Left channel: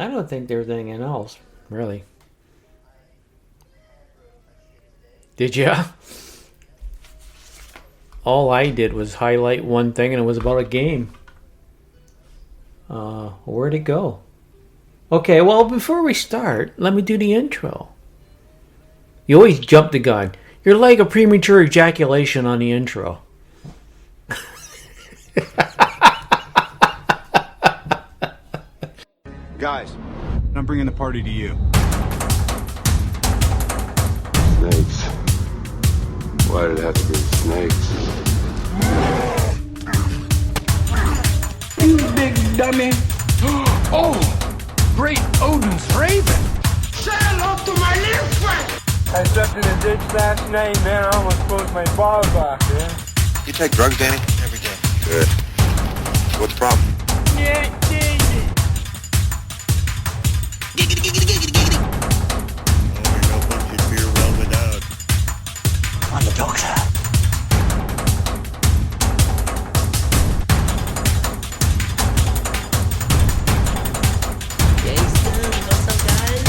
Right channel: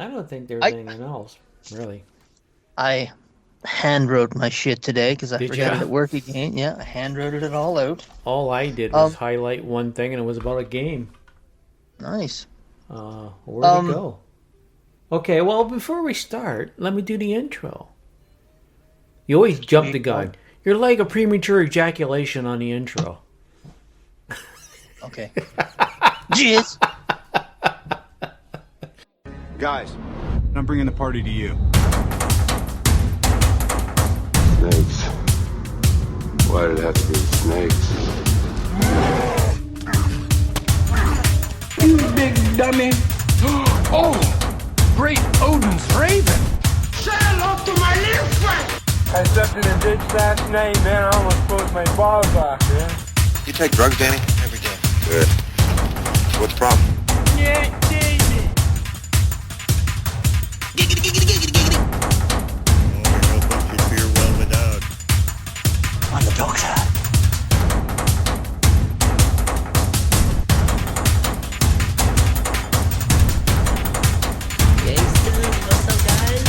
I don't think there's anything else, really. I hand wrote my shit today because I Did you? forgot at work again. Yeah, I hand wrote it all out. All I did was Um, highlight one thing, and it was about a game. nice. Where'd it go? Okay, well, before we start, let me do the intro. You always jump the gun. You're like a premature ejaculation on the intro. Okay. Jeez. Guys, I'm bringing the party to you. Snakes. Why did it have to be snakes? You big dummy. Oh, great Odin's raven. Say hello to my little friend. I stepped in a ditch last night, man. I almost closed my balls off, man. You take drugs, Danny? Every day. Good. What's the problem? Yeah, David. Giggity, giggity, giggity, giggity. Oh, we know what you fear well without. I'm the doctor. Gangsta, what's up, guys?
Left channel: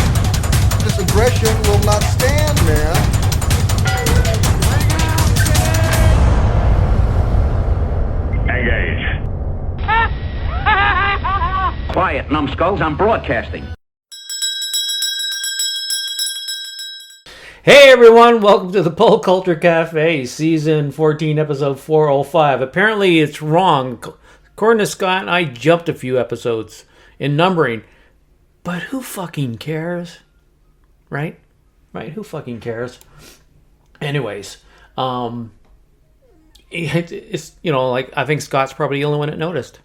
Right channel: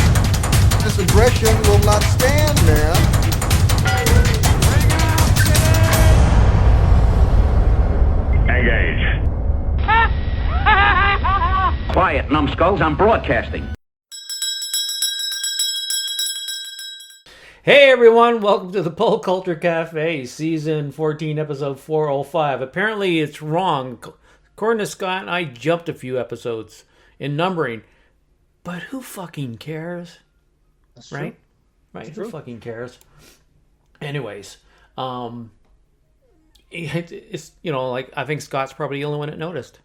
This aggression will not stand, man. Engage. Quiet, numbskulls. I'm broadcasting. Hey everyone, welcome to the Pole Culture Cafe, Season 14, Episode 405. Apparently it's wrong. According to Scott, I jumped a few episodes in numbering. But who fucking cares? Right? Right? Who fucking cares? Anyways, it's, you know, like, I think Scott's probably the only one that noticed.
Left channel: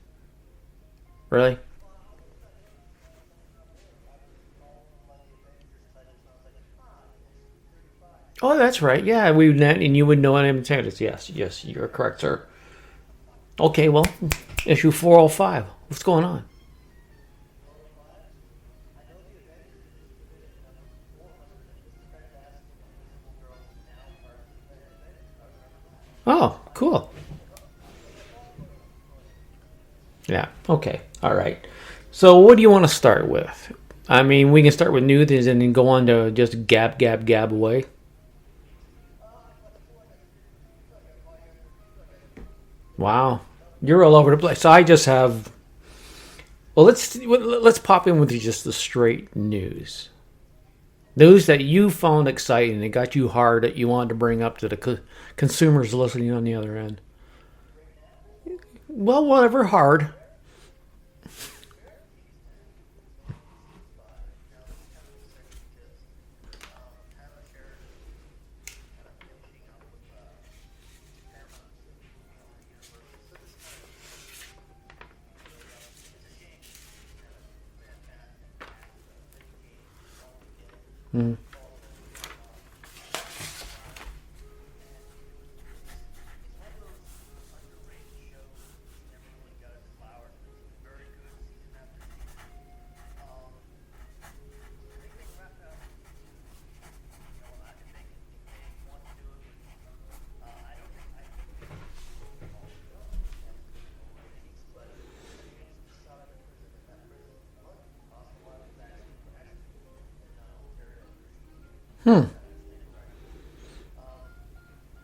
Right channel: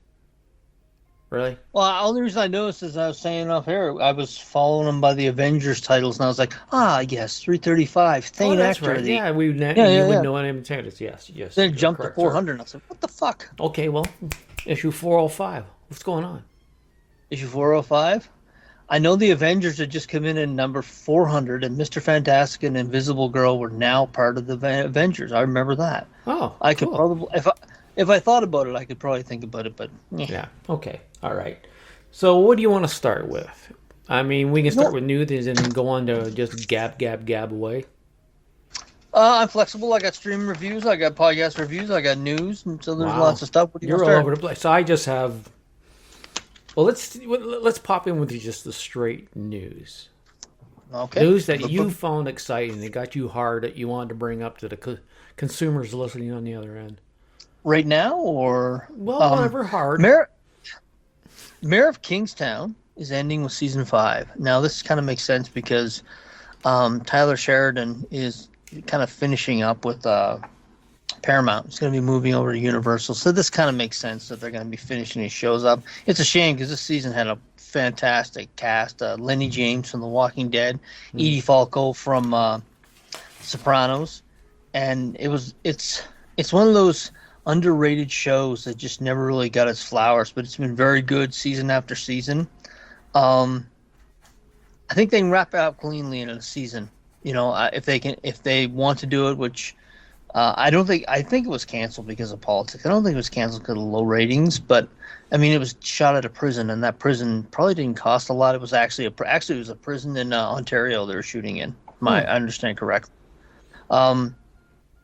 Really? Well, the only reason I noticed is I was saying off here, I was following them by the Avengers titles, and I was like, yes, 335. Oh, that's right. Yeah, you would know him titles. Yes, Then you're jumped correct, to 400, and I was like, what the fuck? Okay, well, issue 405. What's going on? Issue 405? I know the Avengers had just come in number 400, and Mr. Fantastic and Invisible Girl were now part of the Avengers. I remember that. Oh, I could cool. probably, if I thought about it, I could probably think about it, but Yeah, okay, all right. So what do you want to start with? I mean, we can start with news and then go on to just gab away. I'm flexible. I got stream reviews, I got podcast reviews, I got news, and so there's lots of stuff. You're all over the place. So I just have... Well, let's pop in with just the straight news. Okay. News that you found exciting, that got you hard, that you wanted to bring up to the consumers listening on the other end. Right now, or... Well, whatever, hard. Mayor of Kingstown is ending with season 5. Now, this kind of makes sense because Tyler Sheridan is kind of finishing up with Paramount. He's going to be moving over to Universal. So this kind of makes sense that they're going to be finishing his shows up. It's a shame because this season had a fantastic cast. Lenny James from The Walking Dead, Edie Falco from Sopranos. And it's one of those underrated shows that just never really got its flowers, but it's been very good season after season. I think they can wrap it up cleanly in a season. You know, if they want to do it, which I think it was canceled because of politics. I don't think it was canceled because of low ratings, but I mean, it was shot at a prison, and that prison probably didn't cost a lot. It was actually it was a prison in Ontario they were shooting in. I understand correctly. I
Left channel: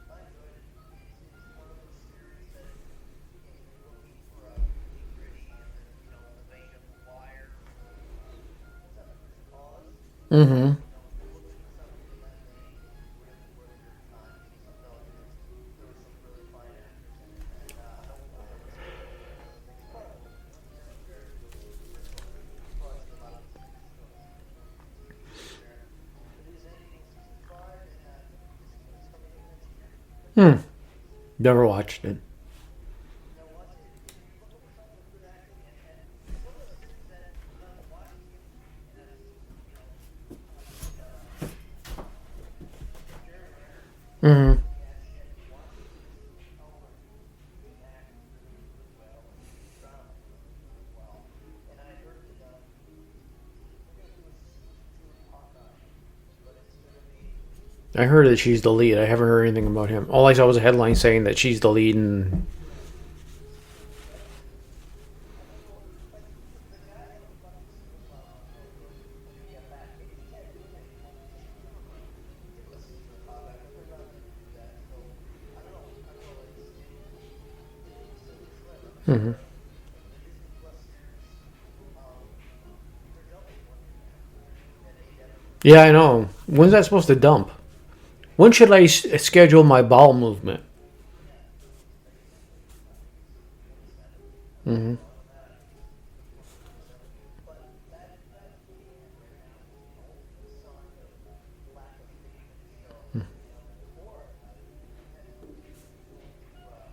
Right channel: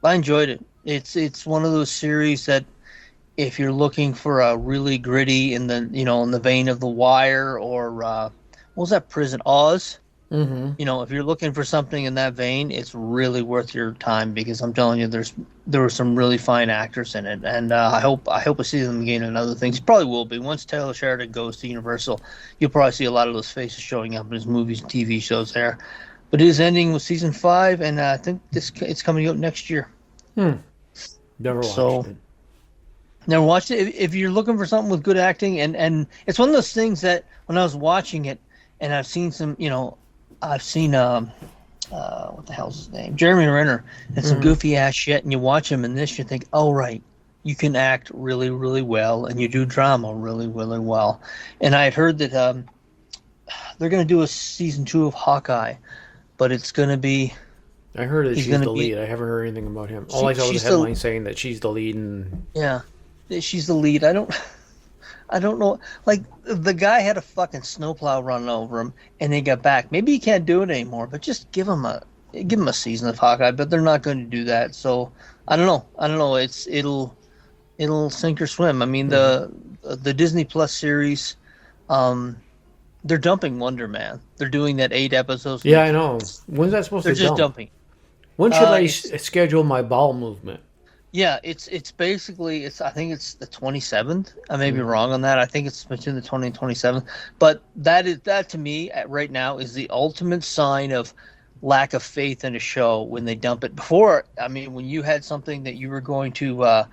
enjoyed it. It's one of those series that if you're looking for a really gritty in the vein of The Wire or what was that prison, Oz? Mm-hmm. You know, if you're looking for something in that vein, it's really worth your time because I'm telling you, there were some really fine actors in it, and I hope we see them again in other things. Probably will be once Taylor Sheridan goes to Universal. You'll probably see a lot of those faces showing up in his movies and TV shows there. But it is ending with season 5, and I think it's coming out next year. Never watched it. Never watched it. If you're looking for something with good acting, and it's one of those things that when I was watching it, and I've seen some, what the hell's his name? Jeremy Renner, and some goofy ass shit, and you watch him in this, you think, oh right, you can act really, really well, and you do drama really, really well. And I had heard that they're going to do a season 2 of Hawkeye, but it's going to be... I heard that she's the lead. I haven't heard anything about him. All I saw was a headline saying that she's the lead. Yeah, she's the lead. I don't know. Like, the guy had a fucking snowplow run over him, and they got back. Maybe he can't do it anymore, but just give him a season of Hawkeye. But they're not going to do that. So I don't know. It'll sink or swim. I mean, the Disney Plus series, they're dumping Wonder Man. They're doing that 8 episodes. Yeah, I know. When's that supposed They're to just dump? dumping. When should I schedule my bowel movement? Yeah, it's basically I think it's the 27th. I may be wrong on that. I think it's between the 20th and 27th. But that to me right now is the ultimate sign of lack of faith in a show when they dump it. Before, I mean, when you had something that you were going to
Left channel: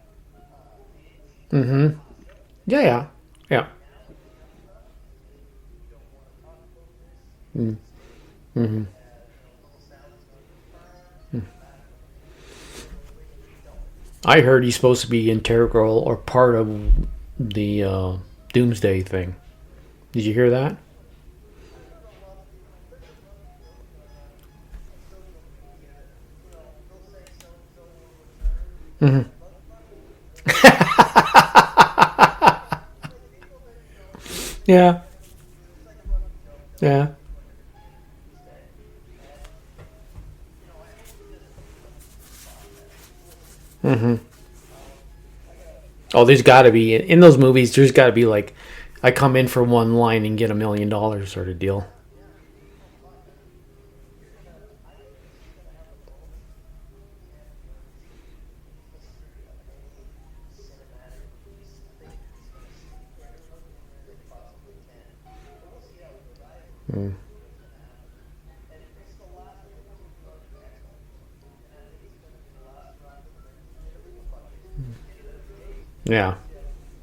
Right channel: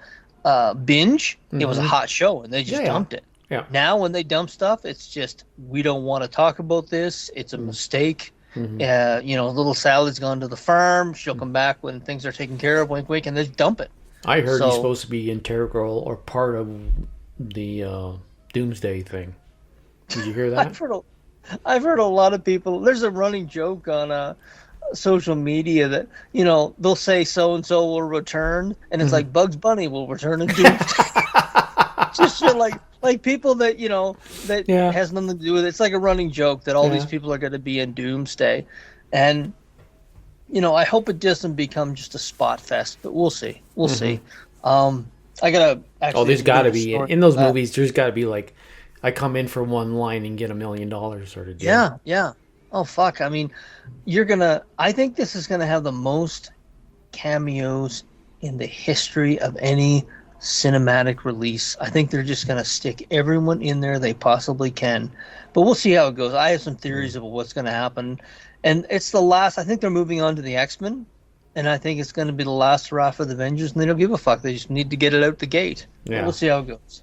binge, it was a hot show and they just dumped it. Yeah. Now when they dump stuff, it's just we don't want to talk about this. It's a mistake. Little Sally's gone to the farm. She'll come back when things are taken care of. Wink, wink, and they dump it. I heard he's supposed to be integral or part of the Doomsday thing. Did you hear that? I've heard a lot of people. There's a running joke on social media that they'll say so and so will return, and it's like Bugs Bunny will return in Doomsday. Just shit like people that has nothing to do with it. It's like a running joke that all these people are going to be in Doomsday, and I hope it doesn't become just a spot fest, but we'll see. We'll see. I gotta. There's got to be in those movies. There's got to be like, I come in for one line and get $1 million sort of deal. Yeah. Oh fuck! I mean, I think this is gonna have the most cameos in the history of any cinematic release. I think they're just gonna stick everyone in there they possibly can, but we'll see how it goes. I have some theories of what's gonna happen. And it's the last. I think they're moving on to the X-Men, and I think it's going to be the last hurrah for the Avengers, and they don't give a fuck. They just need to get it out the gate. Yeah. We'll see how it goes.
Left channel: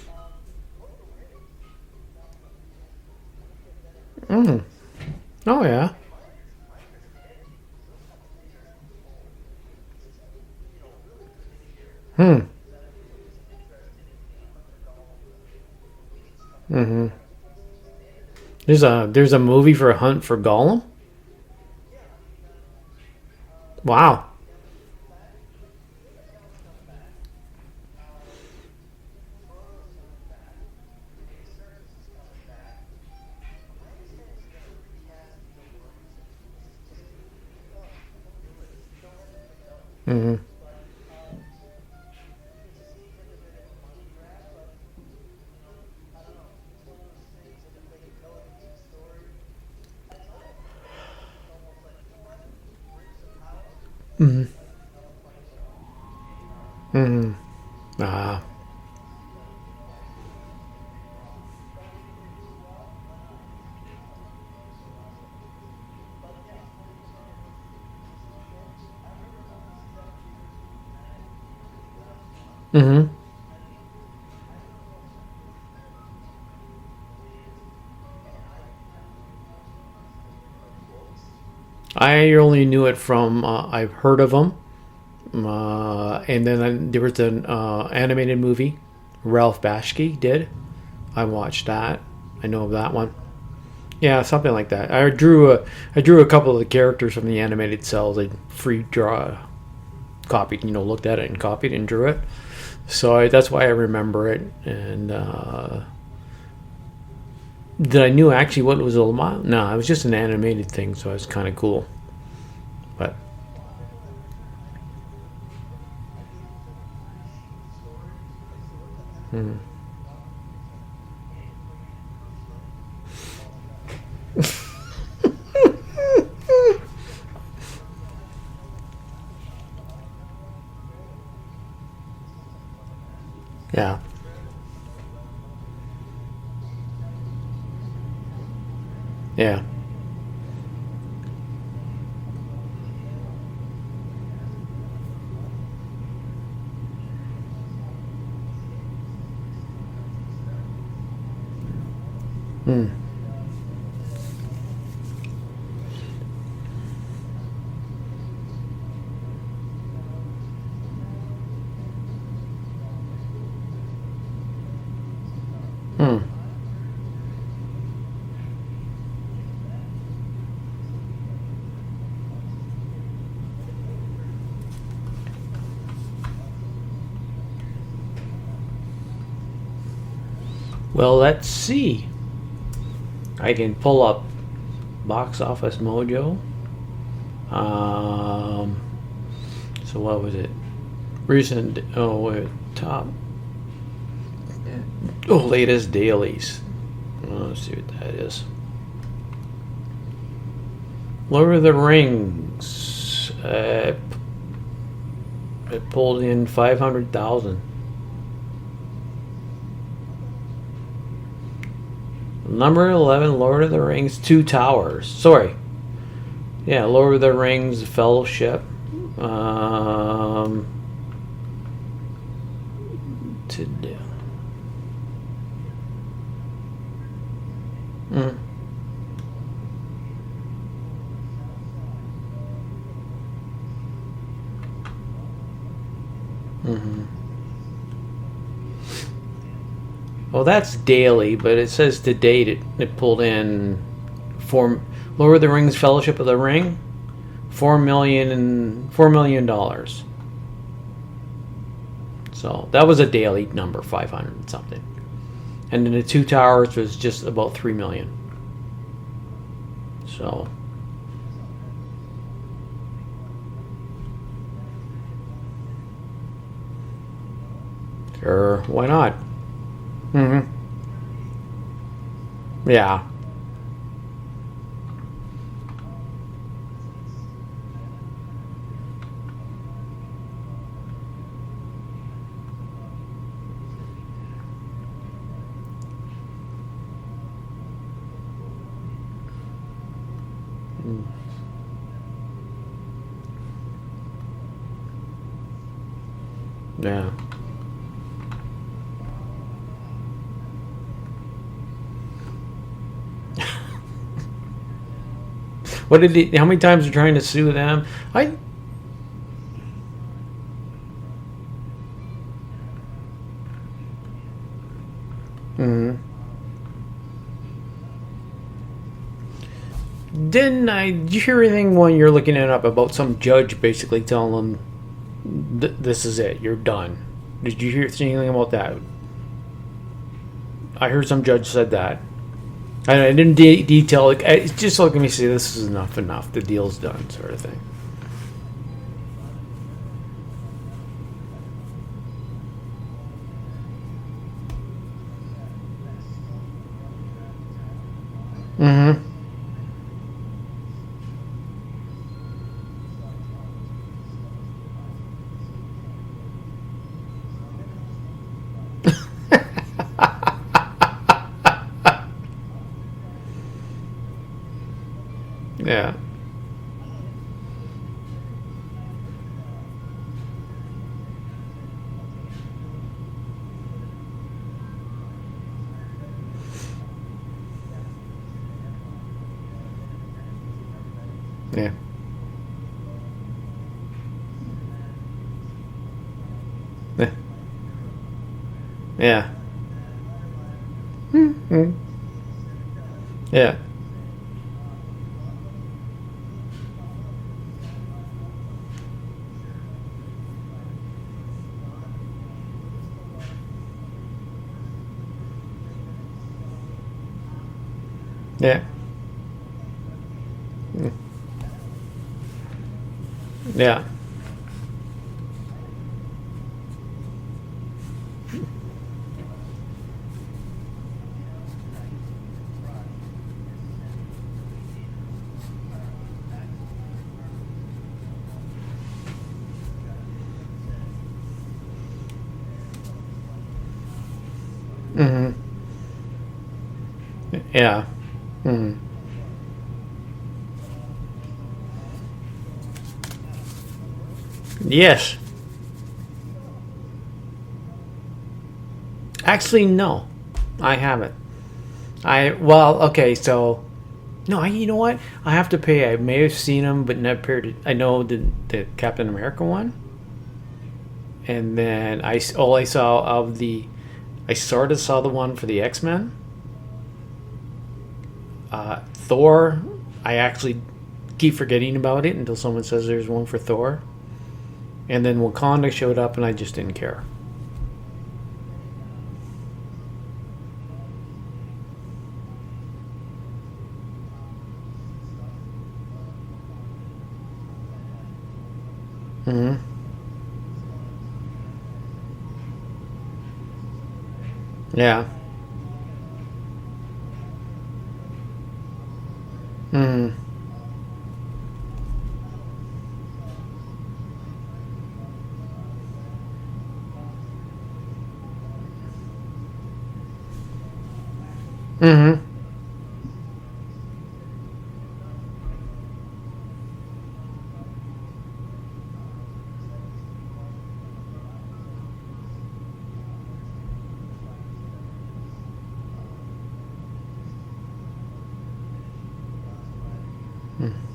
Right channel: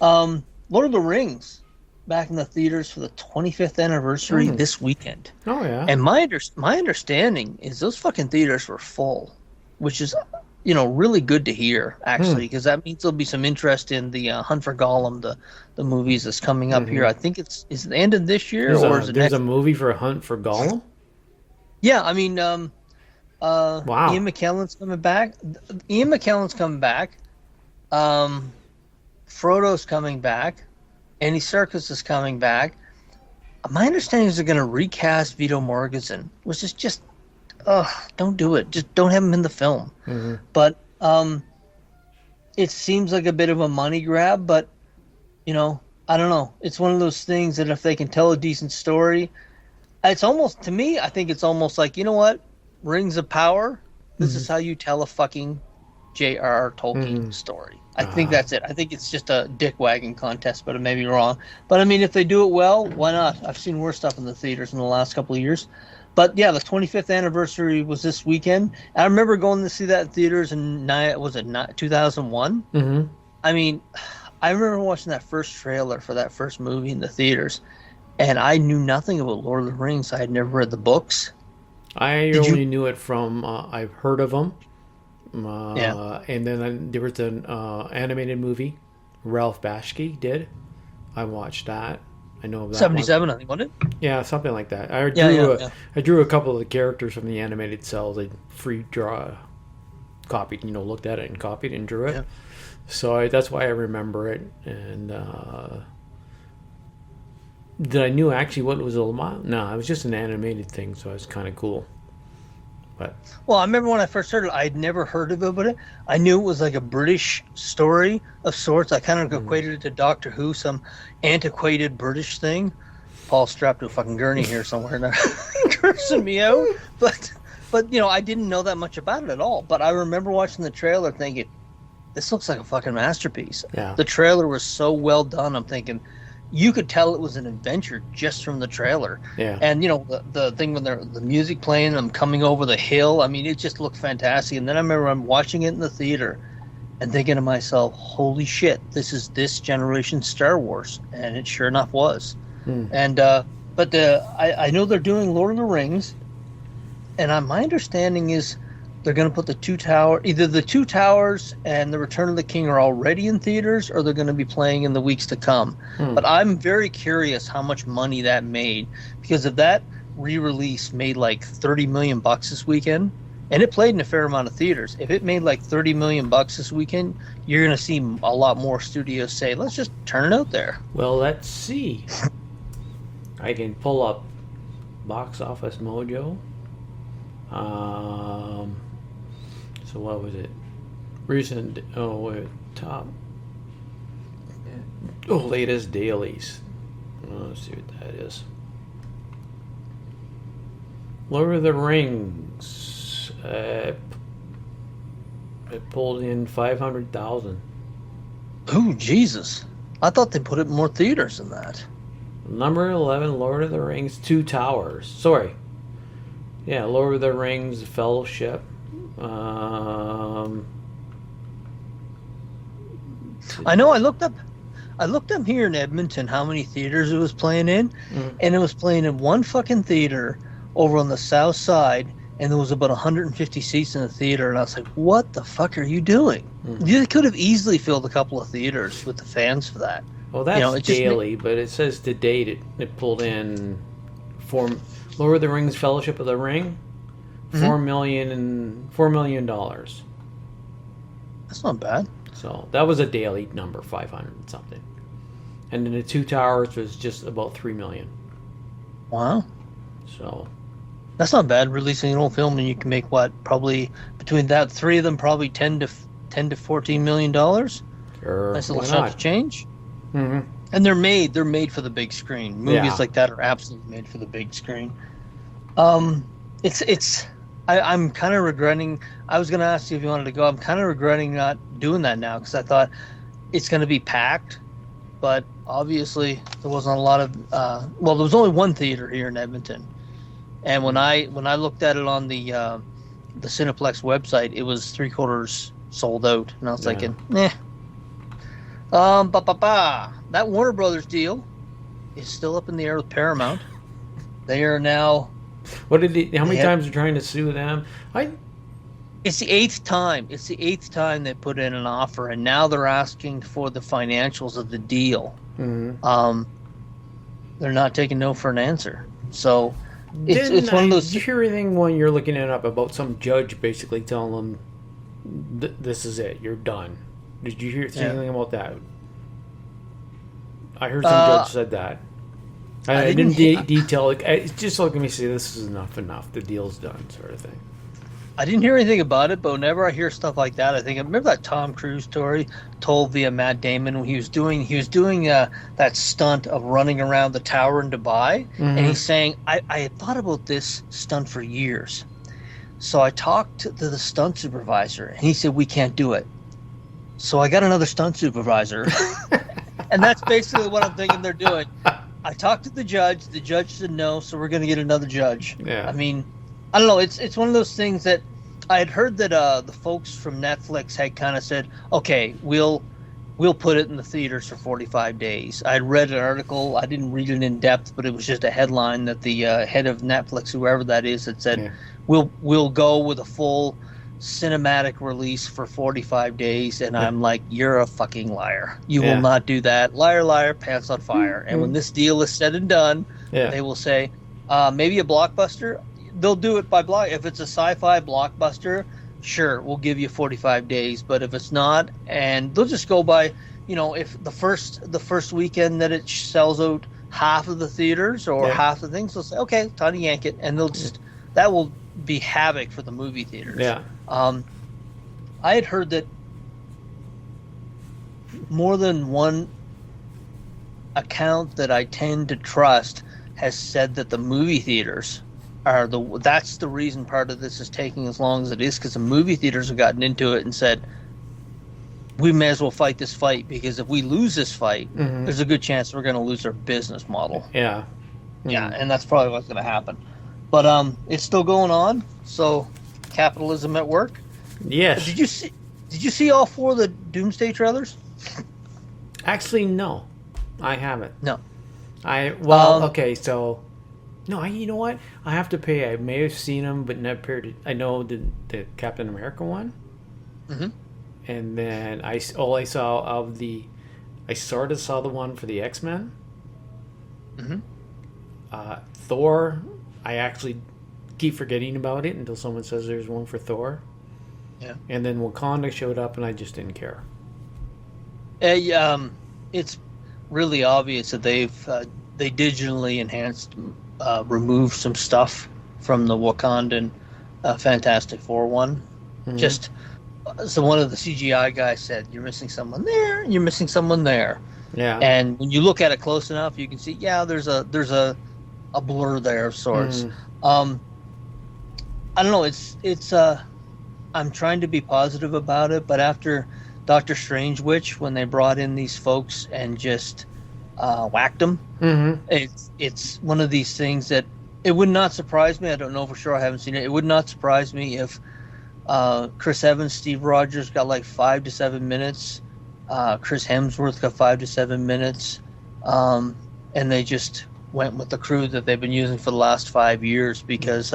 Lord of the Rings, back in the theaters for the 25th anniversary this weekend. Oh yeah. And my understanding is those fucking theaters were full, which is really good to hear actually, because that means there'll be some interest in the Hunt for Gollum, the movies that's coming up here. I think is it the end of this year. There's a movie for Hunt for Gollum. Yeah, I mean, wow. Ian McKellen's coming back. Frodo's coming back. Andy Serkis is coming back. My understanding is they're going to recast Viggo Mortensen, which is just, don't do it. Just don't have him in the film. But it seems like a bit of a money grab, but I don't know. It's one of those things that if they can tell a decent story, it's almost, to me, I think it's almost like, you know what? Rings of Power, this is how you tell a fucking J.R.R. Tolkien story. I think that's it. I think it's just a dick wagging contest, but it may be wrong. But I mean, if they do it well, why not? I've seen worse stuff in the theaters in the last couple of years. But yeah, the 25th anniversary was this weekend. I remember going to see that in theaters in 2001? I mean, I remember watching that first trailer for that first movie in the theaters, and I knew nothing about Lord of the Rings. I had never read the books. I only knew it from I've heard of them. And then there was an animated movie Ralph Bakshi did. I watched that. I know of that 77, one. I think, wasn't it? Yeah, something like that. I drew a couple of the characters from the animated cells. I copied, looked at it and copied and drew it. Yeah. So that's why I remember it. And did I knew actually what it was all about? No, it was just an animated thing, so it was kind of cool. But well, I remember when I first heard it, I'd never heard of it, but I knew it was like a British story of sorts. I kind of equated it to Doctor Who, some antiquated British thing. Paul's strapped to a fucking gurney here somewhere, and they're cursing me out. But I didn't know that much about it at all. But I remember watching the trailer thinking, this looks like a fucking masterpiece. Yeah. The trailer was so well done. I'm thinking, you could tell it was an adventure just from the trailer. Yeah. And the thing when the music playing, I'm coming over the hill. I mean, it just looked fantastic. And then I remember I'm watching it in the theater and thinking to myself, holy shit, this is this generation's Star Wars. And it sure enough was. And but I know they're doing Lord of the Rings, and my understanding is they're going to put either the Two Towers and the Return of the King are already in theaters, or they're going to be playing in the weeks to come. But I'm very curious how much money that made, because if that re-release made like $30 million this weekend, and it played in a fair amount of theaters, if it made like $30 million this weekend, you're going to see a lot more studios say, let's just turn it out there. Well, let's see. I can pull up Box Office Mojo. So what was it? Recent, top. Latest dailies. Let's see what that is. Lord of the Rings. It pulled in 500,000. Oh, Jesus. I thought they put it in more theaters than that. Number 11, Lord of the Rings, Two Towers. Sorry. Yeah, Lord of the Rings, Fellowship. I know. I looked up here in Edmonton how many theaters it was playing in, and it was playing in one fucking theater over on the south side, and there was about 150 seats in the theater, and I was like, what the fuck are you doing? You could have easily filled a couple of theaters with the fans for that. Well, that's daily, but it says to date it pulled in Lord of the Rings, Fellowship of the Ring, $4 million. That's not bad. So that was a daily number, 500 something, and then the Two Towers was just about 3 million. Wow. So that's not bad. Releasing an old film and you can make what, probably between that three of them, probably 10 to 14 million dollars. Sure, why not? Change. Mm-hmm. And they're made for the big screen. Movies like that are absolutely made for the big screen. I'm kind of regretting. I was going to ask you if you wanted to go. I'm kind of regretting not doing that now because I thought it's going to be packed, but obviously there wasn't a lot of. There was only one theater here in Edmonton, and when I looked at it on the Cineplex website, it was 3/4 sold out, and I was thinking, that Warner Brothers deal is still up in the air with Paramount. They are now. How many times are trying to sue them? It's the eighth time. It's the eighth time they put in an offer, and now they're asking for the financials of the deal. Mm-hmm. They're not taking no for an answer. So, did you hear anything when you're looking it up about some judge basically telling them, "This is it. You're done." Did you see anything about that? I heard some judge said that. I didn't detail. It's just like, let me see. This is enough. The deal's done, sort of thing. I didn't hear anything about it, but whenever I hear stuff like that, I remember that Tom Cruise story told via Matt Damon when he was doing that stunt of running around the tower in Dubai, and he's saying, I had thought about this stunt for years, so I talked to the stunt supervisor, and he said we can't do it. So I got another stunt supervisor, and that's basically what I'm thinking they're doing. I talked to the judge said no, so we're going to get another judge. Yeah. I mean, I don't know. It's one of those things that I had heard that the folks from Netflix had kind of said, okay, we'll put it in the theaters for 45 days. I had read an article. I didn't read it in depth, but it was just a headline that the head of Netflix, whoever that is, had said, we'll go with a full cinematic release for 45 days. And I'm like, you're a fucking liar. You will not do that. Liar, liar, pants on fire. And when this deal is said and done, they will say, maybe a blockbuster. They'll do it by block. If it's a sci-fi blockbuster, sure, we'll give you 45 days. But if it's not, and they'll just go by, if the first weekend that it sells out half of the theaters or half the things, they'll say, okay, time to yank it, and they'll just that will be havoc for the movie theaters. Yeah. I had heard that more than one account that I tend to trust has said that the movie theaters that's the reason part of this is taking as long as it is, because the movie theaters have gotten into it and said, we may as well fight this fight, because if we lose this fight, there's a good chance we're going to lose our business model. Yeah. Yeah, and that's probably what's going to happen. But it's still going on, so capitalism at work. Yes. Did you see all 4 of the Doomsday trailers? Actually, no. I haven't. No. Okay, so... No, you know what? I have to pay. I may have seen them, but never. I know the Captain America one, and then I sort of saw the one for the X-Men. Thor, I actually keep forgetting about it until someone says there's one for Thor. Yeah. And then Wakanda showed up, and I just didn't care. It's really obvious that they digitally enhanced, removed some stuff from the Wakandan Fantastic Four one. Mhm. Just so one of the CGI guys said, "You're missing someone there, and you're missing someone there." Yeah. And when you look at it close enough, you can see, yeah, there's a blur there of sorts. I don't know. It's I'm trying to be positive about it, but after Doctor Strange Witch, when they brought in these folks and just whacked them, it's one of these things that it would not surprise me. I don't know for sure. I haven't seen it. It would not surprise me if Chris Evans, Steve Rogers got like 5 to 7 minutes. Chris Hemsworth got 5 to 7 minutes, and they just went with the crew that they've been using for the last 5 years because,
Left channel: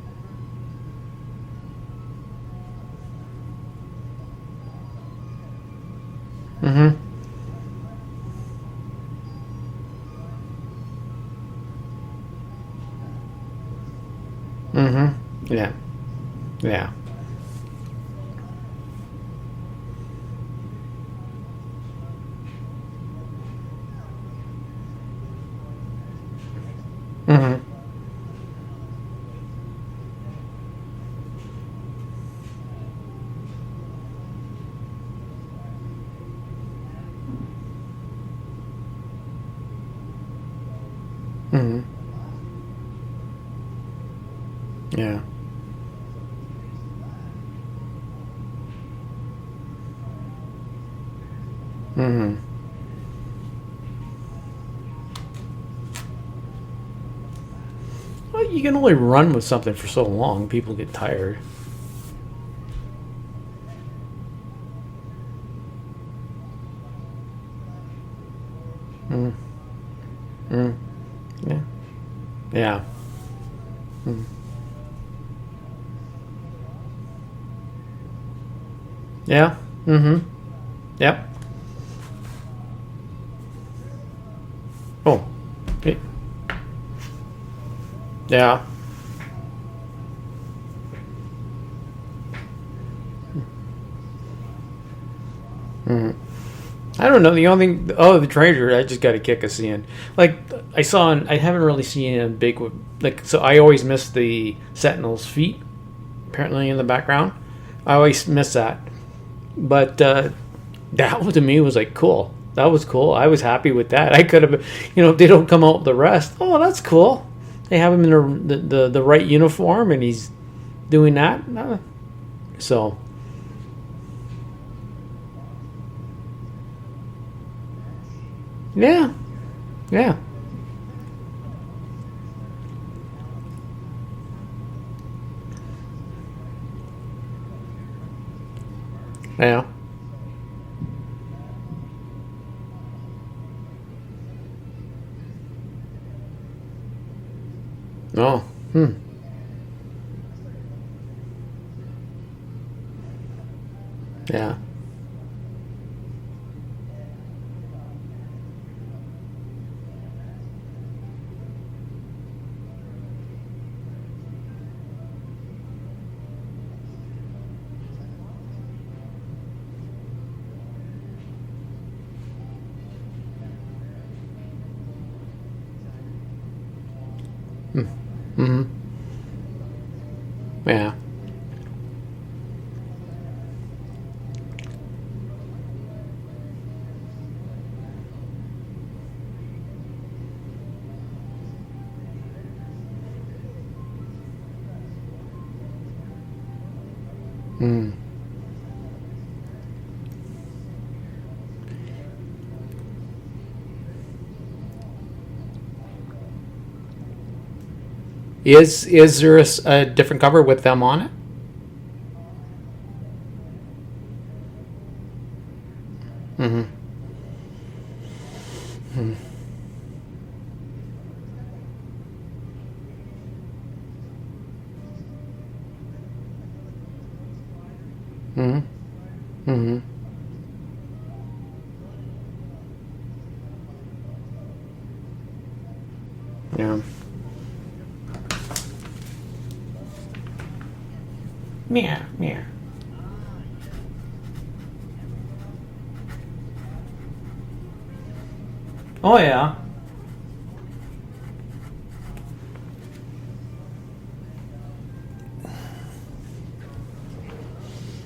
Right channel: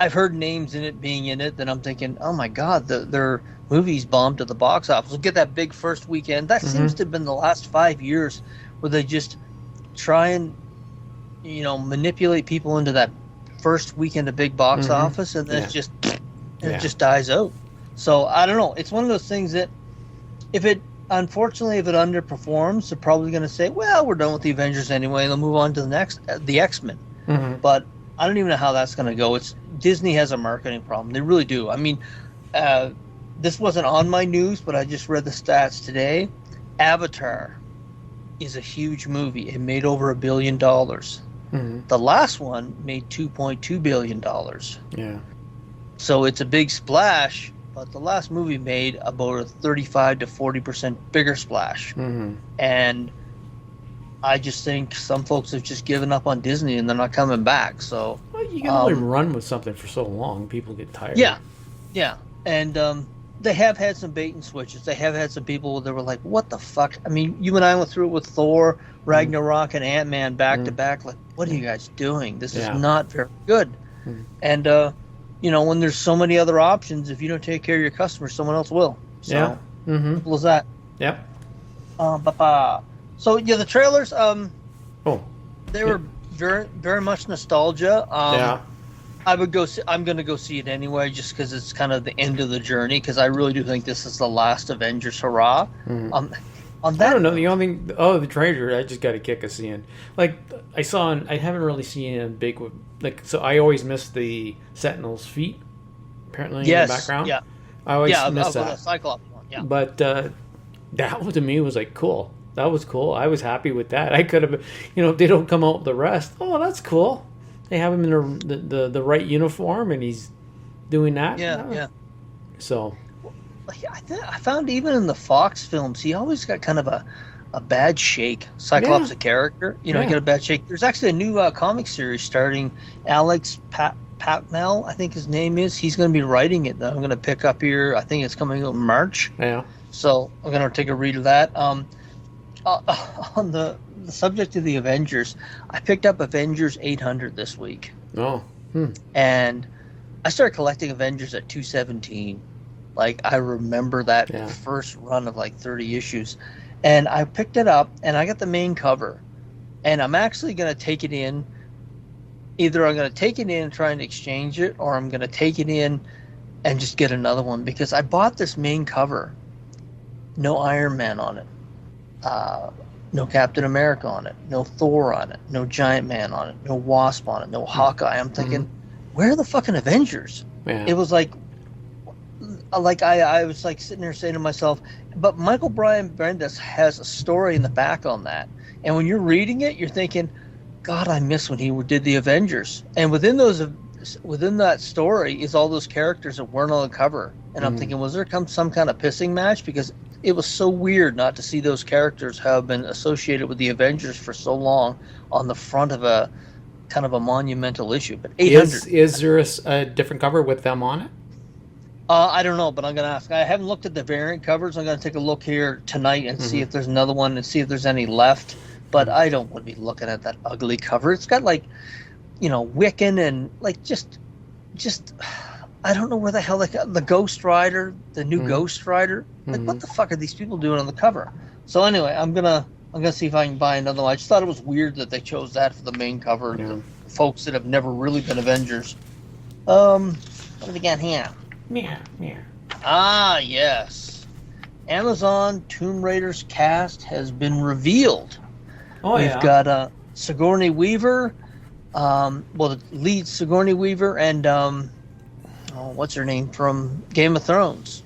I've heard names in it being in it that I'm thinking, oh my God, their movies bombed at the box office. We'll get that big first weekend. That seems to have been the last 5 years where they just try and, manipulate people into that first weekend of big box office, and then it just dies out. So I don't know. It's one of those things that if it underperforms, they're probably going to say, well, we're done with the Avengers anyway. They'll move on to the next, the X-Men. But I don't even know how that's going to go. Disney has a marketing problem. They really do. I mean, this wasn't on my news, but I just read the stats today. Avatar is a huge movie. It made over $1 billion. The last one made $2.2 billion. Yeah. So it's a big splash, but the last movie made about a 35 to 40% bigger splash. And I just think some folks have just given up on Disney and they're not coming back. So well, you can only run with something for so long. People get tired. Yeah. And they have had some bait and switches. They have had some people that were like, what the fuck? I mean, you and I went through it with Thor, Ragnarok, and Ant-Man back to back. Like, what are you guys doing? This is not very good. And, when there's so many other options, if you don't take care of your customers, someone else will. So, simple as that. Yep. So, the trailers, they were very, very much nostalgia. I'm going to go see it anyway, just because it's kind of the end of the journey, because I really do think this is the last Avengers hurrah. I don't know. The only thing, the trailer, I just got a kick of seeing. Like, I haven't really seen it in big, like, so I always miss the Sentinel's feet, apparently, in the background. Yeah. I always miss that. But that to me was like, cool. That was cool. I was happy with that. I could have, if they don't come out with the rest, that's cool. They have him in the right uniform, and he's doing that. Yeah. So. I found even in the Fox films, he always got kind of a bad shake. Cyclops, a character, get a bad shake. There's actually a new comic series starting Alex Patnell, I think his name is. He's going to be writing it that I'm going to pick up here. I think it's coming out in March. Yeah. So I'm going to take a read of that. On the subject of the Avengers, I picked up Avengers 800 this week. And I started collecting Avengers at 217. Like, I remember that first run of like 30 issues. And I picked it up, and I got the main cover. And I'm actually going to take it in. Either I'm going to take it in and try and exchange it, or I'm going to take it in and just get another one. Because I bought this main cover. No Iron Man on it. No Captain America on it. No Thor on it. No Giant Man on it. No Wasp on it. No Hawkeye. I'm thinking, where are the fucking Avengers? Yeah. It was like I was like sitting there saying to myself, but Michael Brian Bendis has a story in the back on that. And when you're reading it, you're thinking, God, I miss when he did the Avengers. And within that story is all those characters that weren't on the cover. And I'm thinking, was there some kind of pissing match? Because it was so weird not to see those characters have been associated with the Avengers for so long on the front of a kind of a monumental issue. But is there a different cover with them on it? I don't know, but I'm going to ask. I haven't looked at the variant covers. I'm going to take a look here tonight and see if there's another one and see if there's any left. But I don't want to be looking at that ugly cover. It's got like, Wiccan and like just I don't know where the hell they got the Ghost Rider, the new Ghost Rider. Like, what the fuck are these people doing on the cover? So anyway, I'm gonna see if I can buy another one. I just thought it was weird that they chose that for the main cover. Yeah. Folks that have never really been Avengers. What do we got here? Yeah. Ah, yes. Amazon Tomb Raider's cast has been revealed. Oh, We've yeah. got Sigourney Weaver, the lead Sigourney Weaver, and what's her name from Game of Thrones?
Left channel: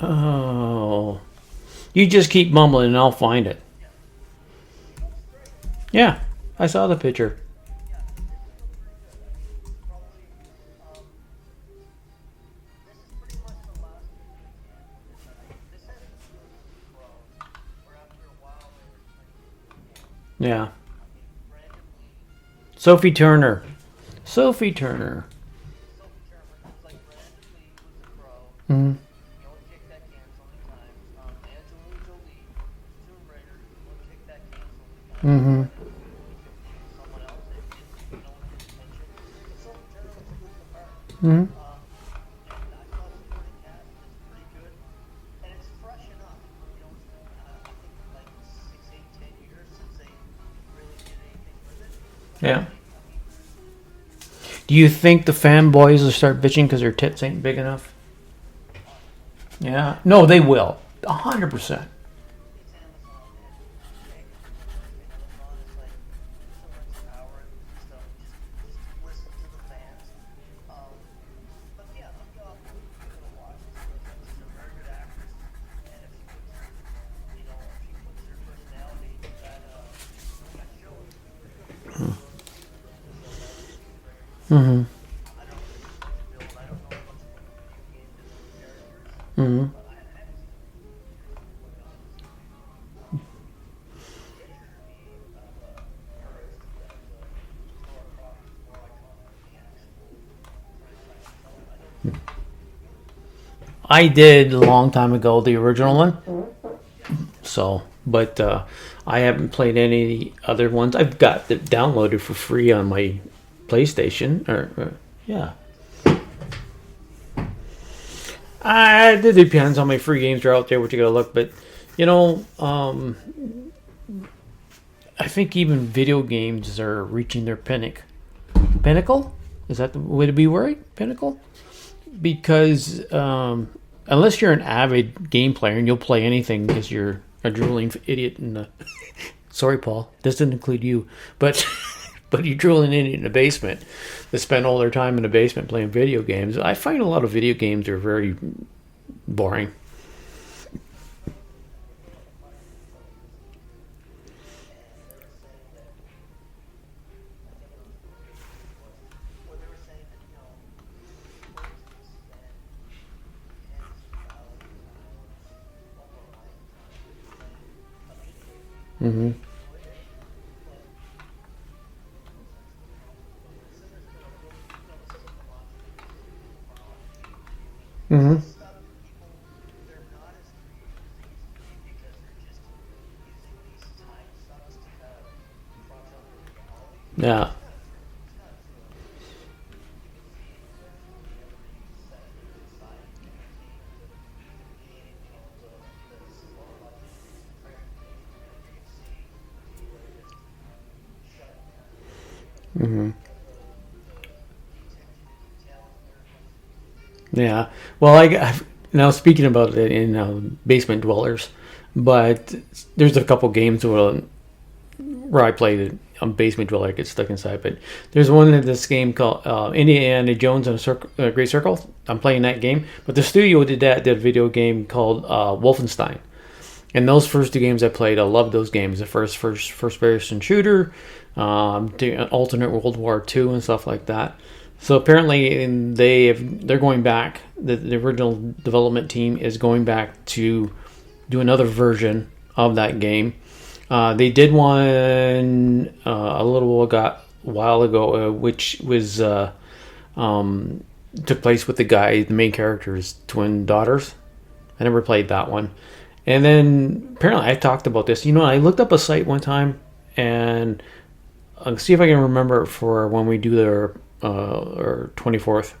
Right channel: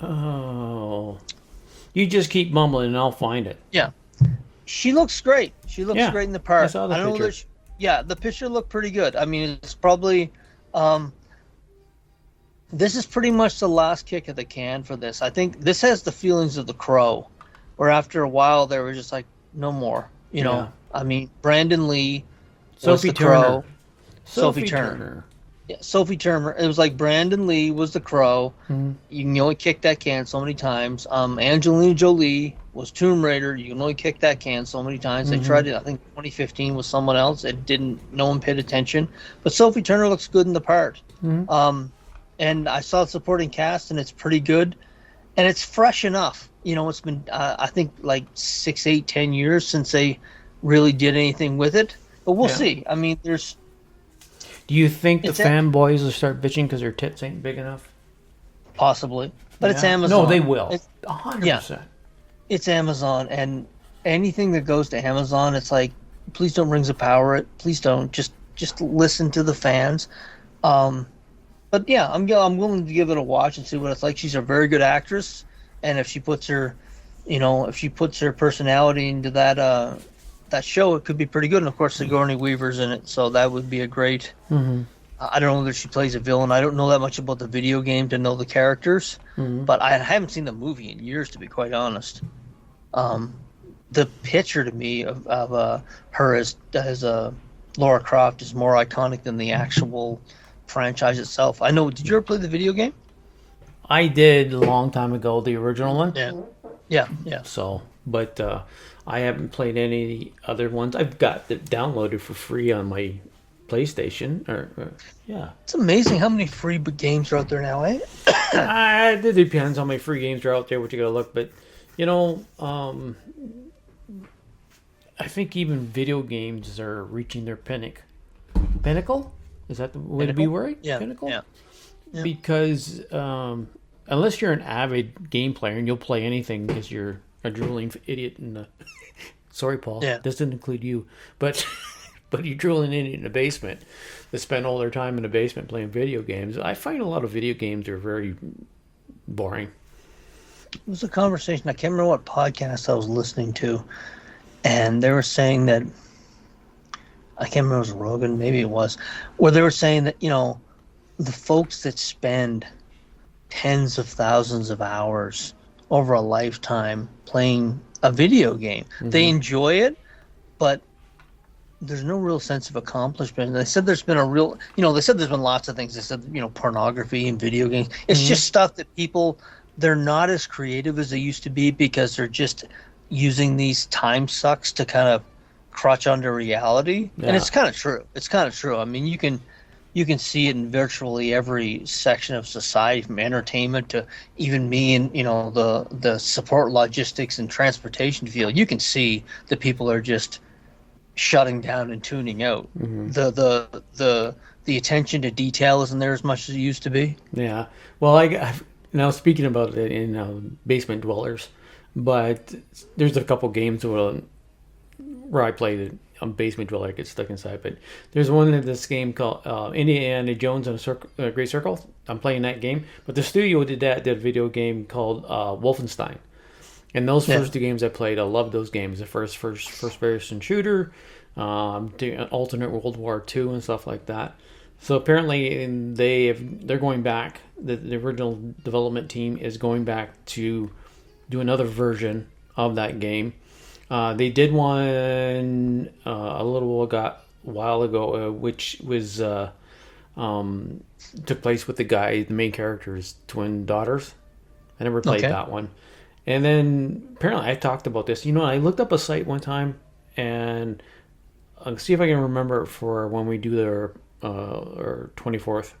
Oh. You just keep mumbling and I'll find it. Yeah, she looks great. She looks Yeah, great in the part. I saw the don't know picture. that yeah, the picture looked pretty good. I mean, it's probably this is pretty much the last kick of the can for this. I think this has the feelings of The Crow, where after a while they were just like, no more. You know, Yeah. I mean, Brandon Lee, Sophie The Turner. Crow. Sophie Turner. Yeah, Sophie Turner. It was like Brandon Lee was The Crow. Mhm. You can only kick that can so many times. Angelina Jolie was Tomb Raider. You can only kick that can so many times. They tried it. I think 2015 was someone else. It didn't. No one paid attention. But Sophie Turner looks good in the part. And I saw the supporting cast, and it's pretty good. And it's fresh enough. You know, it's been I think like 6, 8, 10 years since they really did anything with it. But we'll see. I mean, there's. Do you think the It's fanboys will start bitching because their tits ain't big enough? Possibly, but it's Yeah. Amazon. No, they will. It's- 100%. It's Amazon, and anything that goes to Amazon, it's like, please don't Rings of Power it. Please don't. Just listen to the fans. But yeah, I'm willing to give it a watch and see what it's like. She's a very good actress, and if she puts her personality into that show, it could be pretty good. And of course, Sigourney Weaver's in it, so that would be a great. I don't know whether she plays a villain. I don't know that much about the video game to know the characters, but I haven't seen the movie in years, to be quite honest. The picture to me of her as Laura Croft is more iconic than the actual franchise itself. I know. Did you ever play the video game? I did a long time ago, the original one. Yeah. So, but I haven't played any of the other ones. I've got it downloaded for free on my PlayStation. Yeah. It's amazing how many free games are out there now, eh? It depends how many free games are out there, what you gotta look. But, you know, I think even video games are reaching their pinnacle? Is that the way to be worded? Yeah. Pinnacle? Yeah. Because unless you're an avid game player and you'll play anything because you're a drooling idiot in the... Sorry, Paul. Yeah. This doesn't include you. But you're drooling idiot in the basement that spend all their time in the basement playing video games. I find a lot of video games are very boring. It was a conversation. I can't remember what podcast I was listening to, and they were saying that I can't remember if it was Rogan, maybe it was, where they were saying that, you know, the folks that spend tens of thousands of hours over a lifetime playing a video game, they enjoy it, but there's no real sense of accomplishment. They said there's been there's been lots of things. They said, you know, pornography and video games. It's just stuff that people, they're not as creative as they used to be because they're just using these time sucks to kind of crutch under reality. Yeah. And it's kind of true. It's kind of true. I mean, you can see it in virtually every section of society, from entertainment to even me in, you know, the support logistics and transportation field. You can see that people are just shutting down and tuning out. The attention to detail isn't there as much as it used to be. Yeah. Well, now speaking about it in basement dwellers, but there's a couple games where I played it on basement dweller. I get stuck inside, but there's one in this game called Indiana Jones and a Great Circle. I'm playing that game, but the studio did a video game called Wolfenstein. And those first two games I played, I loved those games. The first person shooter, alternate World War II and stuff like that. So apparently they're going back. The original development team is going back to do another version of that game. They did one a while ago, which was took place with the main character's twin daughters. I never played that one. And then apparently I talked about this. You know, I looked up a site one time, and I'll see if I can remember it for when we do our 24th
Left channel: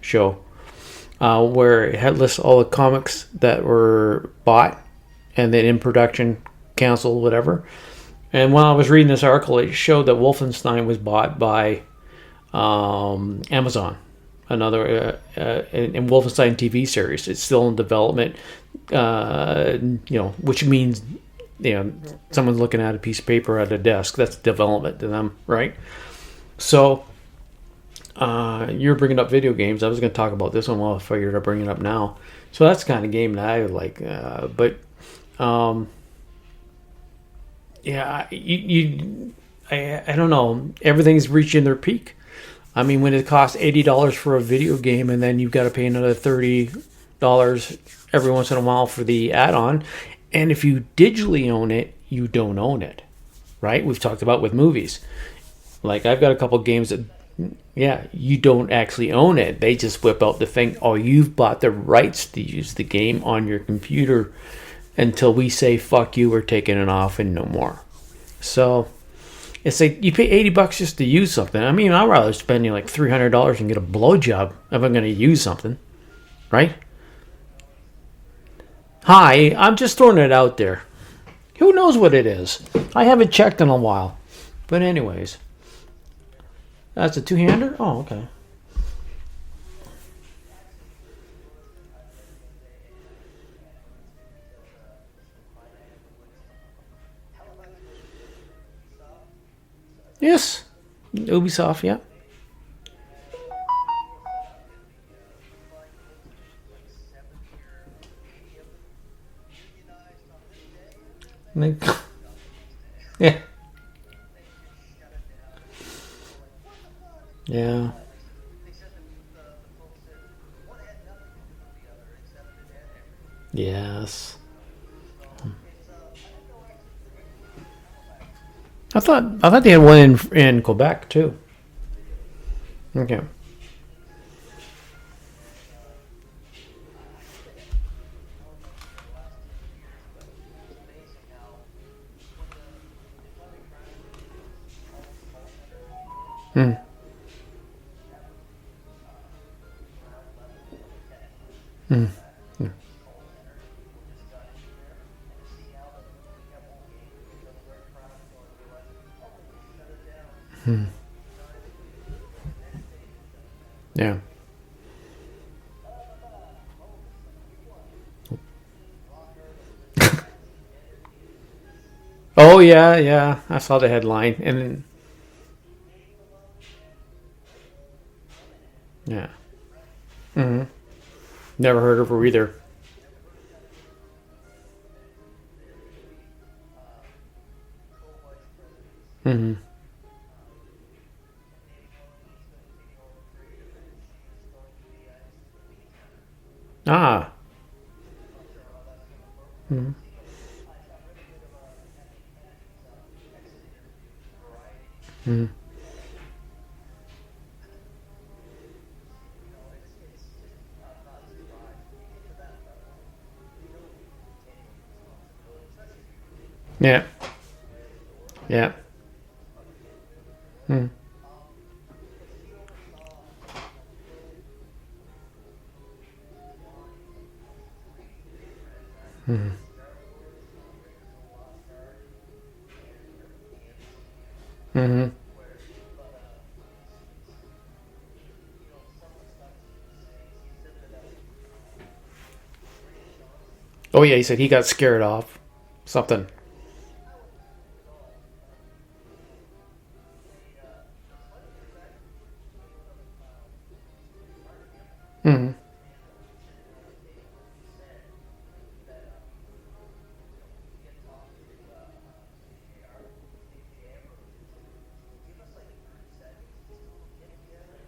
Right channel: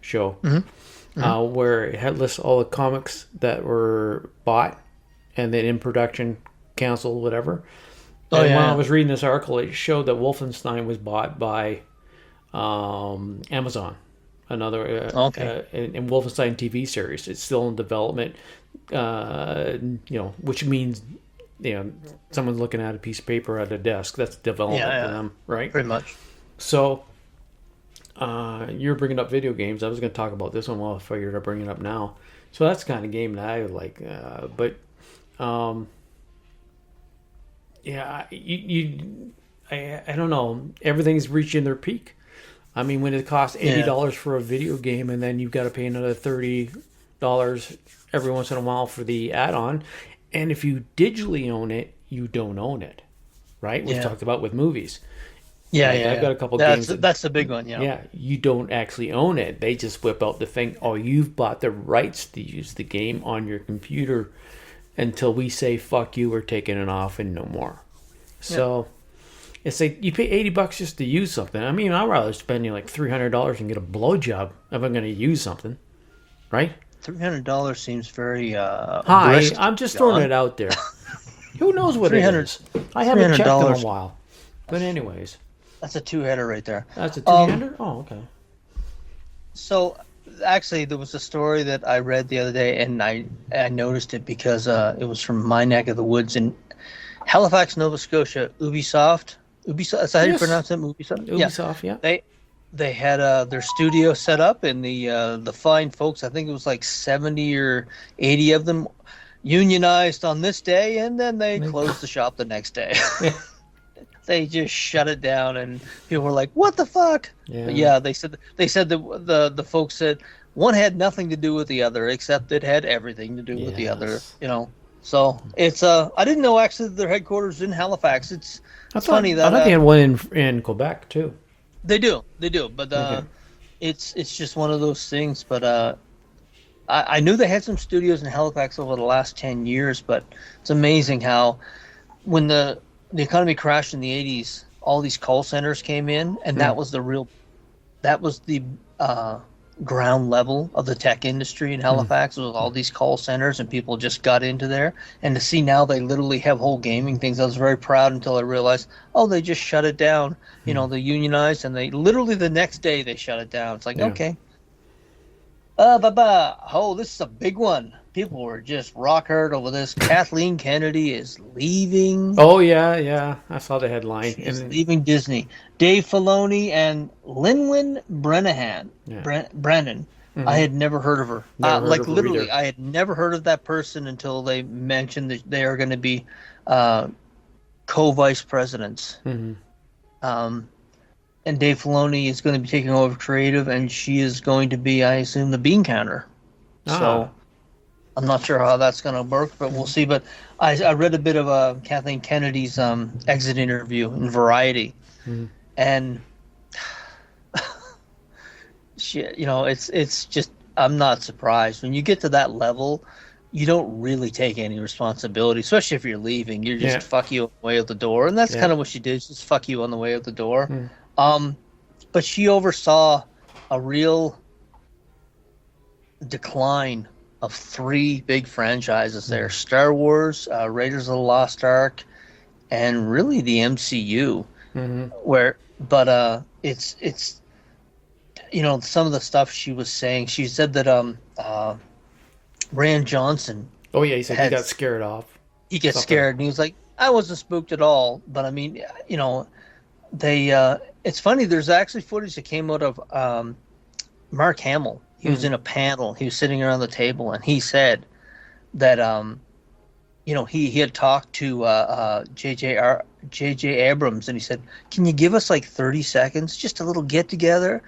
show, where it had lists all the comics that were bought and then in production, canceled, whatever. And when I was reading this article, it showed that Wolfenstein was bought by Amazon. another Okay. in Wolfenstein TV series. It's still in development, which means someone's looking at a piece of paper at a desk. That's development to them, right? Pretty much. So you're bringing up video games. I was going to talk about this one. Well, I figured I'd bring it up now. So that's the kind of game that I would like. I don't know. Everything's reaching their peak. I mean, when it costs $80 for a video game, and then you've got to pay another $30 every once in a while for the add-on, and if you digitally own it, you don't own it, right? We've talked about with movies. Yeah, I've got a couple games that's the big one. Yeah, you don't actually own it. They just whip out the thing. Oh, you've bought the rights to use the game on your computer until we say fuck you, we're taking it off and no more. So it's like you pay $80 just to use something. I mean, I'd rather spend like $300 and get a blowjob if I'm going to use something, right? $300 seems very high. risky. I'm just throwing it out there. Who knows what it is? I haven't checked in a while. But anyways, that's a two-header right there. That's a two-hander? Oh, okay. So, actually, there was a story that I read the other day, and I noticed it because it was from my neck of the woods in Halifax, Nova Scotia. Ubisoft. That's how you pronounce it? Ubisoft, yeah. They had their studio set up, and the fine folks, I think it was like 70 or 80 of them, unionized on this day, and then they closed the shop the next day. They just shut it down, and people were like, "What the fuck?" Yeah. They said the folks said one had nothing to do with the other, except it had everything to do with the other. So it's I didn't know actually their headquarters in Halifax. I thought they had one in Quebec too. They do, but it's just one of those things. But I knew they had some studios in Halifax over the last 10 years, but it's amazing how when the economy crashed in the 80s, all these call centers came in, and that was the ground level of the tech industry in Halifax. It was all these call centers, and people just got into there. And to see now they literally have whole gaming things, I was very proud until I realized, they just shut it down. They unionized, and they literally the next day they shut it down. It's like, okay. This is a big one. People were just rock hard over this. Kathleen Kennedy is leaving. Oh, yeah. I saw the headline. She's leaving Disney. Dave Filoni and Lin-Win Brennan. I had never heard of her. Never heard of her either. I had never heard of that person until they mentioned that they are going to be co-vice presidents. And Dave Filoni is going to be taking over creative, and she is going to be, I assume, the bean counter. So, I'm not sure how that's going to work, but we'll see. But I read a bit of Kathleen Kennedy's exit interview in Variety, and she, it's just, I'm not surprised. When you get to that level, you don't really take any responsibility, especially if you're leaving. You're just fuck you on the way out the door, and that's kind of what she did. Just fuck you on the way out the door. But she oversaw a real decline of 3 big franchises there: Star Wars, Raiders of the Lost Ark, and really the MCU. It's some of the stuff she was saying. She said that Rand Johnson. Oh yeah, he said he got scared off. He gets scared, and he was like, "I wasn't spooked at all." But I mean, they. It's funny. There's actually footage that came out of Mark Hamill. He was in a panel. He was sitting around the table, and he said that he had talked to J.J. Abrams, and he said, "Can you give us like 30 seconds, just a little get together?"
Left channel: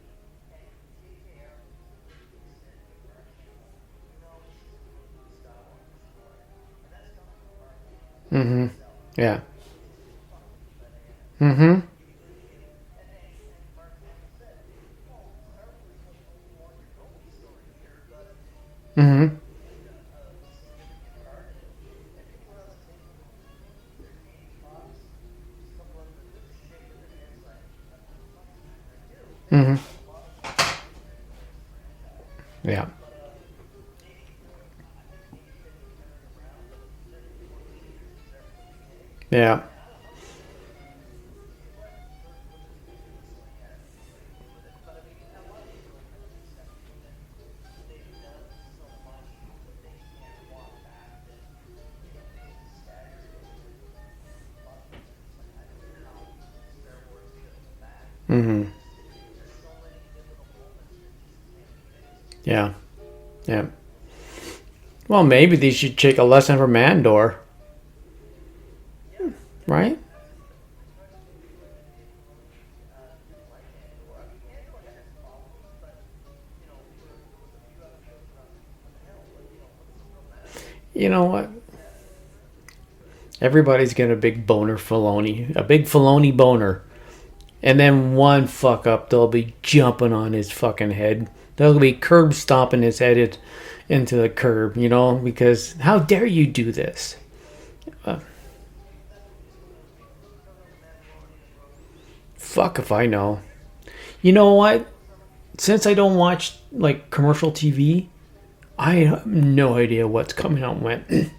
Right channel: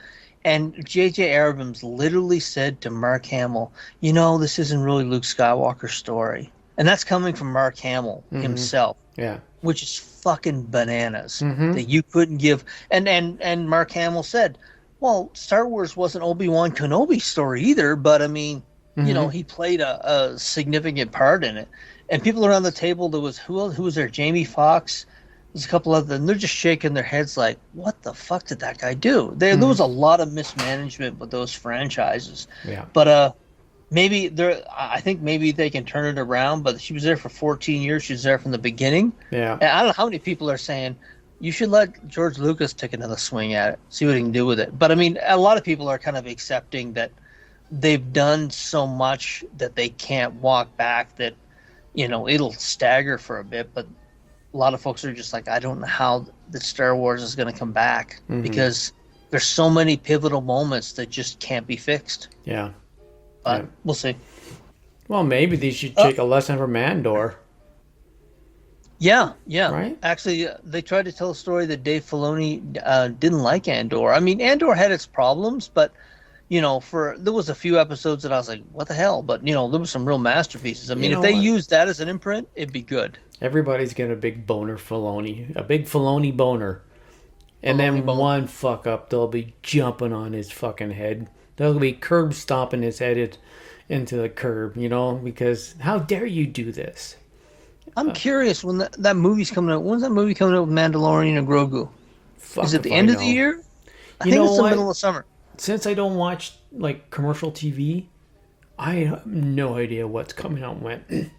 And J.J. Abrams literally said to Mark Hamill, "This isn't really Luke Skywalker's story." And that's coming from Mark Hamill himself. Yeah. Which is fucking bananas. That you couldn't give. And Mark Hamill said, well, Star Wars wasn't Obi-Wan Kenobi's story either, but I mean, he played a significant part in it. And people around the table, there was, who was there? Jamie Foxx. There's a couple of them. They're just shaking their heads like, what the fuck did that guy do? There was a lot of mismanagement with those franchises. Yeah. But I think maybe they can turn it around, but she was there for 14 years. She was there from the beginning. Yeah. And I don't know how many people are saying, you should let George Lucas take another swing at it, see what he can do with it. But I mean, a lot of people are kind of accepting that they've done so much that they can't walk back, that, you know, it'll stagger for a bit. But a lot of folks are just like, I don't know how the Star Wars is going to come back, because there's so many pivotal moments that just can't be fixed. Yeah. Yeah. We'll see. Well, maybe they should take a lesson from Andor. Yeah. Right? Actually, they tried to tell a story that Dave Filoni didn't like Andor. I mean, Andor had its problems, but, you know, there was a few episodes that I was like, what the hell? But, you know, there were some real masterpieces. I mean, if they used that as an imprint, it'd be good. Everybody's got a big boner Filoni. A big Filoni boner. And then one fuck up, they'll be jumping on his fucking head. They'll be curb stomping his head into the curb, you know, because how dare you do this? I'm curious when that movie's coming out. When's that movie coming out with Mandalorian and Grogu? Fuck Is it if the I end know. of the year? I You think know it's what? the middle of summer. Since I don't watch like commercial TV, I have no idea what's coming out when.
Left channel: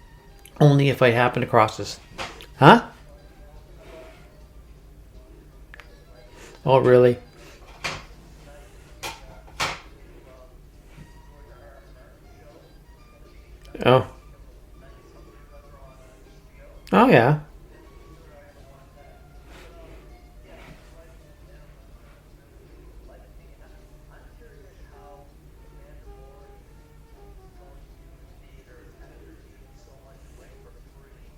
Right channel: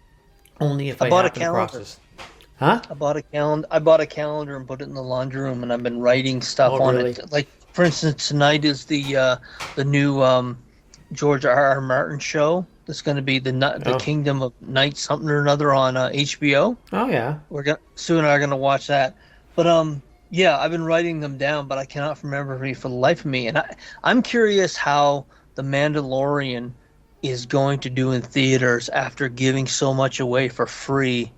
Only if I bought a happen across calendar. this. Huh? I bought a calendar and put it in the laundry room, and I've been writing stuff Oh, on really? it. Like, for instance, tonight is the new George R.R. Martin show. That's going to be the Kingdom of Night something or another on HBO. Oh yeah. Sue and I are going to watch that. But yeah, I've been writing them down, but I cannot remember for the life of me. And I'm curious how The Mandalorian is going to do in theaters after giving so much away for free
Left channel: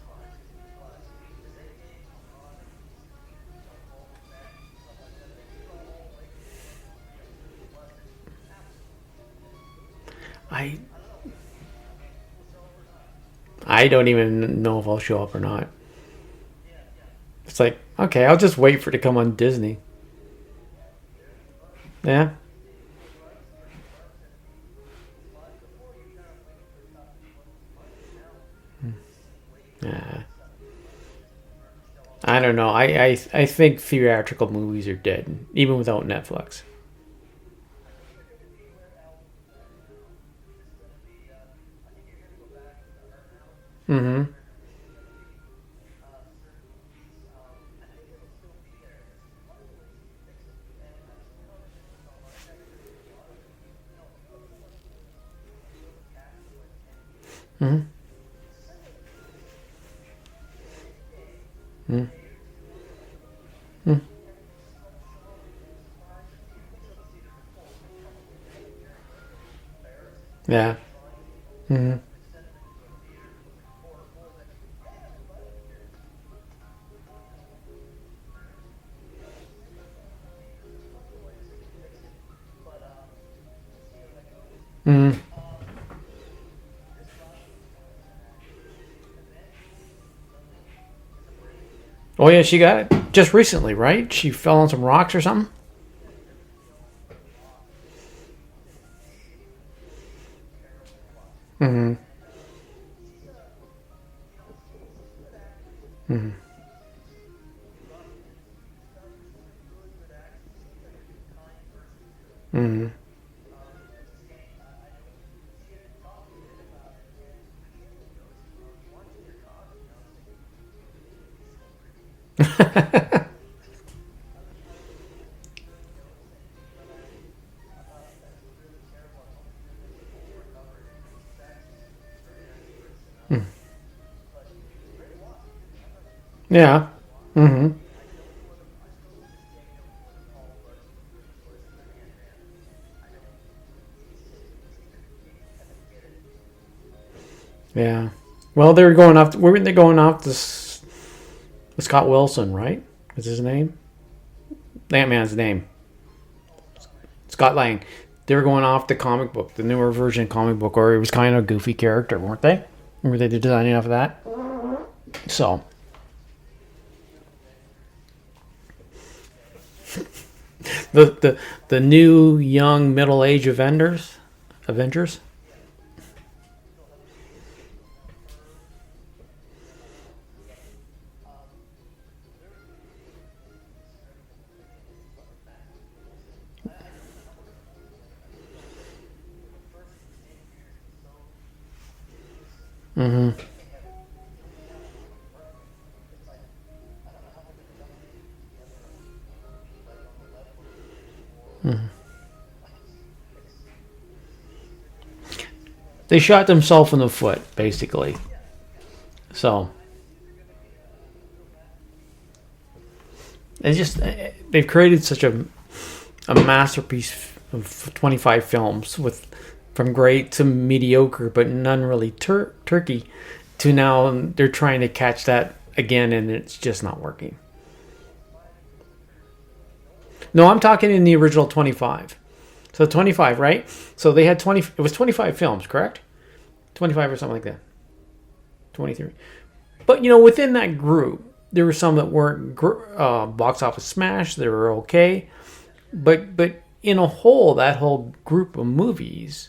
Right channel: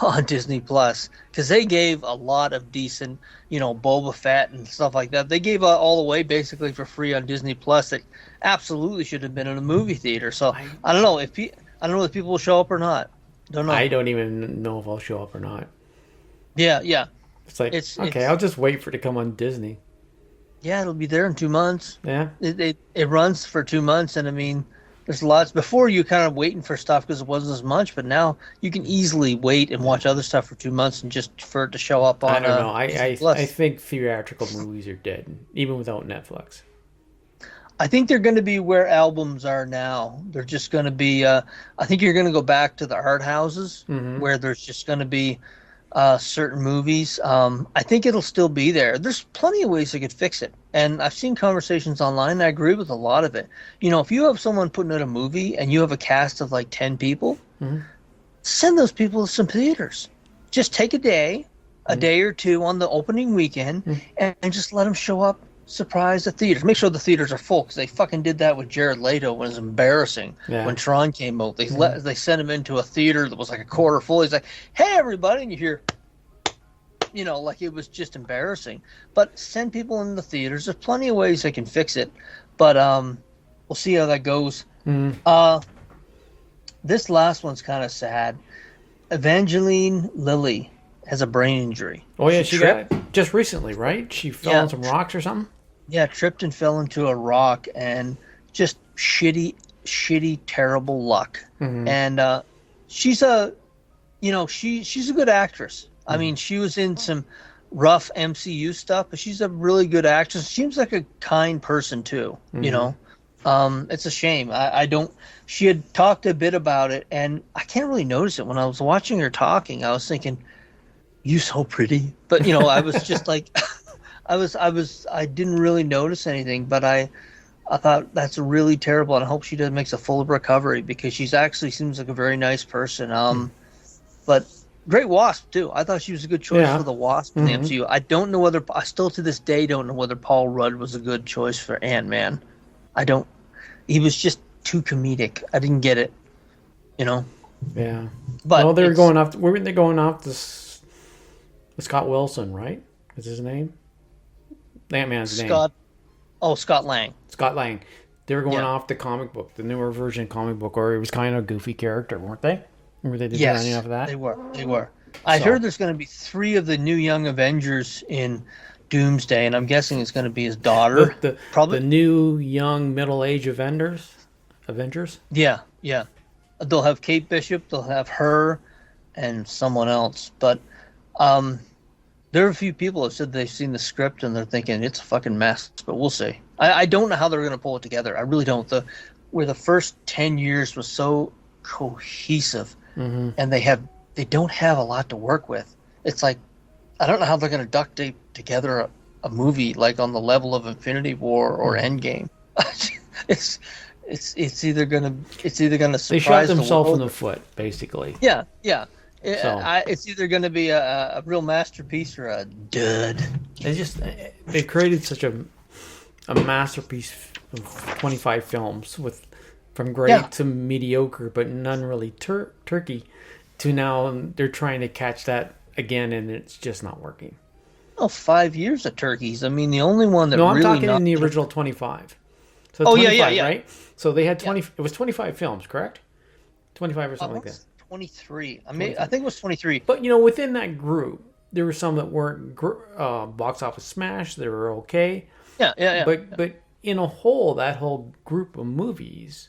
on Disney Plus, because they gave a lot of decent, you know, Boba Fett and stuff like that. They gave all away basically for free on Disney Plus that absolutely should have been in a movie theater. So I don't know if people will show up or not. Don't know. I don't even know if I'll show up or not. Yeah. It's like, okay, I'll just wait for it to come on Disney. Yeah, it'll be there in 2 months. Yeah. It runs for 2 months, and I mean, there's lots. Before, you kind of waiting for stuff because it wasn't as much, but now you can easily wait and watch other stuff for 2 months and just for it to show up on I don't know. I Plus. think theatrical movies are dead, even without Netflix. I think they're going to be where albums are now. They're just going to be. I think you're going to go back to the art houses where there's just going to be certain movies. I think it'll still be there. There's plenty of ways they could fix it, and I've seen conversations online. And I agree with a lot of it. You know, if you have someone putting out a movie and you have a cast of like 10 people, send those people to some theaters. Just take a day or two on the opening weekend, and just let them show up. Surprise the theaters. Make sure the theaters are full, because they fucking did that with Jared Leto. When it was embarrassing when Tron came out. They sent him into a theater that was like a quarter full. He's like, "Hey everybody," and you hear, you know, like it was just embarrassing. But send people in the theaters. There's plenty of ways they can fix it, but we'll see how that goes. This last one's kind of sad. Evangeline Lilly has a brain injury. Oh yeah, she got it just recently, right? She fell on some rocks or something. Yeah, tripped and fell into a rock, and just shitty, terrible luck. And she's a good actress. I mean, she was in some rough MCU stuff, but she's a really good actress. Seems like a kind person too. You know, it's a shame. I don't. She had talked a bit about it, and I can't really notice it. When I was watching her talking, I was thinking, "You so pretty," but you know, I was just like. I didn't really notice anything, but I thought that's really terrible, and I hope she makes a full recovery, because she's actually seems like a very nice person. But great Wasp too. I thought she was a good choice for the Wasp in the MCU. I still to this day don't know whether Paul Rudd was a good choice for Ant-Man. He was just too comedic. I didn't get it. You know. Yeah. But well, weren't they going off this Scott Wilson, right? Is his name? Ant-Man's name. Scott Lang. Scott Lang. They were going off the comic book, the newer version comic book, where he was kind of a goofy character, weren't they? Or they did anything off of that? They were. I heard there's going to be 3 of the new Young Avengers in Doomsday, and I'm guessing it's going to be his daughter. The new young middle-aged Avengers? Yeah. They'll have Kate Bishop, they'll have her, and someone else. But there are a few people who have said they've seen the script and they're thinking it's a fucking mess, but we'll see. I don't know how they're going to pull it together. I really don't. Where the first 10 years was so cohesive, and they don't have a lot to work with. It's like I don't know how they're going to duct tape together a movie like on the level of Infinity War or Endgame. It's either gonna They shot themselves in the foot, basically. Yeah. So it's either gonna be a real masterpiece or a dud. they've created such a masterpiece of 25 films from great to mediocre, but none really turkey. To now they're trying to catch that again, and it's just not working. Oh, 5 years of turkeys. I mean, the only one that. No, I'm talking in the original 25. So 25, yeah. right? So they had 20. It was 25 films, correct? 25 or something like that. 23. I think it was 23. But within that group, there were some that weren't box office smash. They were okay. Yeah. But in a whole, that whole group of movies,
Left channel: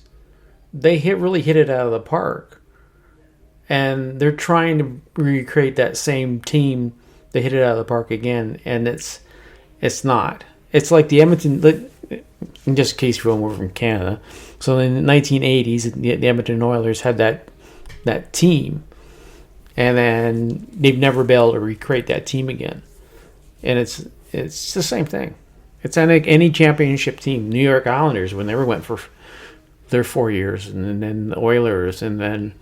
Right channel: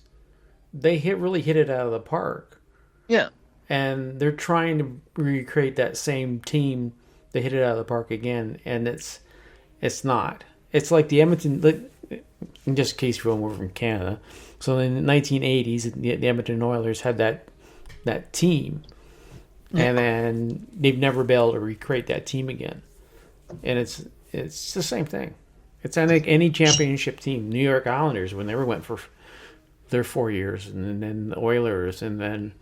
they really hit it out of the park. Yeah. And they're trying to recreate that same team. They hit it out of the park again, and it's not. It's like the Edmonton. In just in case we're from Canada, so in the 1980s, the Edmonton Oilers had that team, and then they've never been able to recreate that team again. And it's the same thing. It's like any championship team. New York Islanders, when they went for their 4 years, and then the Oilers, and then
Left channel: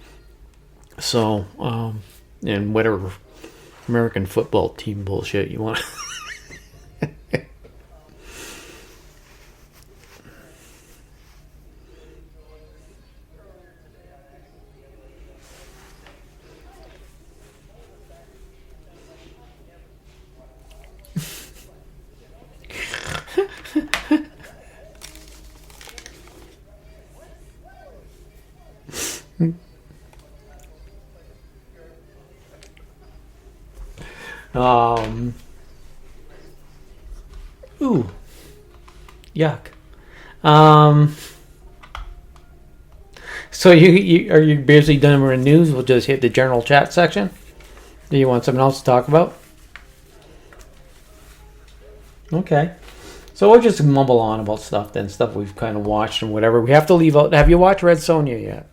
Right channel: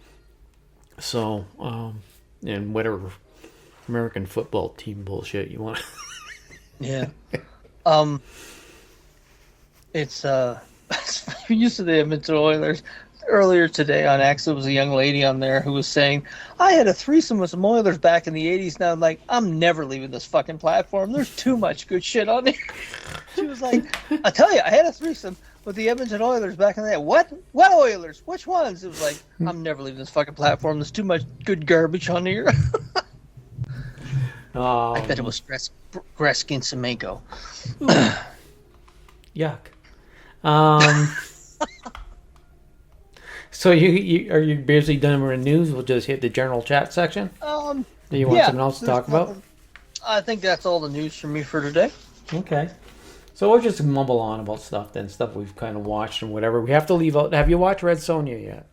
and whatever American football team bullshit you want. Yeah. It's used to the Edmonton Oilers. Earlier today on X, there was a young lady on there who was saying, I had a threesome with some Oilers back in the 80s. Now, I'm never leaving this fucking platform. There's too much good shit on there. She was like, I tell you, I had a threesome with the Edmonton Oilers back in the day. What Oilers? Which ones? It was like, I'm never leaving this fucking platform. There's too much good garbage on here. That it was Gretzky and Semenko. Yuck. So you are you basically done with the news? We'll just hit the general chat section. Do you want something else to talk about? I think that's all the news from me for today. Okay. So we'll just mumble on about stuff we've kind of watched and whatever. We have to leave out. Have you watched Red Sonja yet?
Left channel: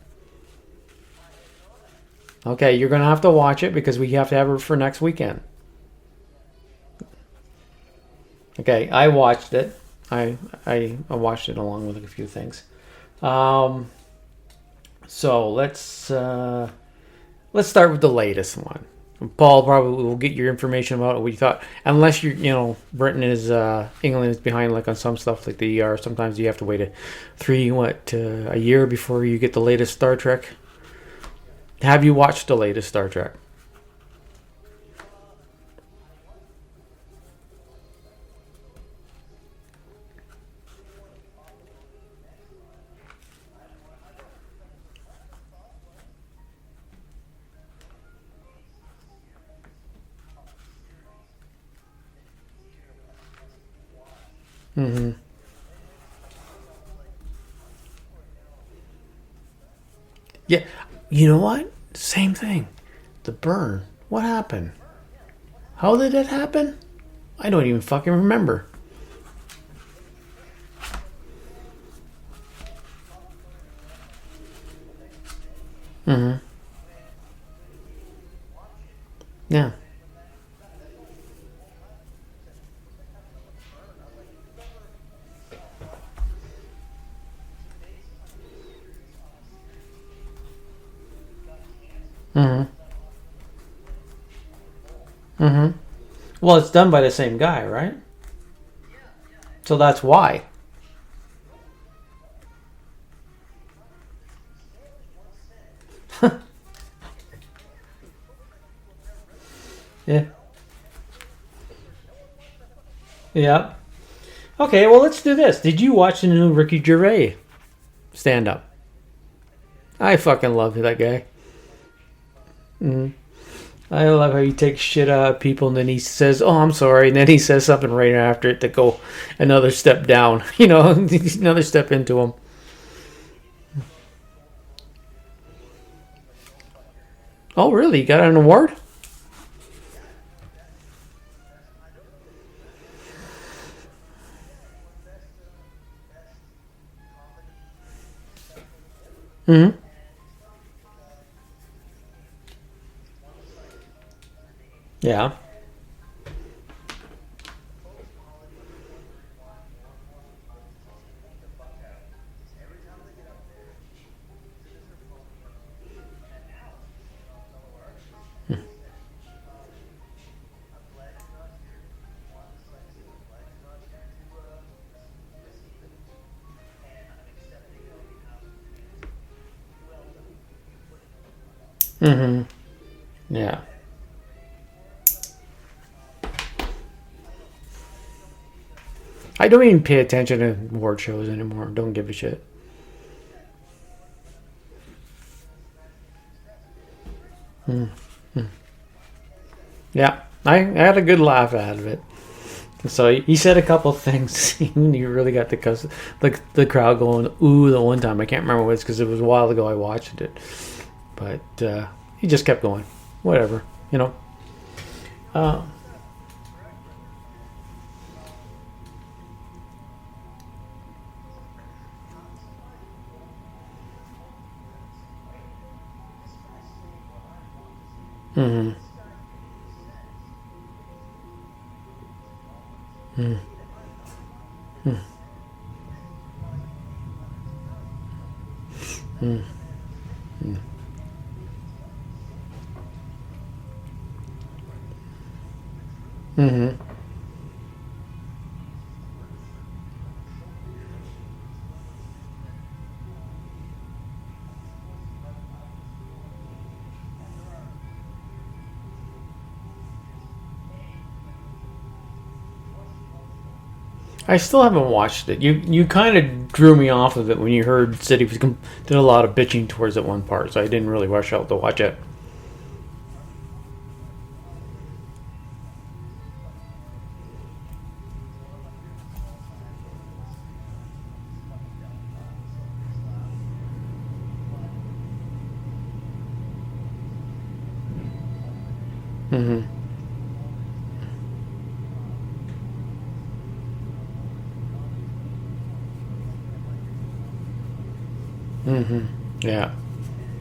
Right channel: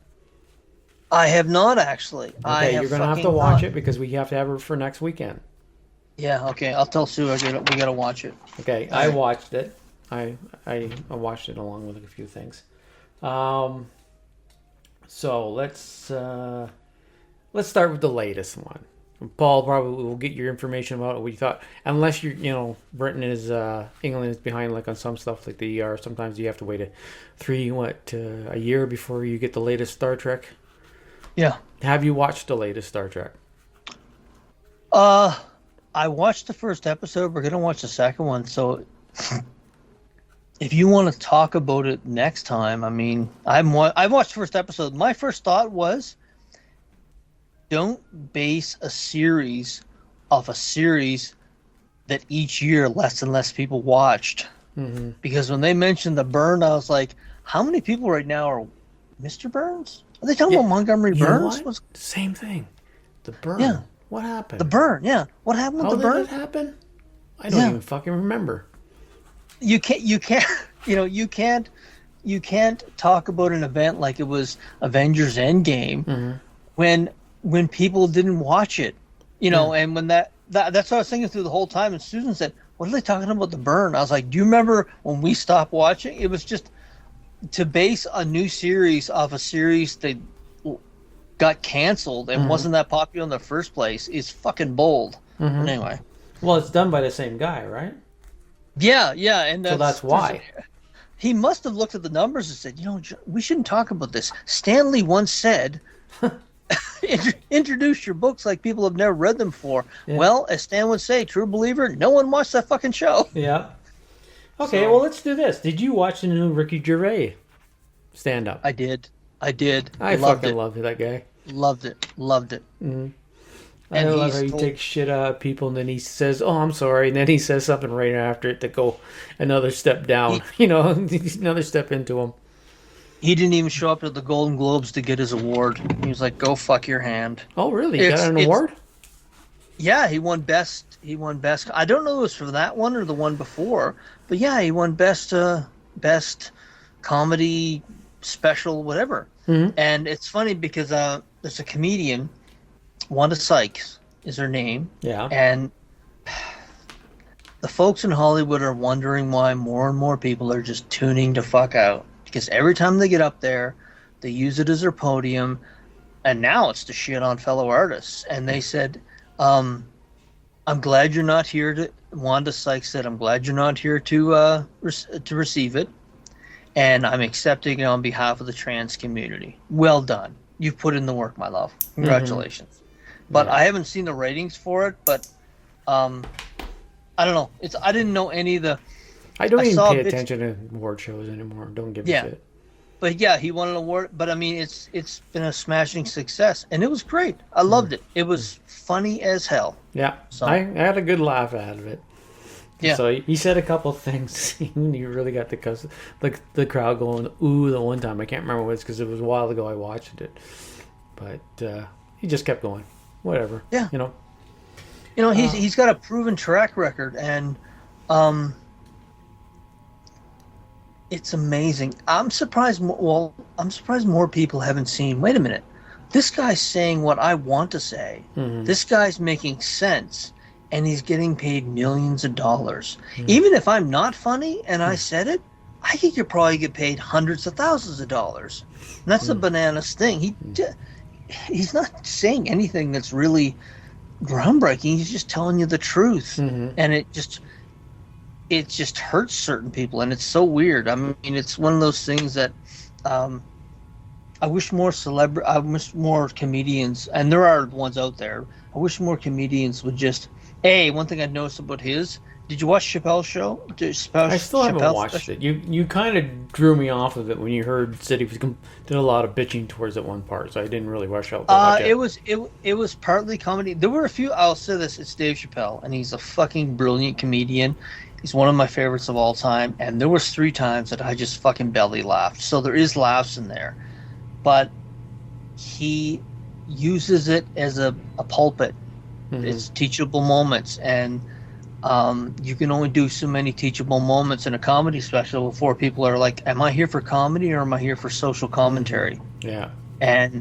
I have not actually. Okay, you're gonna have to watch it because we have to have it for next weekend. Yeah. Okay. I'll tell Sue we gotta watch it. Okay, I watched it. I watched it along with a few things. So let's start with the latest one. Paul probably will get your information about what you thought, unless Britain is England is behind like on some stuff like the ER. Sometimes you have to wait a year before you get the latest Star Trek. Yeah. Have you watched the latest Star Trek? I watched the first episode. We're gonna watch the second one. So if you want to talk about it next time, I mean, I watched the first episode. My first thought was, don't base a series off a series that each year less and less people watched. Mm-hmm. Because when they mentioned the Burn, I was like, how many people right now are Mr. Burns? Are they talking about Montgomery Burns? You know what? Same thing. The Burn. Yeah. What happened? The Burn, yeah. What happened? How did it happen? I don't even fucking remember. You can't talk about an event like it was Avengers Endgame when people didn't watch it, and when that's what I was thinking through the whole time. And Susan said, "What are they talking about the Burn?" I was like, "Do you remember when we stopped watching?" It was just to base a new series off a series that got canceled and wasn't that popular in the first place is fucking bold. Anyway, well, it's done by the same guy, right? Yeah, and so that's why. He must have looked at the numbers and said, we shouldn't talk about this. Stanley once said, introduce your books like people have never read them before. Yeah. Well, as Stan would say, true believer, no one watched that fucking show. Yeah. Okay, well, let's do this. Did you watch the new Ricky Gervais stand-up? I did. I fucking loved that guy. Loved it. Mm-hmm. I love how he takes shit out of people and then he says, "Oh, I'm sorry," and then he says something right after it to go another step down. Another step into him. He didn't even show up to the Golden Globes to get his award. He was like, "Go fuck your hand." Oh, really? He got an award? Yeah, he won best. I don't know if it was for that one or the one before, but yeah, he won best comedy special, whatever. Mm-hmm. And it's funny because there's a comedian. Wanda Sykes is her name. Yeah. And the folks in Hollywood are wondering why more and more people are just tuning the fuck out. Because every time they get up there, they use it as their podium, and now it's to shit on fellow artists. And they said, I'm glad you're not here to. Wanda Sykes said, "I'm glad you're not here to receive it, and I'm accepting it on behalf of the trans community. Well done. You've put in the work, my love. Congratulations." But I haven't seen the ratings for it. But I don't know. I didn't know any of the. I don't even pay attention to award shows anymore. Don't give a shit. But yeah, he won an award. But I mean, it's been a smashing success, and it was great. I loved it. It was funny as hell. Yeah, so. I had a good laugh out of it. Yeah. So he said a couple of things. You really got the crowd going ooh the one time. I can't remember what it's because it was a while ago I watched it. But he just kept going. Whatever. Yeah. You know. He's got a proven track record, and it's amazing. I'm surprised. I'm surprised more people haven't seen. Wait a minute, this guy's saying what I want to say. This guy's making sense, and he's getting paid millions of dollars. Even if I'm not funny and I said it, I think you probably get paid hundreds of thousands of dollars. And that's the bananas thing. He's not saying anything that's really groundbreaking. He's just telling you the truth, and it just hurts certain people, and it's so weird. I mean, it's one of those things that I wish more comedians, and there are ones out there. I wish more comedians would just. Hey, one thing I noticed about his. Did you watch Chappelle's show? I still haven't watched it. You kind of drew me off of it when you said he did a lot of bitching towards it one part, so I didn't really rush out to watch it. It was partly comedy. There were a few. I'll say this: it's Dave Chappelle, and he's a fucking brilliant comedian. He's one of my favorites of all time, and there was 3 times that I just fucking belly laughed. So there is laughs in there, but he uses it as a pulpit. It's teachable moments, and you can only do so many teachable moments in a comedy special before people are like, am I here for comedy or am I here for social commentary? Yeah. And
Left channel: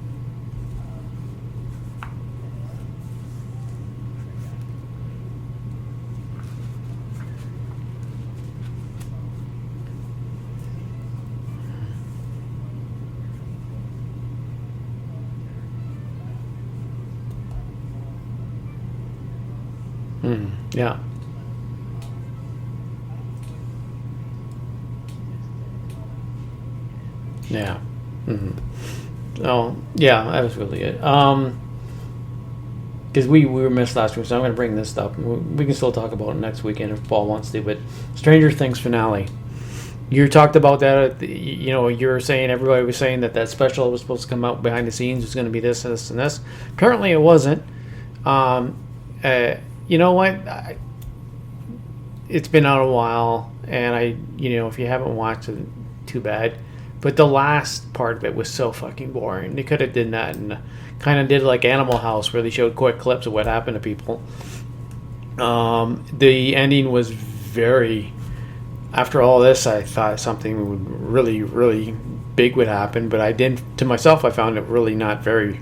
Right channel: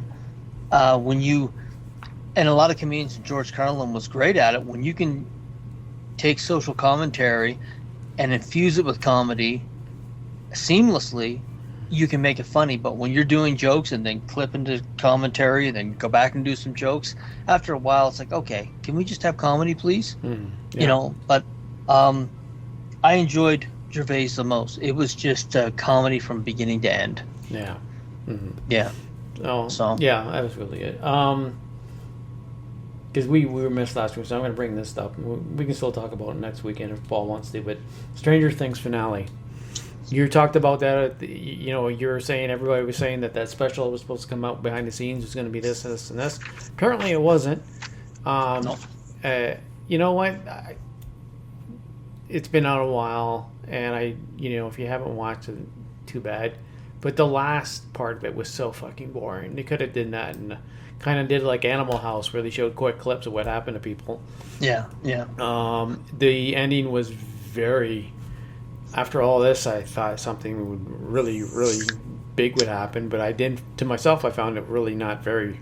and a lot of comedians, George Carlin was great at it, when you can take social commentary and infuse it with comedy seamlessly, you can make it funny. But when you're doing jokes and then clip into commentary and then go back and do some jokes, after a while it's like, okay, can we just have comedy, please? But I enjoyed Gervais the most. It was just comedy from beginning to end. Yeah. Yeah. Oh, so. Yeah, that was really good. Because we were missed last week, so I'm going to bring this up. We can still talk about it next weekend if Paul wants to. But Stranger Things finale. You talked about that. You were saying, everybody was saying that special was supposed to come out behind the scenes. Was going to be this, this, and this. Apparently, it wasn't. You know what? It's been out a while, and if you haven't watched it, too bad. But the last part of it was so fucking boring. They could have did that and kind of did like Animal House, where they showed quick clips of what happened to people. Yeah. The ending was very. After all this, I thought something would really, really big would happen, but I didn't. To myself, I found it really not very.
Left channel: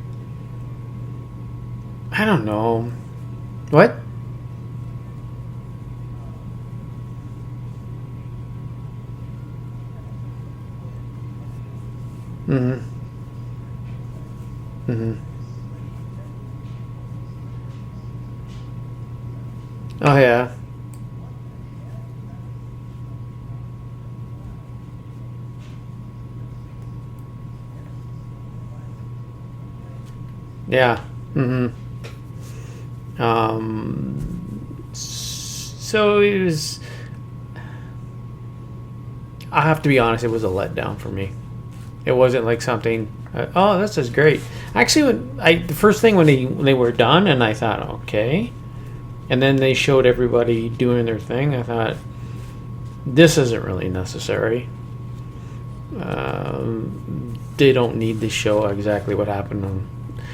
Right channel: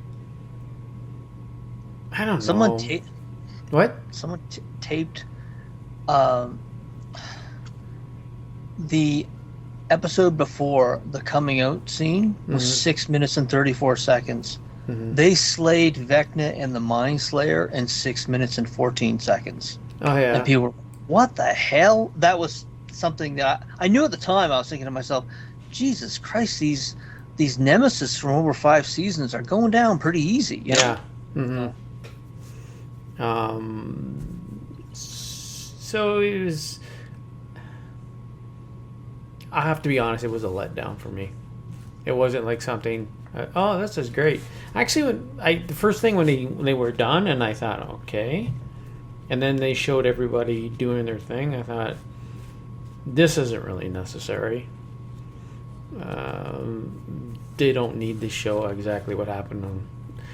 I don't know. What? Someone taped the episode before the coming out scene was 6 minutes and 34 seconds. They slayed Vecna and the Mind Slayer in 6 minutes and 14 seconds. Oh yeah. And people were, what the hell? That was something that I knew at the time. I was thinking to myself, Jesus Christ, these nemesis from over 5 seasons are going down pretty easy. Yeah. So it was. I have to be honest, it was a letdown for me. It wasn't like something. Oh, this is great. Actually, the first thing when they were done, and I thought, okay, and then they showed everybody doing their thing. I thought, this isn't really necessary. They don't need to show exactly what happened.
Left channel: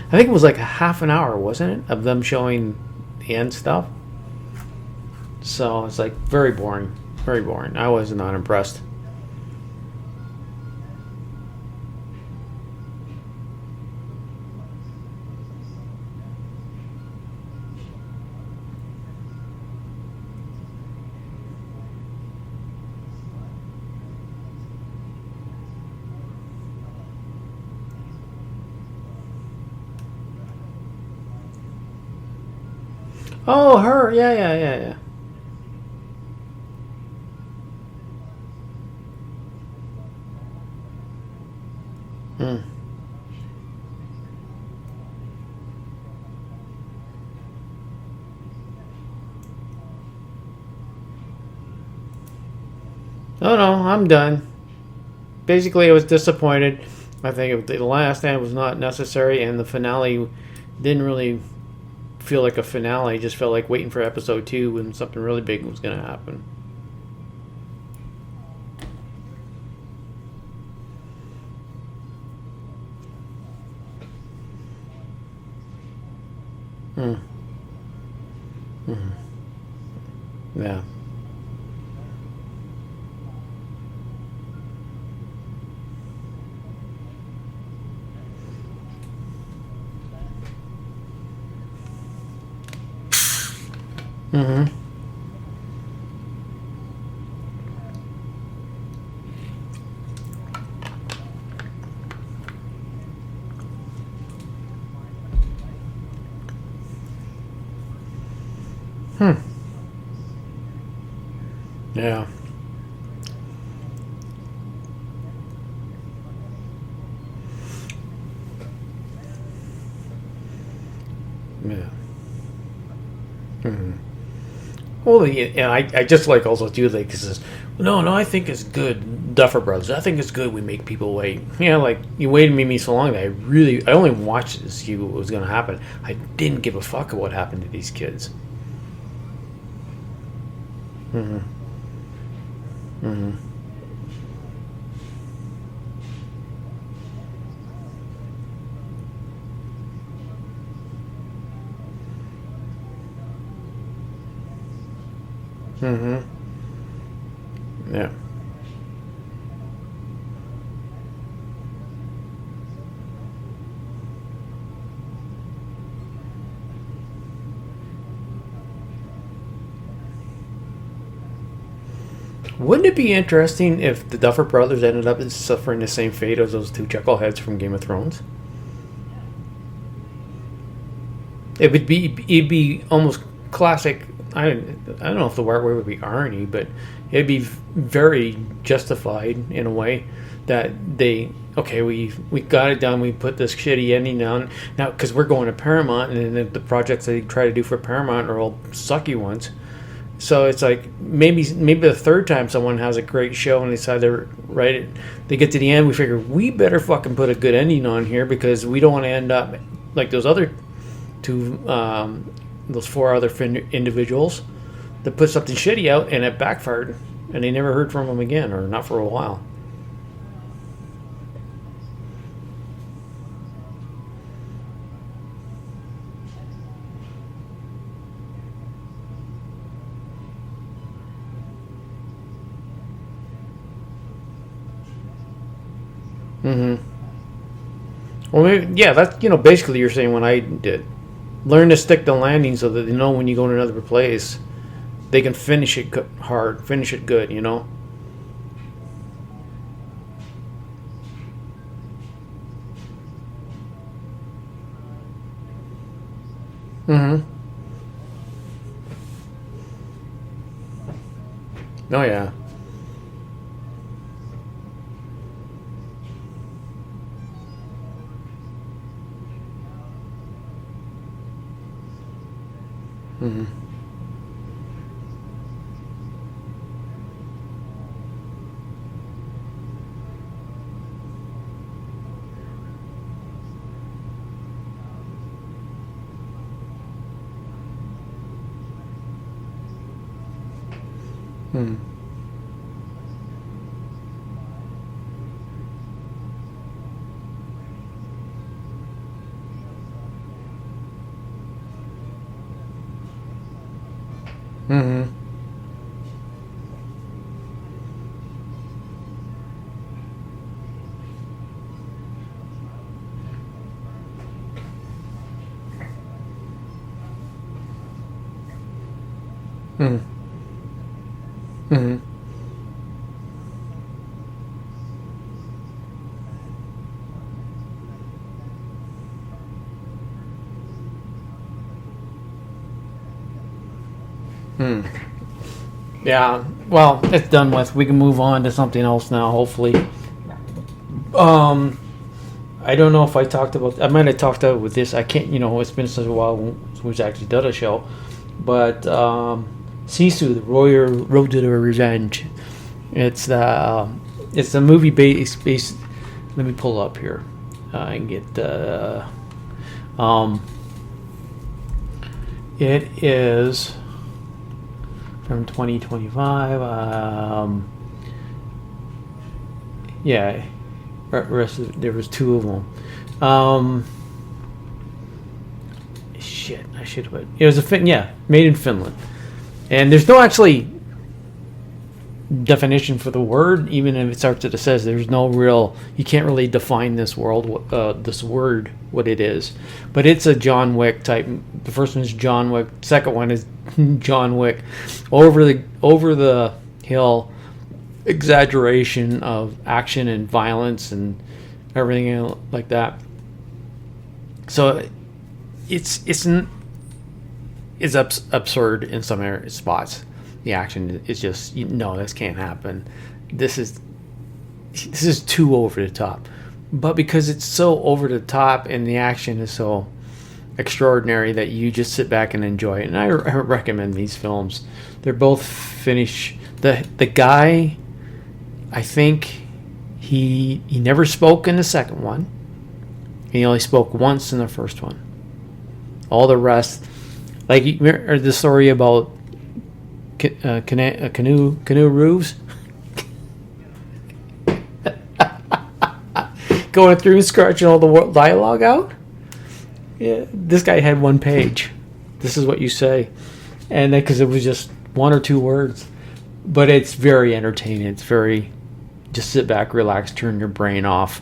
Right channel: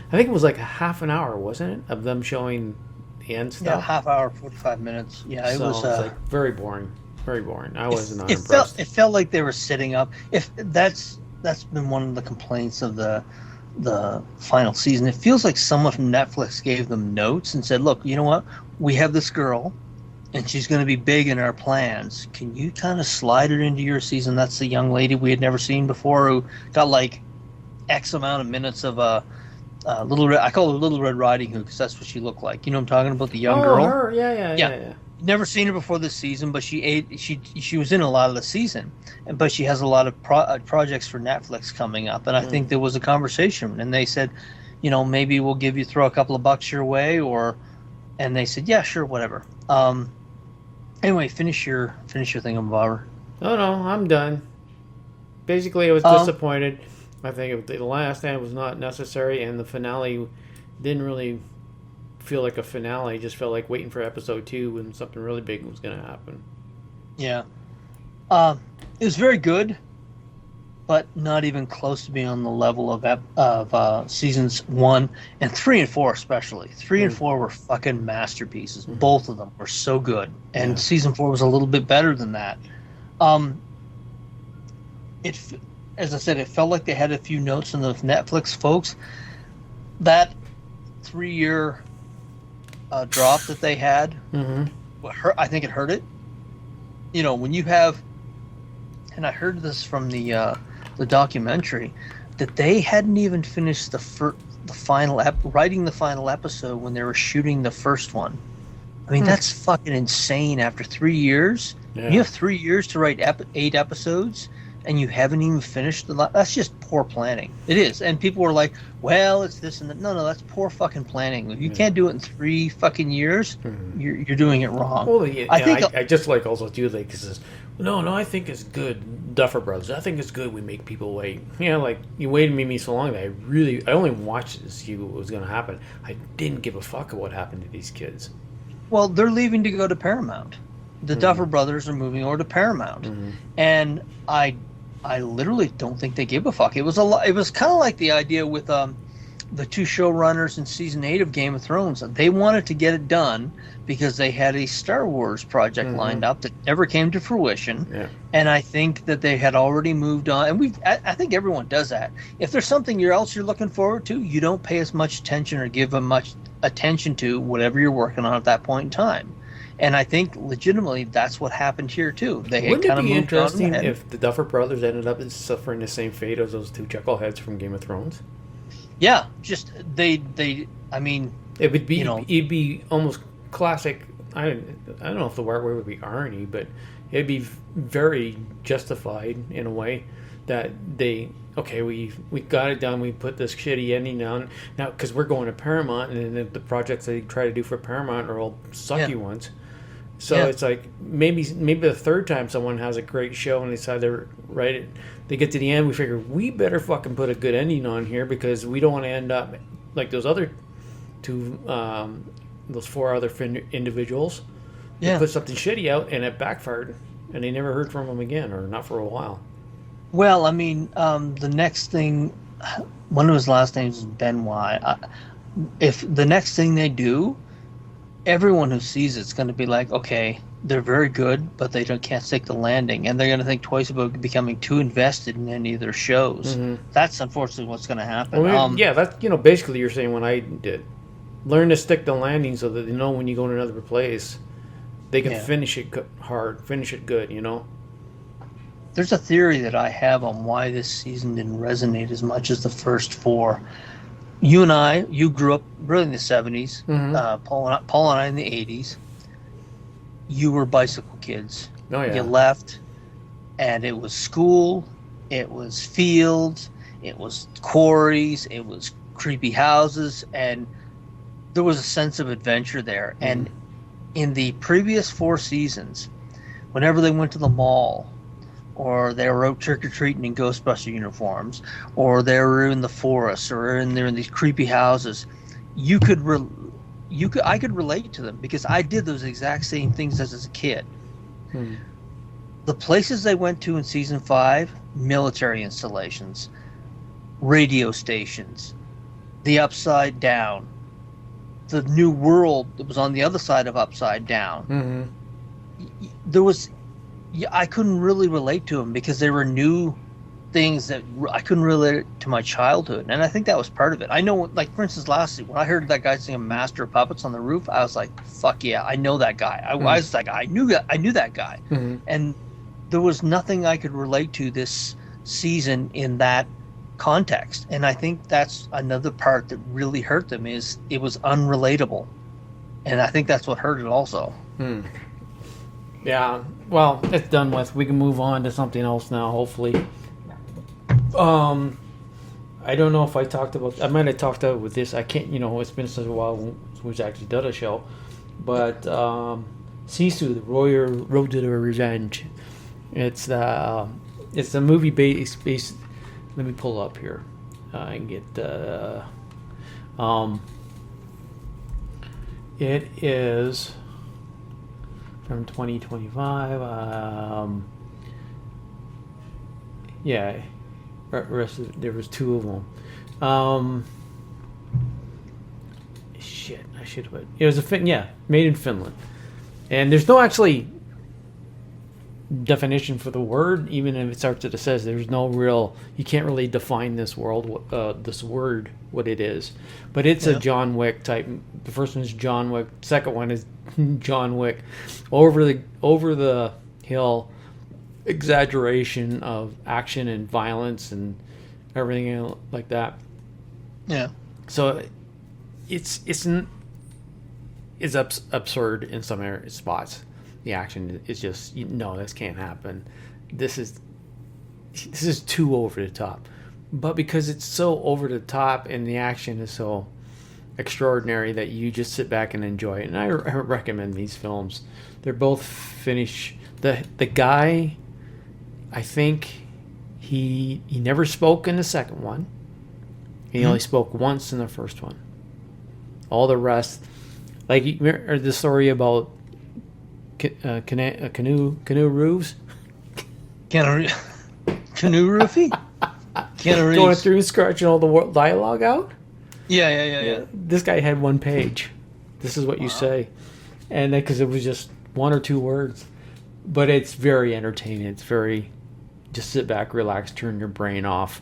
I think it was like a half an hour, wasn't it, of them showing the end stuff? Yeah, half hour, 45 minutes. Yeah. It's like very boring. Very boring. I was not impressed. It felt like they were sitting up. If that's been one of the complaints of the final season. It feels like someone from Netflix gave them notes and said, "Look, you know what? We have this girl and she's going to be big in our plans. Can you kind of slide her into your season? That's the young lady we had never seen before who got like X amount of minutes of Little Red. I call her Little Red Riding Hood because that's what she looked like. You know what I'm talking about? The young girl. Oh, her. Yeah. Never seen her before this season, but she was in a lot of the season, but she has a lot of projects for Netflix coming up, and I think there was a conversation, and they said, you know, maybe we'll throw a couple of bucks your way, and they said, yeah, sure, whatever. Anyway, finish your thing, Bobber. No, I'm done. Basically, I was disappointed. I think the last end was not necessary, and the finale didn't really feel like a finale. It just felt like waiting for episode 2 when something really big was going to happen. Yeah. It was very good, but not even close to being on the level of seasons 1 and 3 and 4 especially. 3 and 4 were fucking masterpieces. Both of them were so good. And season 4 was a little bit better than that. As I said, it felt like they had a few notes on the Netflix folks. That 3-year drop that they had, I think it hurt it. You know, when you have, and I heard this from the documentary, that they hadn't even finished writing the final episode when they were shooting the first one. I mean, that's fucking insane. After 3 years, you have 3 years to write 8 episodes, and you haven't even finished that's just poor planning. It is. And people were like, well, it's this and that. No, that's poor fucking planning. If you can't do it in 3 fucking years, you're doing it wrong. Well, I just like also too, like, because no, I think it's good. Duffer Brothers, I think it's good we make people wait. You know, like, you waited me so long that I only watched it to see what was going to happen. I didn't give a fuck what happened to these kids. Well, they're leaving to go to Paramount. The Duffer Brothers are moving over to Paramount. And I literally don't think they give a fuck. It was kind of like the idea with the 2 showrunners in season 8 of Game of Thrones. They wanted to get it done because they had a Star Wars project lined up that never came to fruition. Yeah. And I think that they had already moved on. And I think everyone does that. If there's something else you're looking forward to, you don't pay as much attention or give as much attention to whatever you're working on at that point in time. And I think legitimately that's what happened here too. Wouldn't it be interesting if the Duffer Brothers ended up suffering the same fate as those 2 chuckleheads from Game of Thrones? Yeah, just I mean, it would be it'd be almost classic. I don't know if the word would be irony, but it'd be very justified in a way that we got it done. We put this shitty ending down now because we're going to Paramount, and then the projects they try to do for Paramount are all sucky ones. So it's like maybe the third time someone has a great show and they decide to write it, they get to the end, we figure we better fucking put a good ending on here because we don't want to end up like those other 2, those 4 other individuals that put something shitty out and it backfired and they never heard from them again, or not for a while. Well, I mean, the next thing, one of his last names is Benoit. If the next thing they do, everyone who sees it's going to be like, okay, they're very good, but they can't stick the landing, and they're going to think twice about becoming too invested in any of their shows. That's unfortunately what's going to happen. Well, that's basically you're saying what I did. Learn to stick the landing so that they know when you go to another place, they can finish it hard, finish it good. There's a theory that I have on why this season didn't resonate as much as the first 4. You grew up really in the 70s, Paul and I in the 80s. You were bicycle kids. Oh, yeah. You left, and it was school, it was fields, it was quarries, it was creepy houses, and there was a sense of adventure there. And in the previous 4 seasons, whenever they went to the mall, or they were out trick-or-treating in Ghostbuster uniforms, or they were in the forest, or they're in these creepy houses, I could relate to them because I did those exact same things as a kid. The places they went to in season 5, military installations, radio stations, the Upside Down, the new world that was on the other side of Upside Down. I couldn't really relate to them because they were new things that I couldn't relate it to my childhood, and I think that was part of it. I know, like for instance, last week when I heard that guy singing "Master of Puppets" on the roof, I was like, "Fuck yeah, I know that guy." I was like, I knew that guy, and there was nothing I could relate to this season in that context, and I think that's another part that really hurt them, is it was unrelatable, and I think that's what hurt it also. Yeah, well, it's done with. We can move on to something else now, hopefully. I don't know if I talked about... I might have talked about with this. I can't... it's been such a while since we've actually done a show. But SISU, the Road to Revenge. It's a movie based... Let me pull up here and get... it is... from 2025. Yeah, there was two of them. Shit, I should have. It was made in Finland, and there's no actually definition for the word. Even if it starts it says there's no real. You can't really define this world, this word, what it is. But it's a John Wick type. The first one is John Wick. Second one is John Wick. Over the hill exaggeration of action and violence and everything like that. Yeah. So it's absurd in some spots. The action is just, no, this can't happen. This is too over the top. But because it's so over the top and the action is so extraordinary that you just sit back and enjoy it. And I recommend these films. They're both Finnish. The guy, I think he never spoke in the second one. He only spoke once in the first one. All the rest, like you remember the story about canoe roofs. Canoe roofie. Going through and scratching all the dialogue out. Yeah. This guy had one page. This is what you say, and then because it was just one or two words, but it's very entertaining. It's very just sit back, relax, turn your brain off.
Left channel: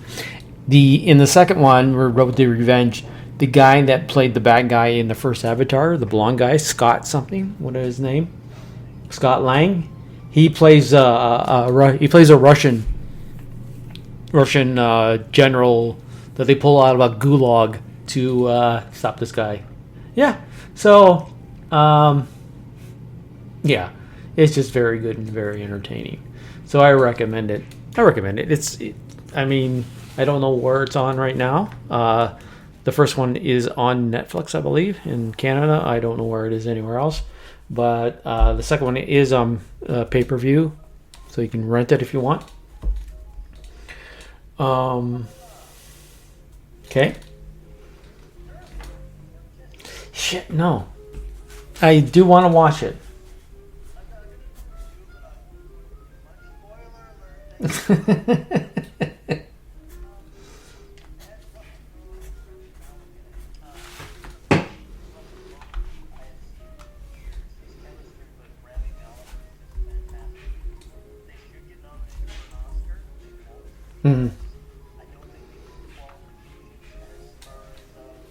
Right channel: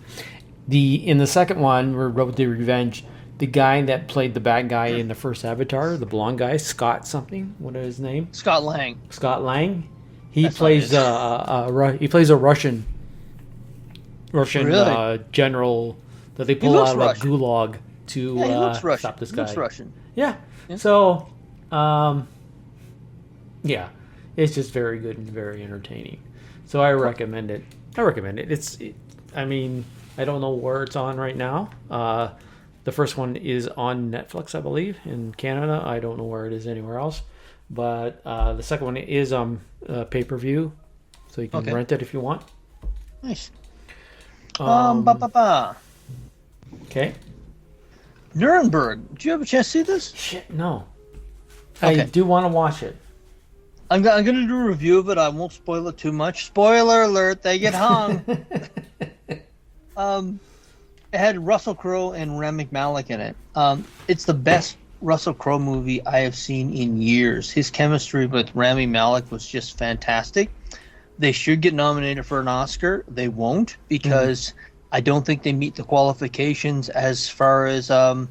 In the second one, Road to Revenge, the guy that played the bad guy in the first Avatar, the blonde guy, Scott something. What is his name? Scott Lang. Scott Lang. He plays a Russian really? General that they pull out of a gulag to stop this guy. Yeah. So, yeah, it's just very good and very entertaining. So I recommend it. I mean, I don't know where it's on right now. The first one is on Netflix, I believe, in Canada. I don't know where it is anywhere else. But the second one is on pay-per-view, so you can rent it if you want. Nice. Okay. Nuremberg. Did you have a chance to see this? Shit, no. I do want to watch it. I'm going to do a review of it. I won't spoil it too much. Spoiler alert, they get hung. It had Russell Crowe and Rami Malek in it. It's the best Russell Crowe movie I have seen in years. His chemistry with Rami Malek was just fantastic. They should get nominated for an Oscar. They won't, because I don't think they meet the qualifications as far as the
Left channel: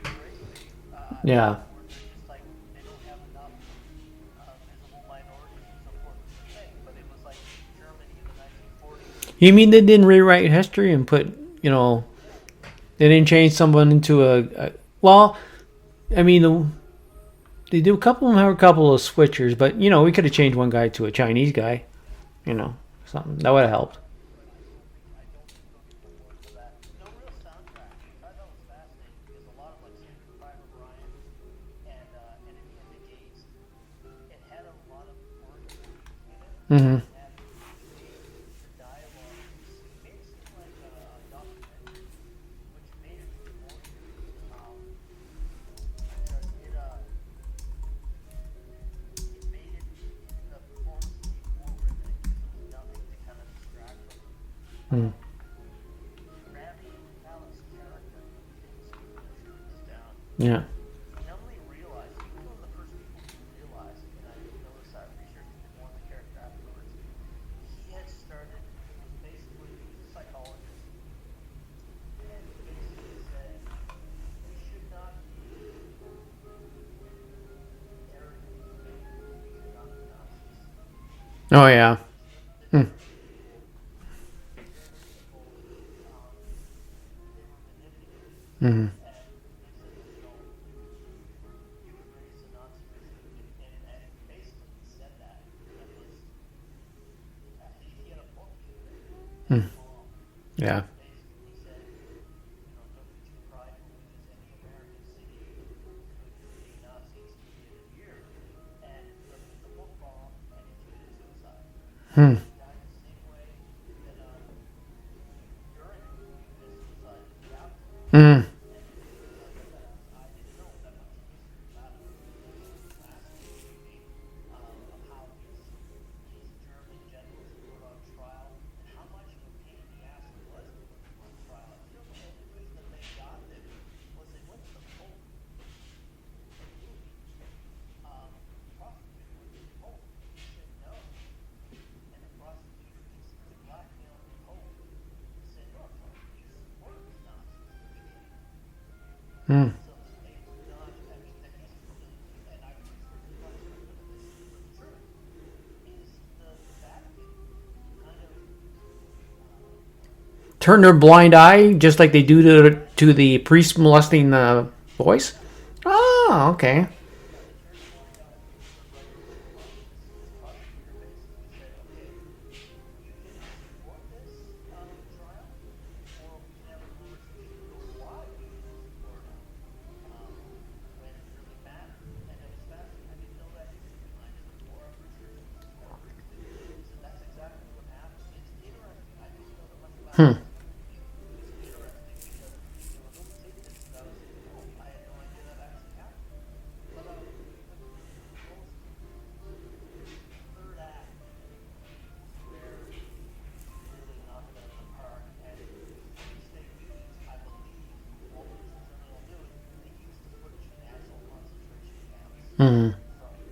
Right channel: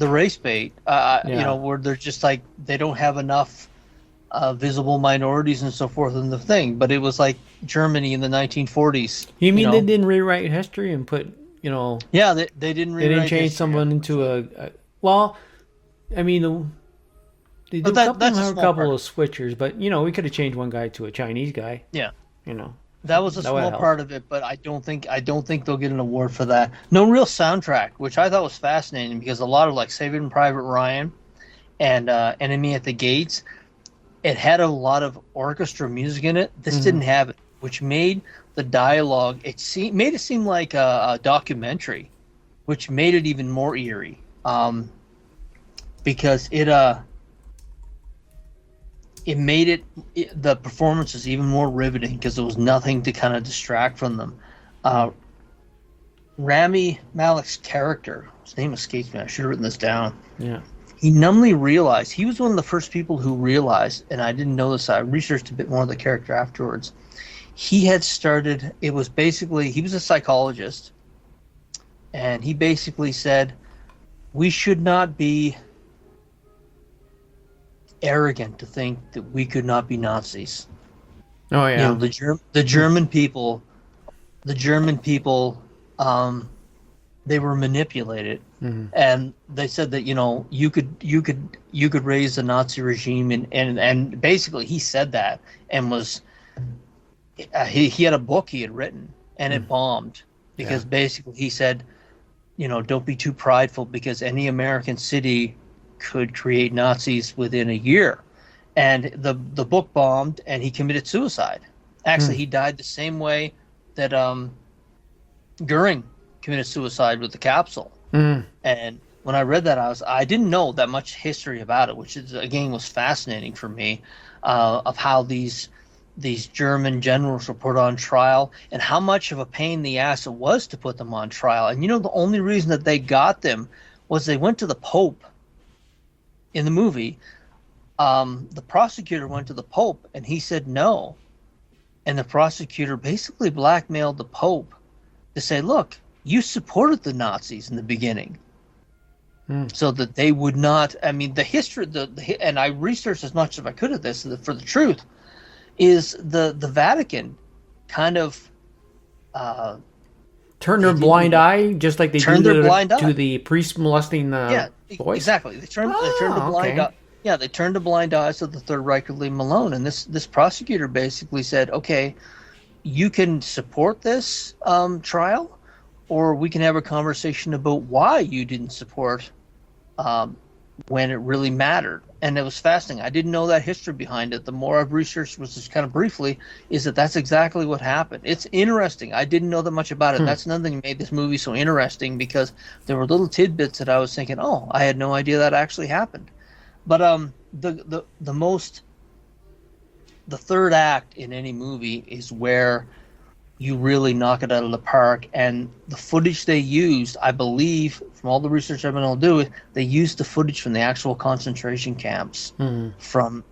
race bait. Where they're just like, they don't have enough visible minorities and so forth in the thing. But it was like Germany in the 1940s. You mean they didn't rewrite history and put, Yeah, they didn't. They didn't change someone into well, I mean, they do a couple of switchers, but we could have changed one guy to a Chinese guy. Yeah. That was a small part of it, but I don't think they'll get an award for that. No real soundtrack, which I thought was fascinating, because a lot of like Saving Private Ryan and Enemy at the Gates, it had a lot of orchestra music in it. This didn't have it, which made the dialogue made it seem like a documentary, which made it even more eerie, because it made the performances even more riveting, because there was nothing to kind of distract from them. Rami Malek's character, his name escapes me, I should have written this down. Yeah. He numbly realized, he was one of the first people who realized, and I didn't know this, I researched a bit more of the character afterwards. he had started. It was basically, he was a psychologist, and he basically said we should not be arrogant to think that we could not be Nazis. Oh You yeah. know, the German people, they were manipulated, and they said that you could raise the Nazi regime, and basically he said that, and was he had a book he had written, and it bombed because basically he said, don't be too prideful, because any American city could create Nazis within a year. And the book bombed, and he committed suicide. Actually, he died the same way that Goering committed suicide with the capsule. And when I read that, I didn't know that much history about it, which again was fascinating for me, of how these German generals were put on trial, and how much of a pain in the ass it was to put them on trial. And the only reason that they got them was they went to the Pope in the movie. The prosecutor went to the Pope, and he said no. And the prosecutor basically blackmailed the Pope to say, look, you supported the Nazis in the beginning, so that they would not. I mean, the history, and I researched as much as I could of this for the truth, is the Vatican kind of Turn their blind eye, just like they do blind to eye. the priest molesting boys. Exactly. They turned Oh, a blind okay. eye. Yeah, they turned a blind eye so the Third Reich could leave them alone. And this prosecutor basically said, okay, you can support this trial, or we can have a conversation about why you didn't support when it really mattered. And it was fascinating. I didn't know that history behind it. The more I've researched, was just kind of briefly, is that's exactly what happened. It's interesting. I didn't know that much about it. That's another thing that made this movie so interesting, because there were little tidbits that I was thinking, oh, I had no idea that actually happened. But the third act in any movie is where you really knock it out of the park. And the footage they used, I believe, from all the research I've been able to do, they used the footage from the actual concentration camps, from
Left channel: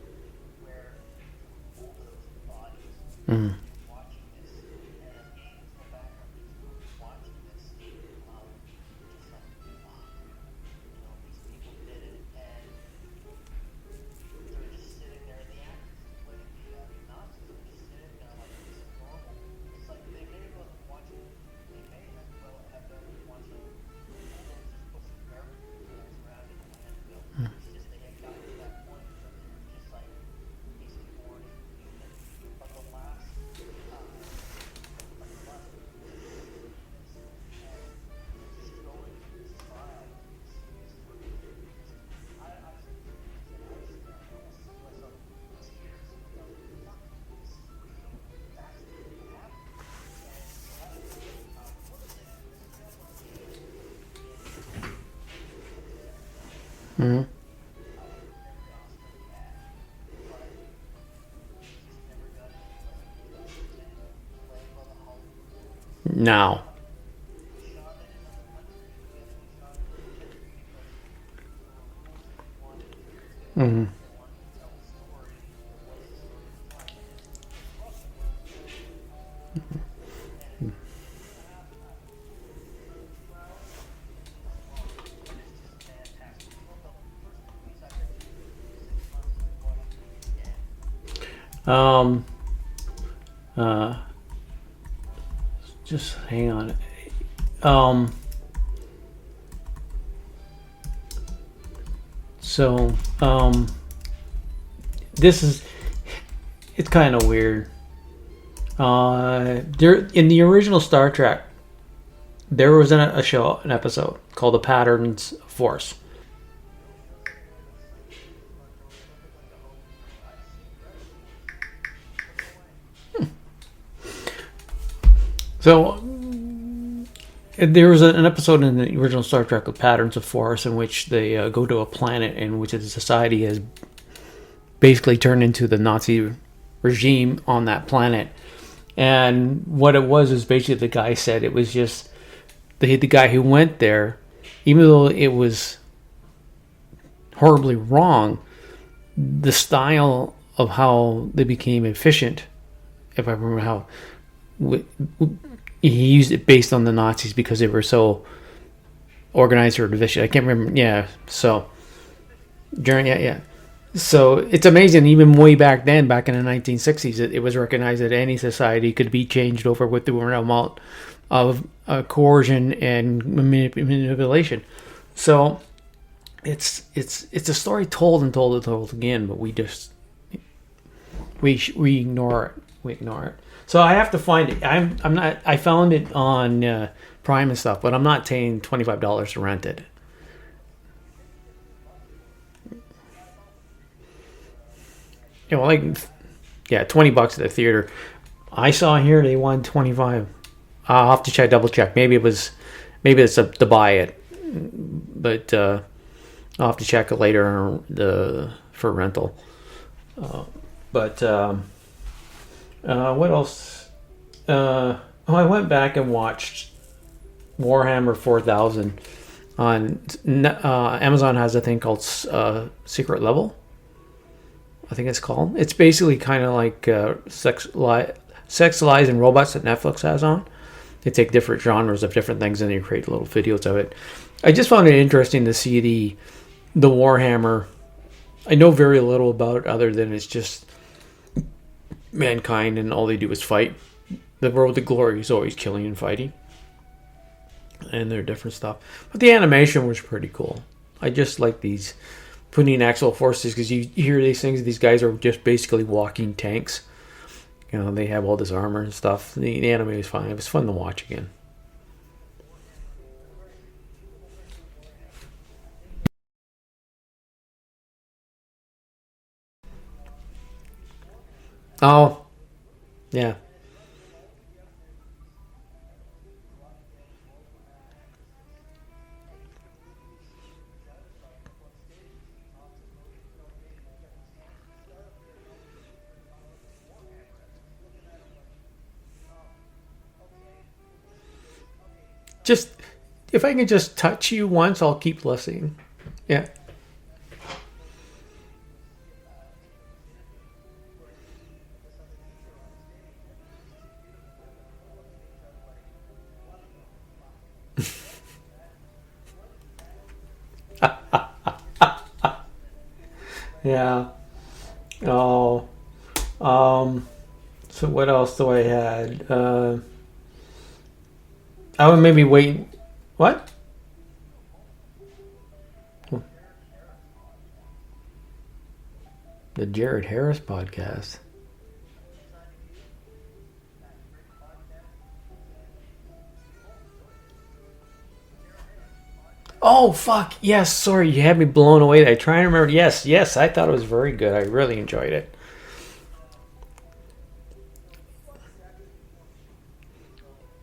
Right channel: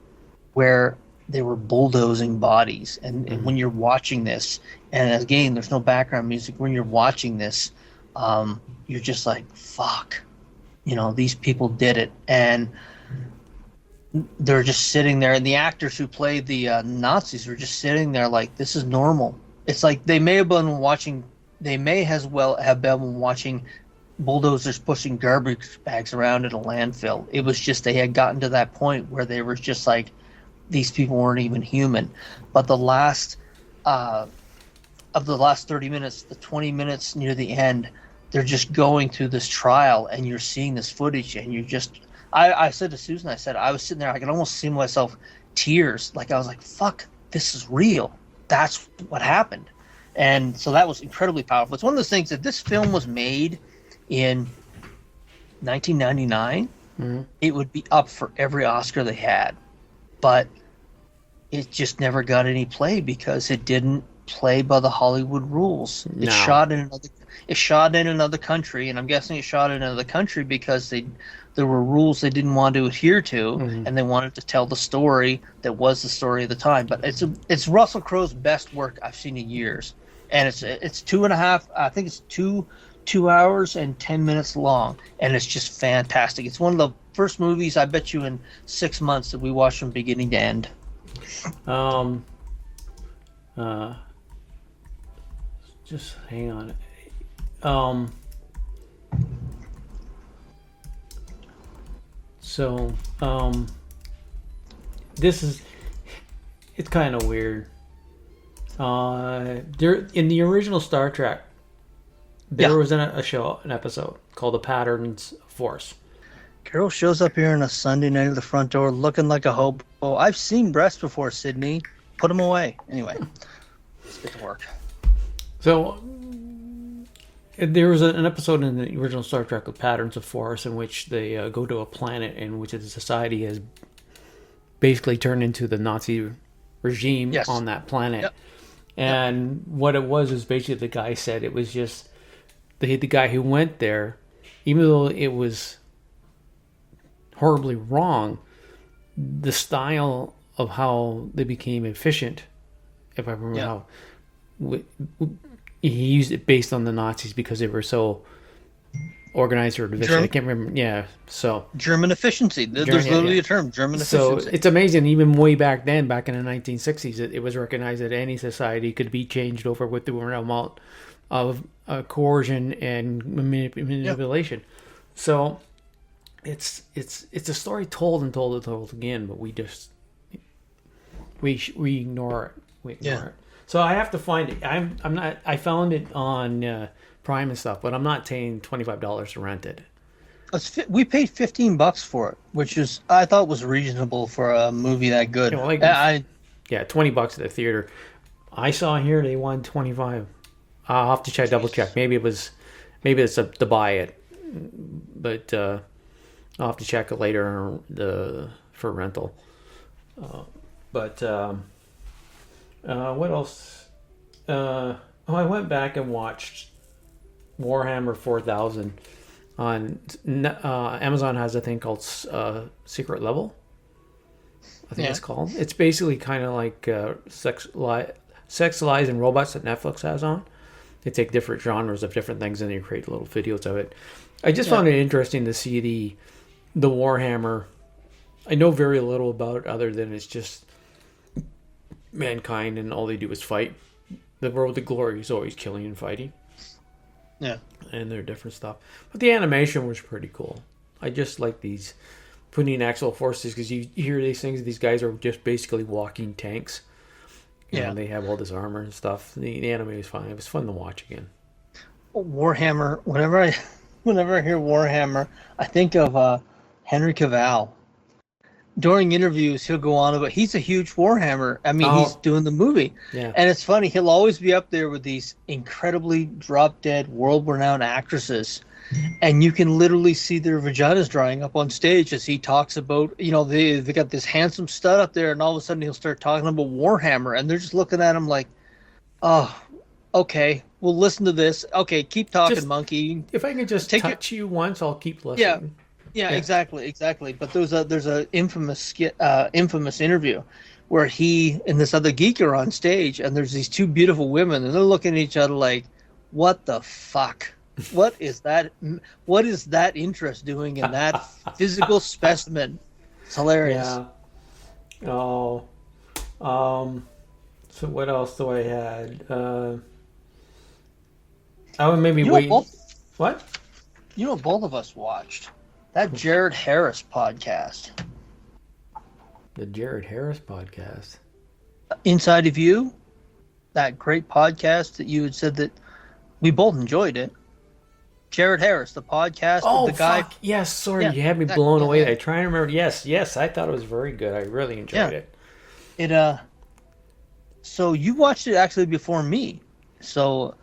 where they were bulldozing bodies. And when you're watching this, and again, there's no background music, when you're watching this, you're just like, fuck, these people did it. And they're just sitting there, and the actors who played the Nazis were just sitting there like, this is normal. It's like they may as well have been watching bulldozers pushing garbage bags around in a landfill. It was just, they had gotten to that point where they were just like, these people weren't even human. But the last of the last 30 minutes, the 20 minutes near the end, they're just going through this trial, and you're seeing this footage, and you just, I said to Susan, I was sitting there, I could almost see myself tears. Like, I was like, fuck, this is real. That's what happened. And so that was incredibly powerful. It's one of those things that this film was made in 1999. It would be up for every Oscar they had. But it just never got any play because it didn't play by the Hollywood rules. No. It shot in another country, and I'm guessing it shot in another country because there were rules they didn't want to adhere to, and they wanted to tell the story that was the story of the time. But it's Russell Crowe's best work I've seen in years, and it's 2.5. I think it's 2 hours and 10 minutes long, and it's just fantastic. It's one of the first movies, I bet you, in 6 months that we watched from beginning to end. Just hang on. It's kind of weird. There in the original Star Trek, there was an episode called "The Patterns of Force." Carol shows up here on a Sunday night at the front door looking like a hobo. Oh, I've seen breasts before, Sydney. Put them away. Anyway. Good work. So, there was an episode in the original Star Trek of Patterns of Force in which they go to a planet in which the society has basically turned into the Nazi regime on that planet. Yep. And what it was is basically the guy said it was just the guy who went there, even though it was horribly wrong, the style of how they became efficient if I remember how. He used it based on the Nazis because they were so organized or division. I can't remember. Yeah, so German efficiency. There's German, literally a term, German so efficiency. it's amazing. Even way back then, back in the 1960s, it was recognized that any society could be changed over with the amount of coercion and manipulation. So it's a story told and told and told again, but we ignore it. We ignore it. So I have to find it. I'm not. I found it on Prime and stuff, but I'm not paying $25 to rent it. We paid $15 for it, which is I thought was reasonable for a movie that good. Yeah, well, $20 at the theater. I saw here they wanted 25. I'll have to double check. Maybe it's to buy it, but I'll have to check it later for rental. But what else? I went back and watched Warhammer 4000 on Amazon. Has a thing called Secret Level, I think it's called. It's basically kind of like Sex, Lies, and Robots that Netflix has on. They take different genres of different things and they create little videos of it. I just found it interesting to see the Warhammer. I know very little about it other than it's just mankind and all they do is fight. The Road to Glory is always killing and fighting. Yeah. And their different stuff. But the animation was pretty cool. I just like these putting actual forces because you hear these things. These guys are just basically walking tanks. And they have all this armor and stuff. The anime is fun. It was fun to watch again. Warhammer. Whenever I hear Warhammer, I think of Henry Cavill. During interviews, he'll go on about he's a huge Warhammer. I mean, he's doing the movie. Yeah. And it's funny. He'll always be up there with these incredibly drop-dead, world-renowned actresses. And you can literally see their vaginas drying up on stage as he talks about, they got this handsome stud up there, and all of a sudden he'll start talking about Warhammer, and they're just looking at him like, oh, okay, we'll listen to this. Okay, keep talking, monkey. If I can just touch you once, I'll keep listening. Yeah, exactly. But there's a infamous interview where he and this other geek are on stage, and there's these two beautiful women, and they're looking at each other like, what the fuck? What is that? What is that interest doing in that physical specimen? It's hilarious. Yeah. Oh. So what else do I had? I would maybe wait. What? You know what both of us watched? That Jared Harris podcast. The Jared Harris podcast. Inside of You. That great podcast that you had said that we both enjoyed it. Jared Harris, the podcast. Oh, fuck. Yes, sorry. You had me blown away. I try and remember. Yes. I thought it was very good. I really enjoyed it. So you watched it actually before me. So.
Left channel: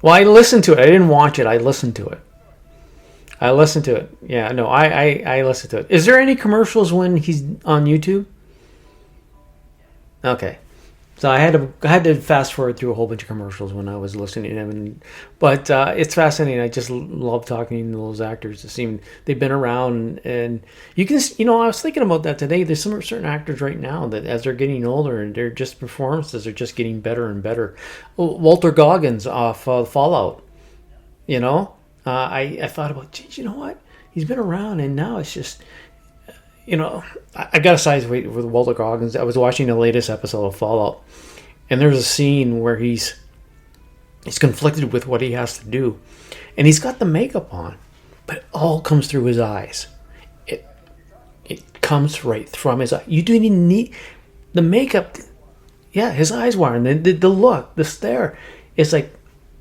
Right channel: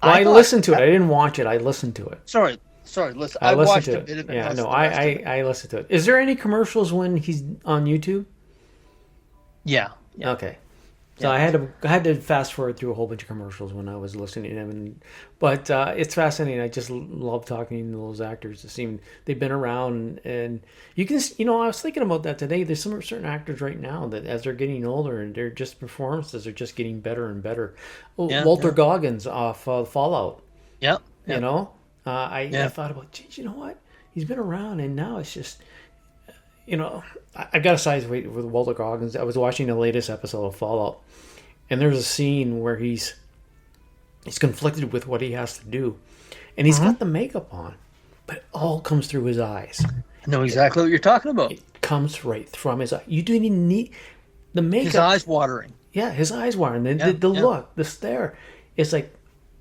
Well, I listened to it. I didn't watch it. I listened to it. Sorry. Listen. I listened to it. Yeah, no, I listened to it. Is there any commercials when he's on YouTube? Yeah. Okay. So I had to fast forward through a whole bunch of commercials when I was listening to him, but it's fascinating. I just love talking to those actors. It seemed they've been around, and you can, I was thinking about that today. There's some certain actors right now that as they're getting older, and their just performances are just getting better and better. Walter Goggins off Fallout. Yep. I thought about, geez, you know what? He's been around, and now it's just. I got a size weight with Walter Goggins. I was watching the latest episode of Fallout, and there's a scene where he's conflicted with what he has to do, and he's got the makeup on, but it all comes through his eyes. I know exactly what you're talking about. It comes right from his eye. You don't even need the makeup. His eyes watering. Yeah, his eyes watering. The look, the stare. It's like,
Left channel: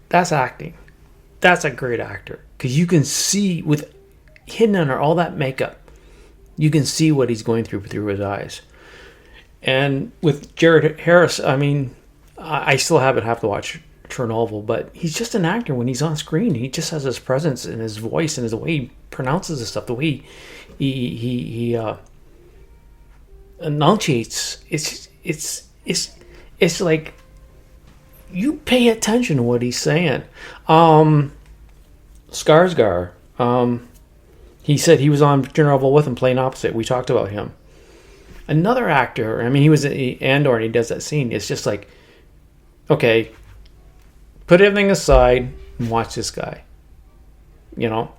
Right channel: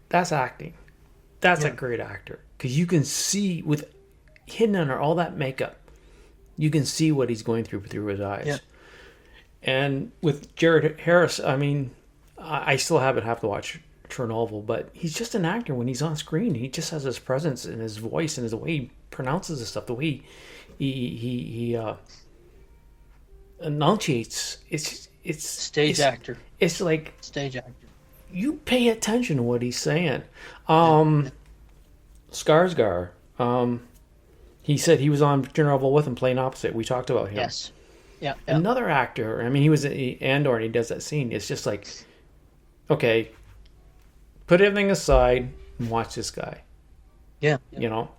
that's acting. That's a great actor, because you can see with hidden under all that makeup. You can see what he's going through his eyes. Yeah. And with Jared Harris, I mean, I still have to watch Chernobyl, but he's just an actor when he's on screen. He just has his presence and his voice and the way he pronounces his stuff, the way he enunciates. It's stage actor. It's like stage actor. You pay attention to what he's saying. Skarsgård. He said he was on Chernobyl with him, playing opposite. We talked about him. Yes. Yeah. Another actor, I mean, he was in Andor and he does that scene. It's just like, okay, put everything aside and watch this guy. Yeah. You know?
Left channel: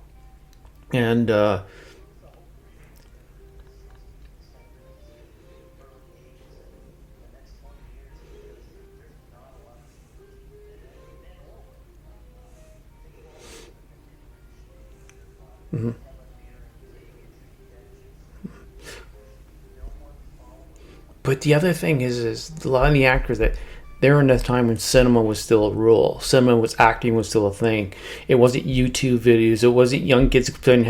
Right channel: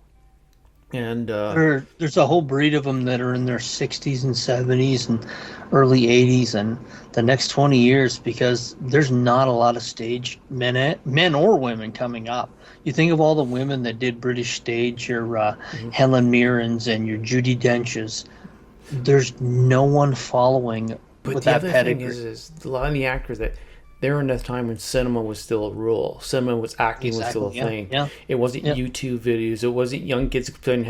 And there's a whole breed of them that are in their 60s and 70s and early 80s and the next 20 years, because there's not a lot of stage men or women coming up. You think of all the women that did British stage, your Helen Mirrens and your Judi Dench's. There's no one following. But the other thing is a lot of the actors that they're in a time when cinema was still a rule. Cinema was acting was still a thing. Yeah. It wasn't YouTube videos. It wasn't young kids spending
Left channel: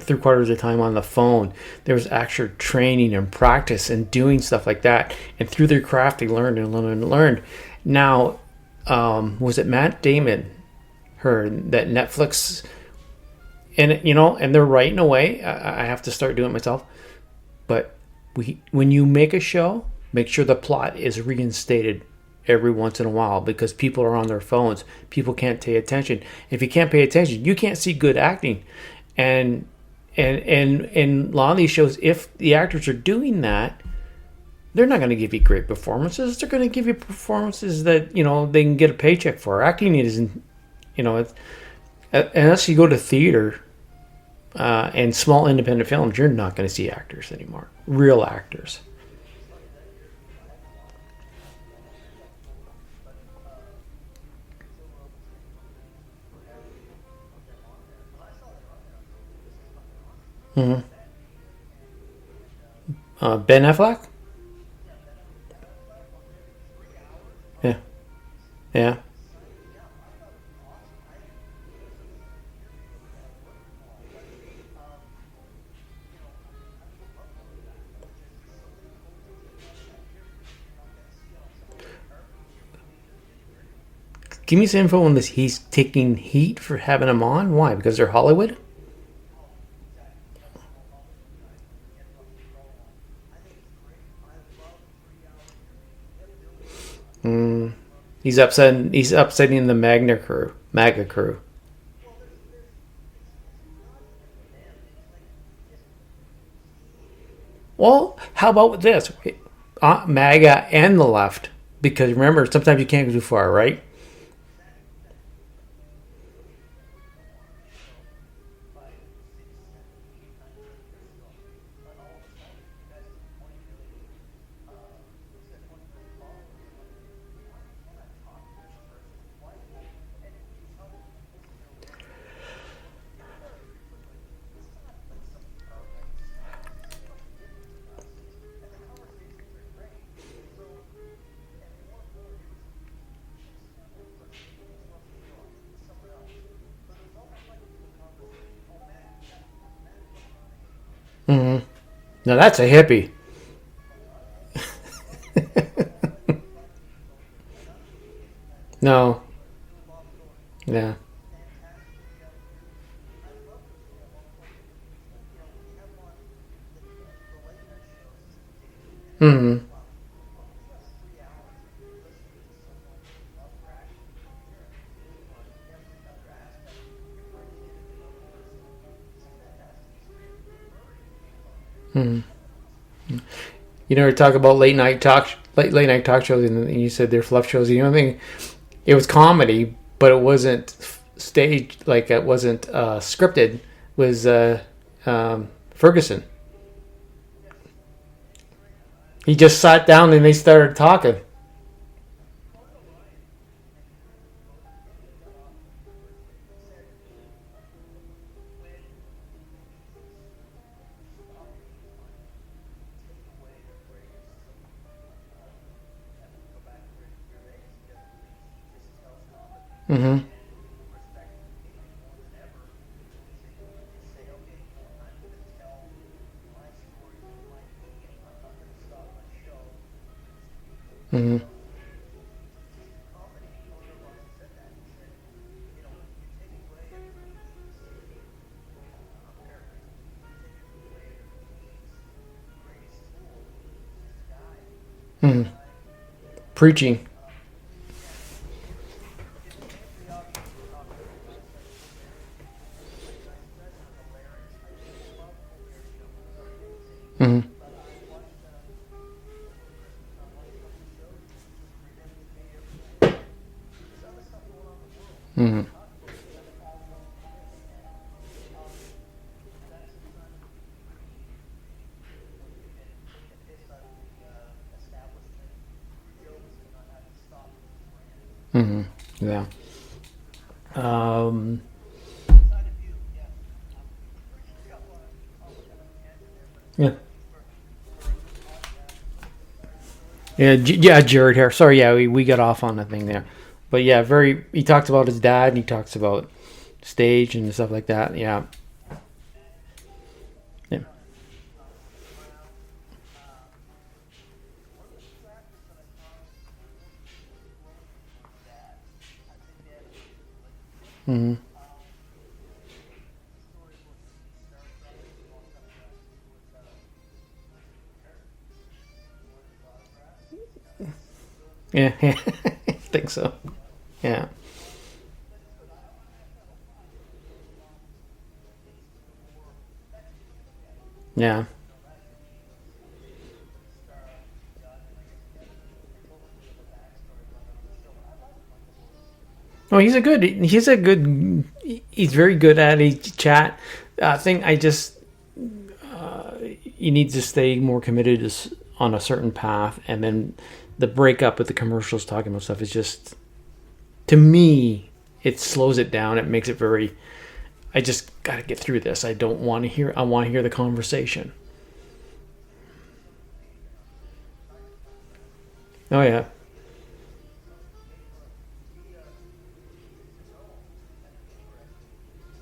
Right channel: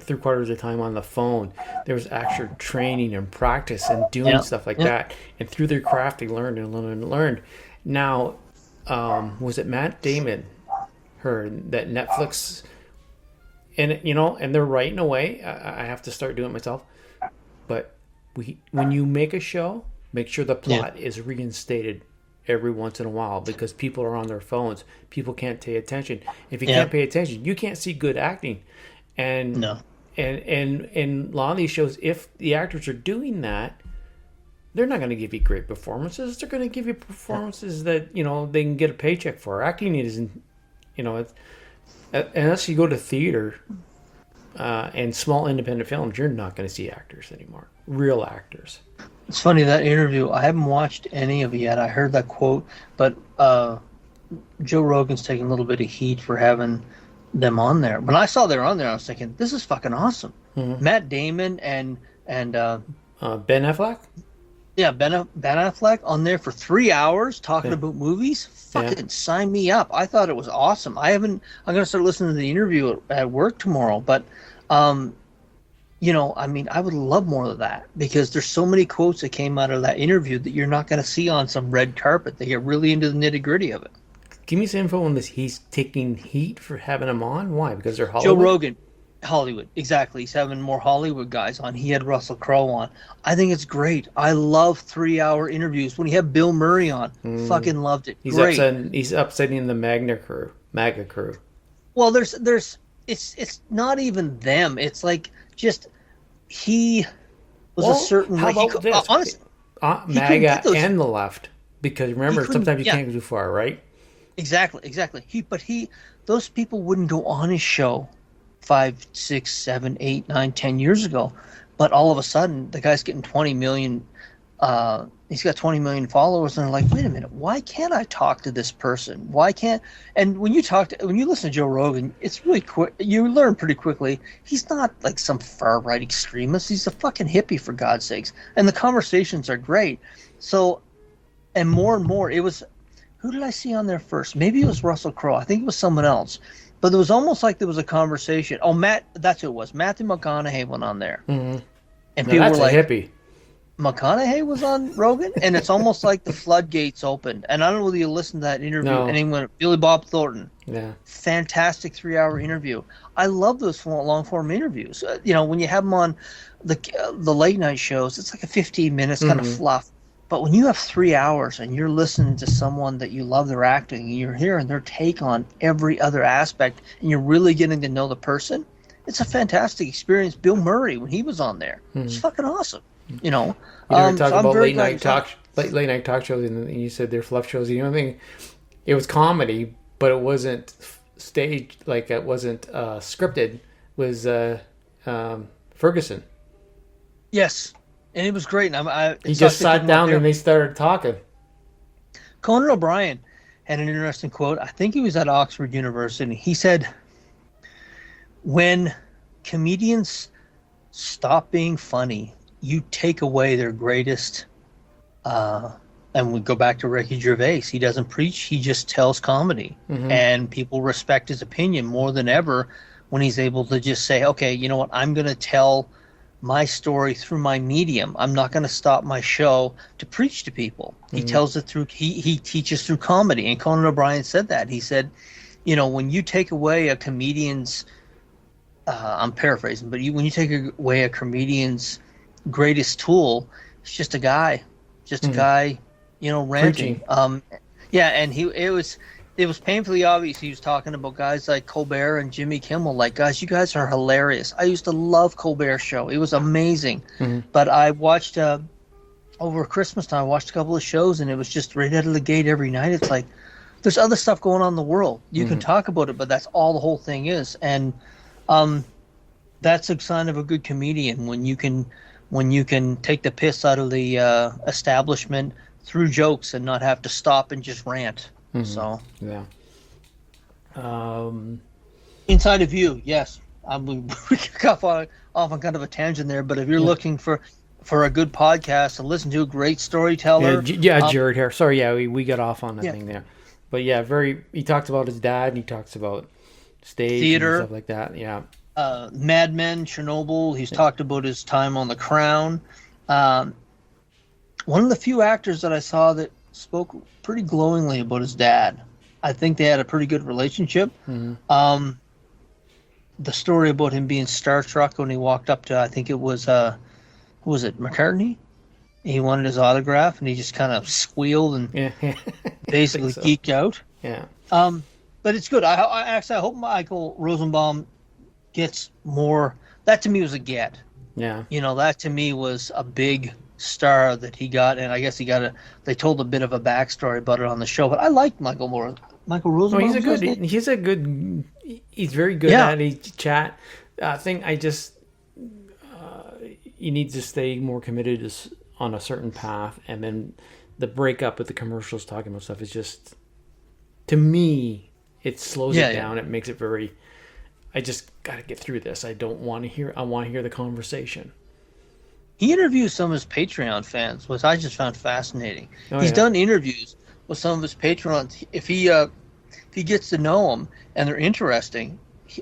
three-quarters of the time on the phone. There was actual training and practice and doing stuff like that. And through their craft, they learned and learned and learned. Now, was it Matt Damon? That Netflix, and and they're right in a way. I have to start doing it myself. But when you make a show, make sure the plot is reinstated every once in a while, because people are on their phones. People can't pay attention. If you can't pay attention, you can't see good acting. And and a lot of these shows, if the actors are doing that, they're not going to give you great performances. They're going to give you performances that they can get a paycheck for. Acting isn't, unless you go to theater and small independent films, you're not going to see actors anymore. Real actors. It's funny, that interview, I haven't watched any of it yet. I heard that quote, but Joe Rogan's taking a little bit of heat for having them on there. When I saw they were on there, I was thinking, this is fucking awesome. Mm-hmm. Matt Damon and Ben Affleck? Yeah, Ben Affleck on there for 3 hours talking about movies. Fucking sign me up. I thought it was awesome. I'm going to start listening to the interview at work tomorrow, but I would love more of that, because there's so many quotes that came out of that interview that you're not going to see on some red carpet. They get really into the nitty-gritty of it. Give me some info on this. He's taking heat for having him on. Why? Because they're Hollywood? Joe Rogan. Hollywood, exactly. He's having more Hollywood guys on. He had Russell Crowe on. I think it's great. I love 3-hour interviews. When he had Bill Murray on, fucking loved it. He's upsetting the MAGA crew. Well, it's not even them. It's like just he was a certain. How about this? Honestly, MAGA and the left, because remember, sometimes you can't go too far, right? Exactly. Those people wouldn't go on his show 5, 6, 7, 8, 9, 10 years ago, but all of a sudden the guy's getting 20 million. He's got 20 million followers, and they're like, wait a minute, why can't I talk to this person? Why can't? And when you listen to Joe Rogan, it's really quick. You learn pretty quickly he's not like some far right extremist. He's a fucking hippie, for God's sakes. And the conversations are great. So, and more, it was, who did I see on there first? Maybe it was Russell Crowe. I think it was someone else. But it was almost like there was a conversation. Oh, that's who it was. Matthew McConaughey went on there. Mm-hmm. And now that's a hippie. McConaughey was on Rogan, and it's almost like the floodgates opened. And I don't know whether you listened to that interview. No. Anyone, Billy Bob Thornton. Yeah. Fantastic 3-hour interview. I love those long-form interviews. When you have them on the late-night shows, it's like a 15 minutes kind of fluff. But when you have 3 hours and you're listening to someone that you love their acting, and you're hearing their take on every other aspect, and you're really getting to know the person, it's a fantastic experience. Bill Murray, when he was on there, it's fucking awesome. You never talk about late night talk shows, and you said they're fluff shows. The only thing, it was comedy, but it wasn't staged, like it wasn't scripted. Was Ferguson? Yes, and it was great. He just sat down and they started talking. Conan O'Brien had an interesting quote. I think he was at Oxford University. He said, "When comedians stop being funny, you take away their greatest," and we go back to Ricky Gervais. He doesn't preach, he just tells comedy. And people respect his opinion more than ever when he's able to just say, okay, you know what, I'm going to tell my story through my medium. I'm not going to stop my show to preach to people. He tells it through, he teaches through comedy. And Conan O'Brien said that. He said, when you take away a comedian's, I'm paraphrasing, but when you take away a comedian's greatest tool, it's just a guy, ranting. Preaching. And it was painfully obvious he was talking about guys like Colbert and Jimmy Kimmel. Like, guys, you guys are hilarious. I used to love Colbert's show. It was amazing. But I watched, over Christmas time, I watched a couple of shows, and it was just right out of the gate every night. It's like, there's other stuff going on in the world. You can talk about it, but that's all the whole thing is. And that's a sign of a good comedian, when you can take the piss out of the establishment through jokes and not have to stop and just rant. So Yeah. Inside of You, yes. We got off on kind of a tangent there, but if you're looking for a good podcast to listen to, a great storyteller. Jared here. Sorry, we got off on that thing there. But yeah, he talks about his dad, and he talks about stage Theater. and stuff like that. Yeah. Mad Men, Chernobyl. He's talked about his time on The Crown. One of the few actors that I saw that spoke pretty glowingly about his dad. I think they had a pretty good relationship. The story about him being starstruck when he walked up to, I think it was, who was it, McCartney? He wanted his autograph, and he just kind of squealed and basically geeked out. Yeah. But it's good. I hope Michael Rosenbaum gets more. That to me was a get. Yeah. That to me was a big star that he got, and I guess they told a bit of a backstory about it on the show. But I like Michael Rosenbaum. Oh, he's very good at a chat thing. You need to stay more committed on a certain path, and then the breakup with the commercials talking about stuff is just, to me, it slows it down. It makes it very, I just got to get through this. I want to hear the conversation. He interviews some of his Patreon fans, which I just found fascinating. He's done interviews with some of his Patreons. If he gets to know them and they're interesting,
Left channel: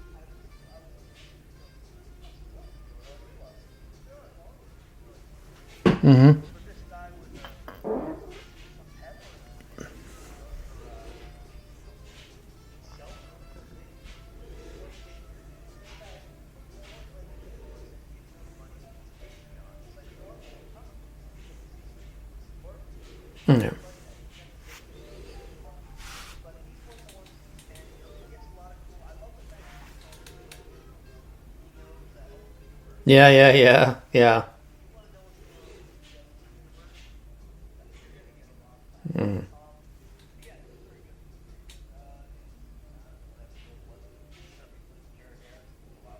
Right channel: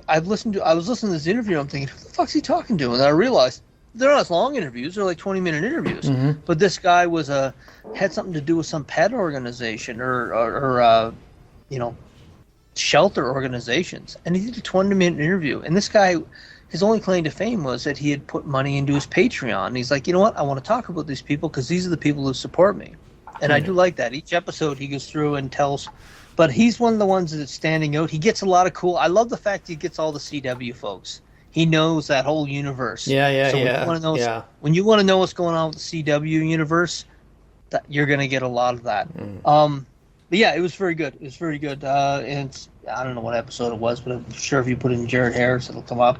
I was listening to this interview. I'm thinking, who the fuck's he talking to? And then I realized they're not as long interviews. They're like 20-minute interviews. But this guy had something to do with some pet organization or shelter organizations, and he did a 20-minute interview. And this guy, his only claim to fame was that he had put money into his Patreon. And he's like, you know what? I want to talk about these people because these are the people who support me. And I do like that. Each episode he goes through and tells, but he's one of the ones that's standing out. He gets a lot of cool. I love the fact he gets all the CW folks. He knows that whole universe. Yeah. When you want to know what's going on with the CW universe, you're going to get a lot of that. But yeah, it was very good. It was very good. And I don't know what episode it was, but I'm sure if you put in Jared Harris, it'll come up.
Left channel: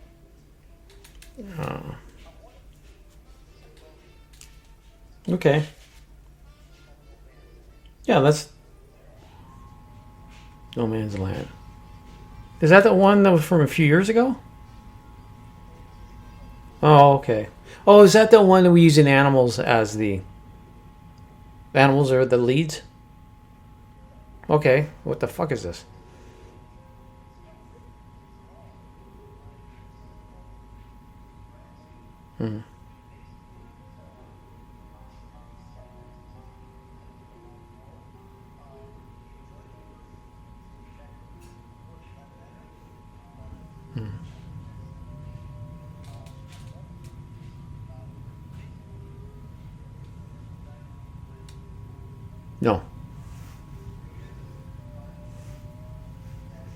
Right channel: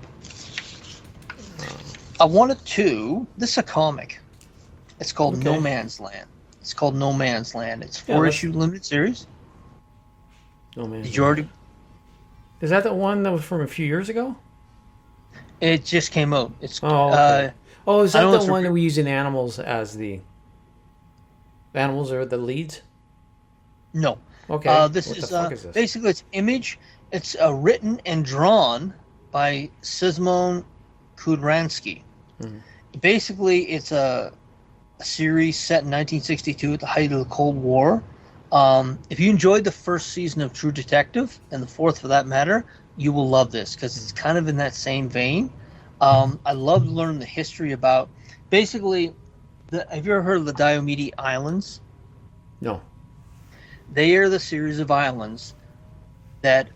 I wanted to. This is a comic. It's called No Man's Land. It's called No Man's Land. It's 4-issue limited series. No Man's Land. Is that the one that was from a few years ago? It just came out. It's okay. Is that the one that we use in Animals as the animals are the leads? No. Okay. What the fuck is this? Basically, it's Image. It's written and drawn by Szymon Kudranski. Basically, it's a series set in 1962 at the height of the Cold War. If you enjoyed the first season of True Detective, and the fourth for that matter, you will love this because it's kind of in that same vein. I love learning the history about, basically, have you ever heard of the Diomede Islands? No. They are the series of islands that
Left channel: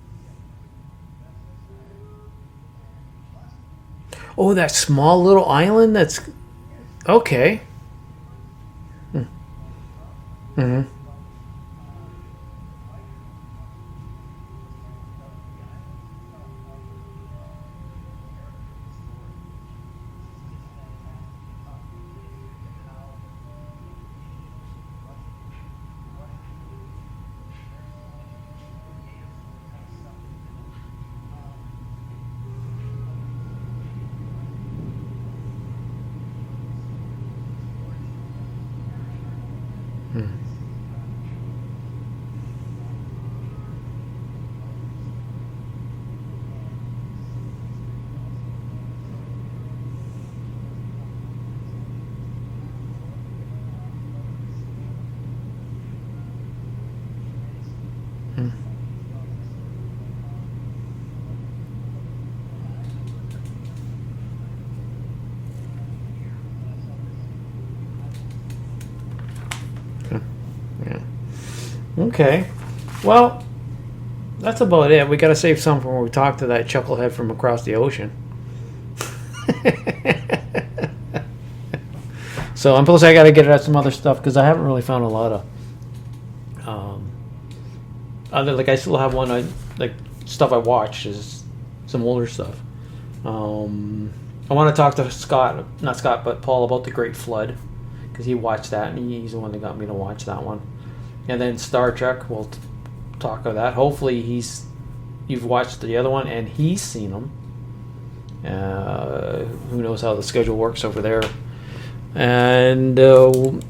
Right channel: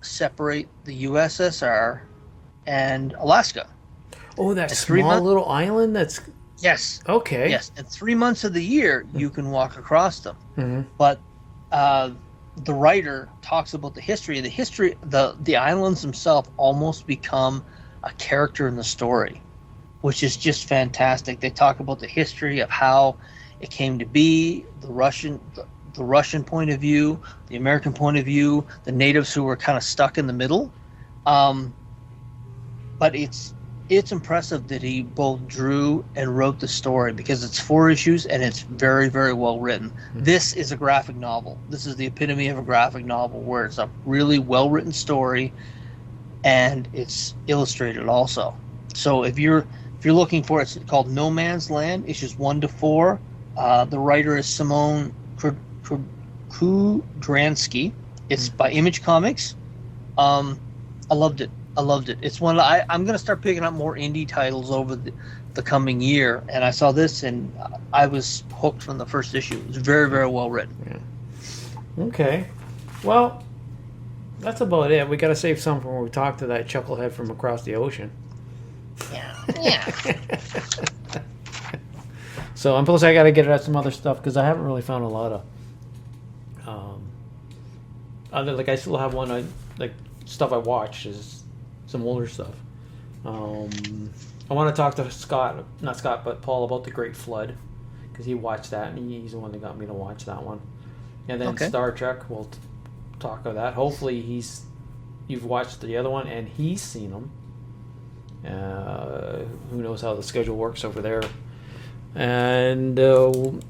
separate the USSR and Alaska. Oh, that small little island? Yes. Okay. Yes, and 3 months of the year you can walk across them. But the writer talks about the history. The islands themselves almost become a character in the story, which is just fantastic. They talk about the history of how it came to be, the Russian point of view, the American point of view, the natives who were kind of stuck in the middle. But it's impressive that he both drew and wrote the story because it's 4 issues and it's very, very well written. This is a graphic novel. This is the epitome of a graphic novel where it's a really well written story and it's illustrated also. So if you're looking for it, it's called No Man's Land, issues 1 to 4. The writer is Szymon Kudranski. It's by Image Comics. I loved it. It's one I'm going to start picking up more indie titles over the coming year, and I saw this and I was hooked from the first issue. It's very, very well written. Yeah. Okay. Well, that's about it. We got to save some for when we talk to that chucklehead from across the ocean. So, and plus I got to get at some other stuff because I haven't really found a lot of other, like I still have one like stuff I watched is some older stuff. I want to talk to not Scott, but Paul about the Great Flood because he watched that and he's the one that got me to watch that one. And then Star Trek, we'll talk of that. Hopefully you've watched the other one and he's seen them. Who knows how the schedule works over there. And we'll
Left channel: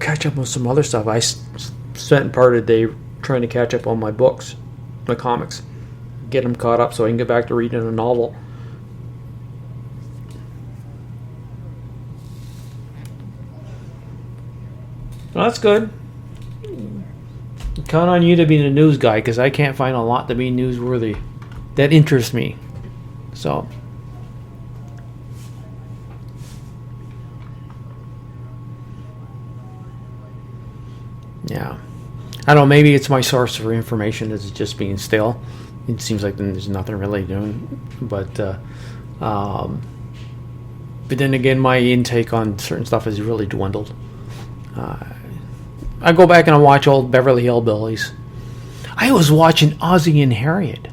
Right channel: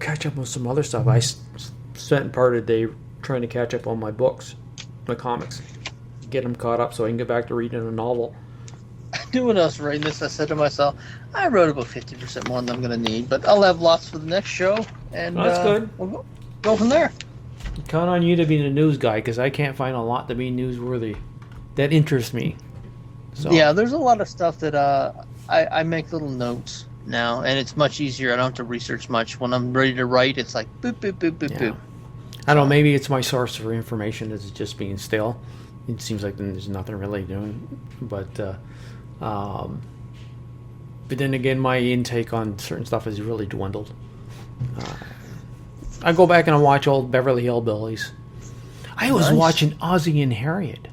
catch up with some other stuff. I spent part of the day trying to catch up on my books, my comics, get them caught up so I can get back to reading a novel. I knew when I was writing this, I said to myself, I wrote about 50% more than I'm going to need, but I'll have lots for the next show. And well, that's good. We'll go from there. Count on you to be the news guy because I can't find a lot to be newsworthy that interests me. So yeah, there's a lot of stuff that I make little notes now, and it's much easier. I don't have to research much. When I'm ready to write, it's like boop, boop, boop, boop, boop. I don't know, maybe it's my source for information is just being still. It seems like there's nothing really doing. But then again, my intake on certain stuff has really dwindled. I go back and I watch old Beverly Hillbillies. I was watching Ozzie and Harriet.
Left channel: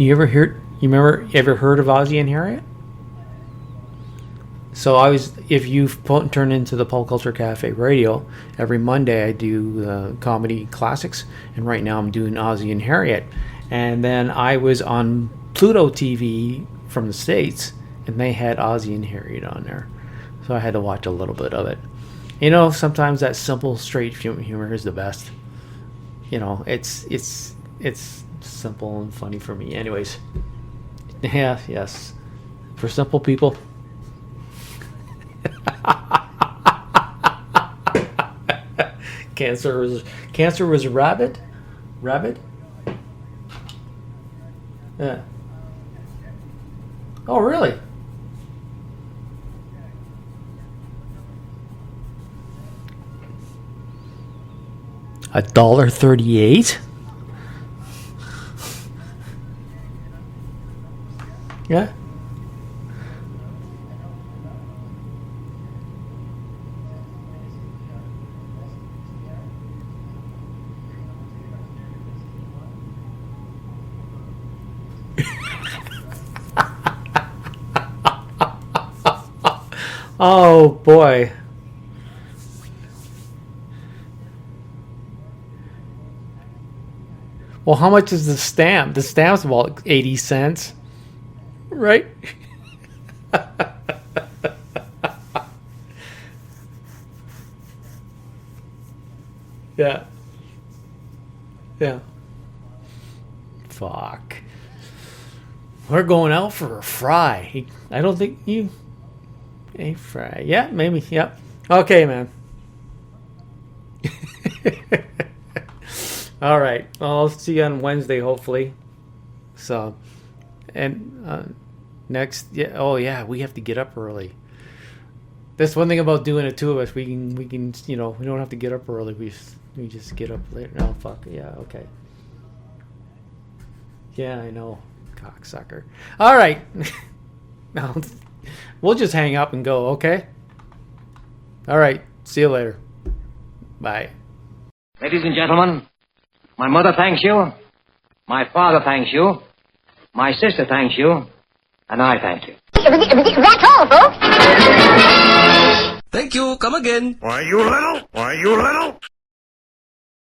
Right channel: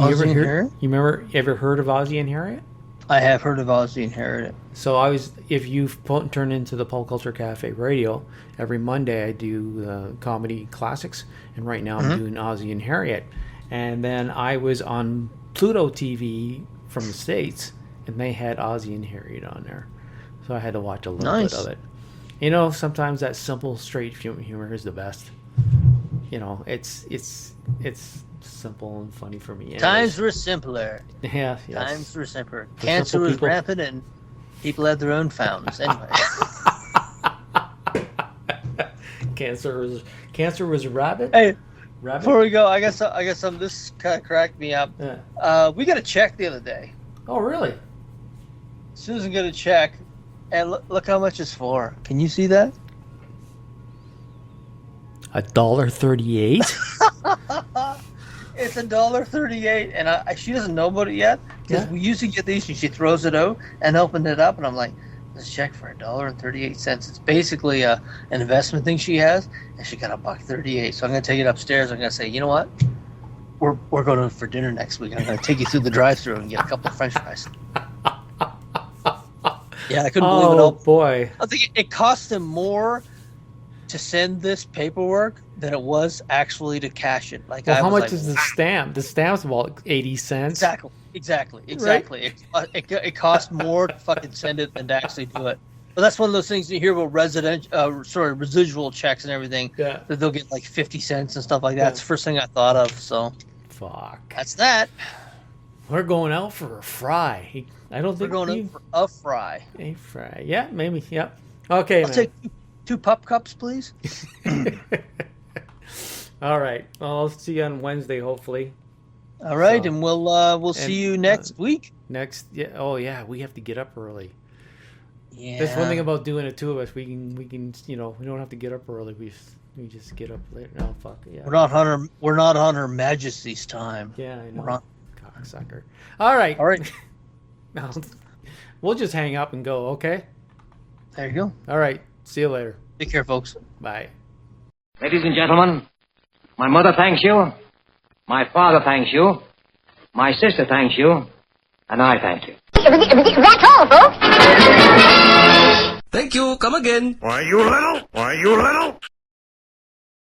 You ever heard of Ozzie and Harriet? I have heard of Ozzie and Harriet. So if you turn into the Pop Culture Cafe Radio, every Monday I do comedy classics, and right now I'm doing Ozzie and Harriet. And then I was on Pluto TV from the States, and they had Ozzie and Harriet on there. So I had to watch a little bit of it. You know, sometimes that simple, straight humor is the best. You know, it's simple and funny for me. Anyways. Times were simpler. Yeah, yes. Times were simpler. For Cancer simple was people. rampant and people had their own fountains. Anyway. Cancer was rabbit. Hey, rabbit. Before we go, I guess some this kind of cracked me up. Yeah. We got a check the other day. Oh, really? Susan got a check, and look how much it's for. Can you see that? $1.38. It's $1.38, and she doesn't know about it yet. Yeah. We usually get these, and she throws it out and opened it up, and I'm like, this check for $1.38. It's basically an investment thing she has, and she got $1.38. So I'm gonna take it upstairs. I'm gonna say, you know what? We're going for dinner next week. I'm gonna take you through the drive-thru and get a couple of French fries. Yeah, I couldn't. Oh boy! I think it cost them more to send this paperwork than it was actually to cash it. Like, well, how much is the stamp? The stamp's about 80 cents. Exactly. Right? It costs more to fucking send it than to actually do it. But that's one of those things you hear about residual checks and everything. Yeah. That they'll get like 50 cents and stuff like that. Yeah. It's the first thing I thought of. So. Fuck. That's that. We're going out for a fry. I don't think we're going out for a fry. A fry. Yeah, maybe. Yep. Okay, I'll man. take 2 pup cups, please. All right. Well, I'll see you on Wednesday, hopefully. All right, and we'll see you next week. Oh yeah, we have to get up early. Yeah. That's one thing about doing it, two of us. We can, we don't have to get up early. We just get up later. No, fuck yeah. We're not on Her Majesty's time. Yeah, I know. Cocksucker. All right. No, we'll just hang up and go. Okay. There you go. All right. See you later. Take care, folks. Bye. Ladies and gentlemen, my mother thanks you, my father thanks you, my sister thanks you, and I thank you. That's all, folks. Thank you. Come again. Why, you little?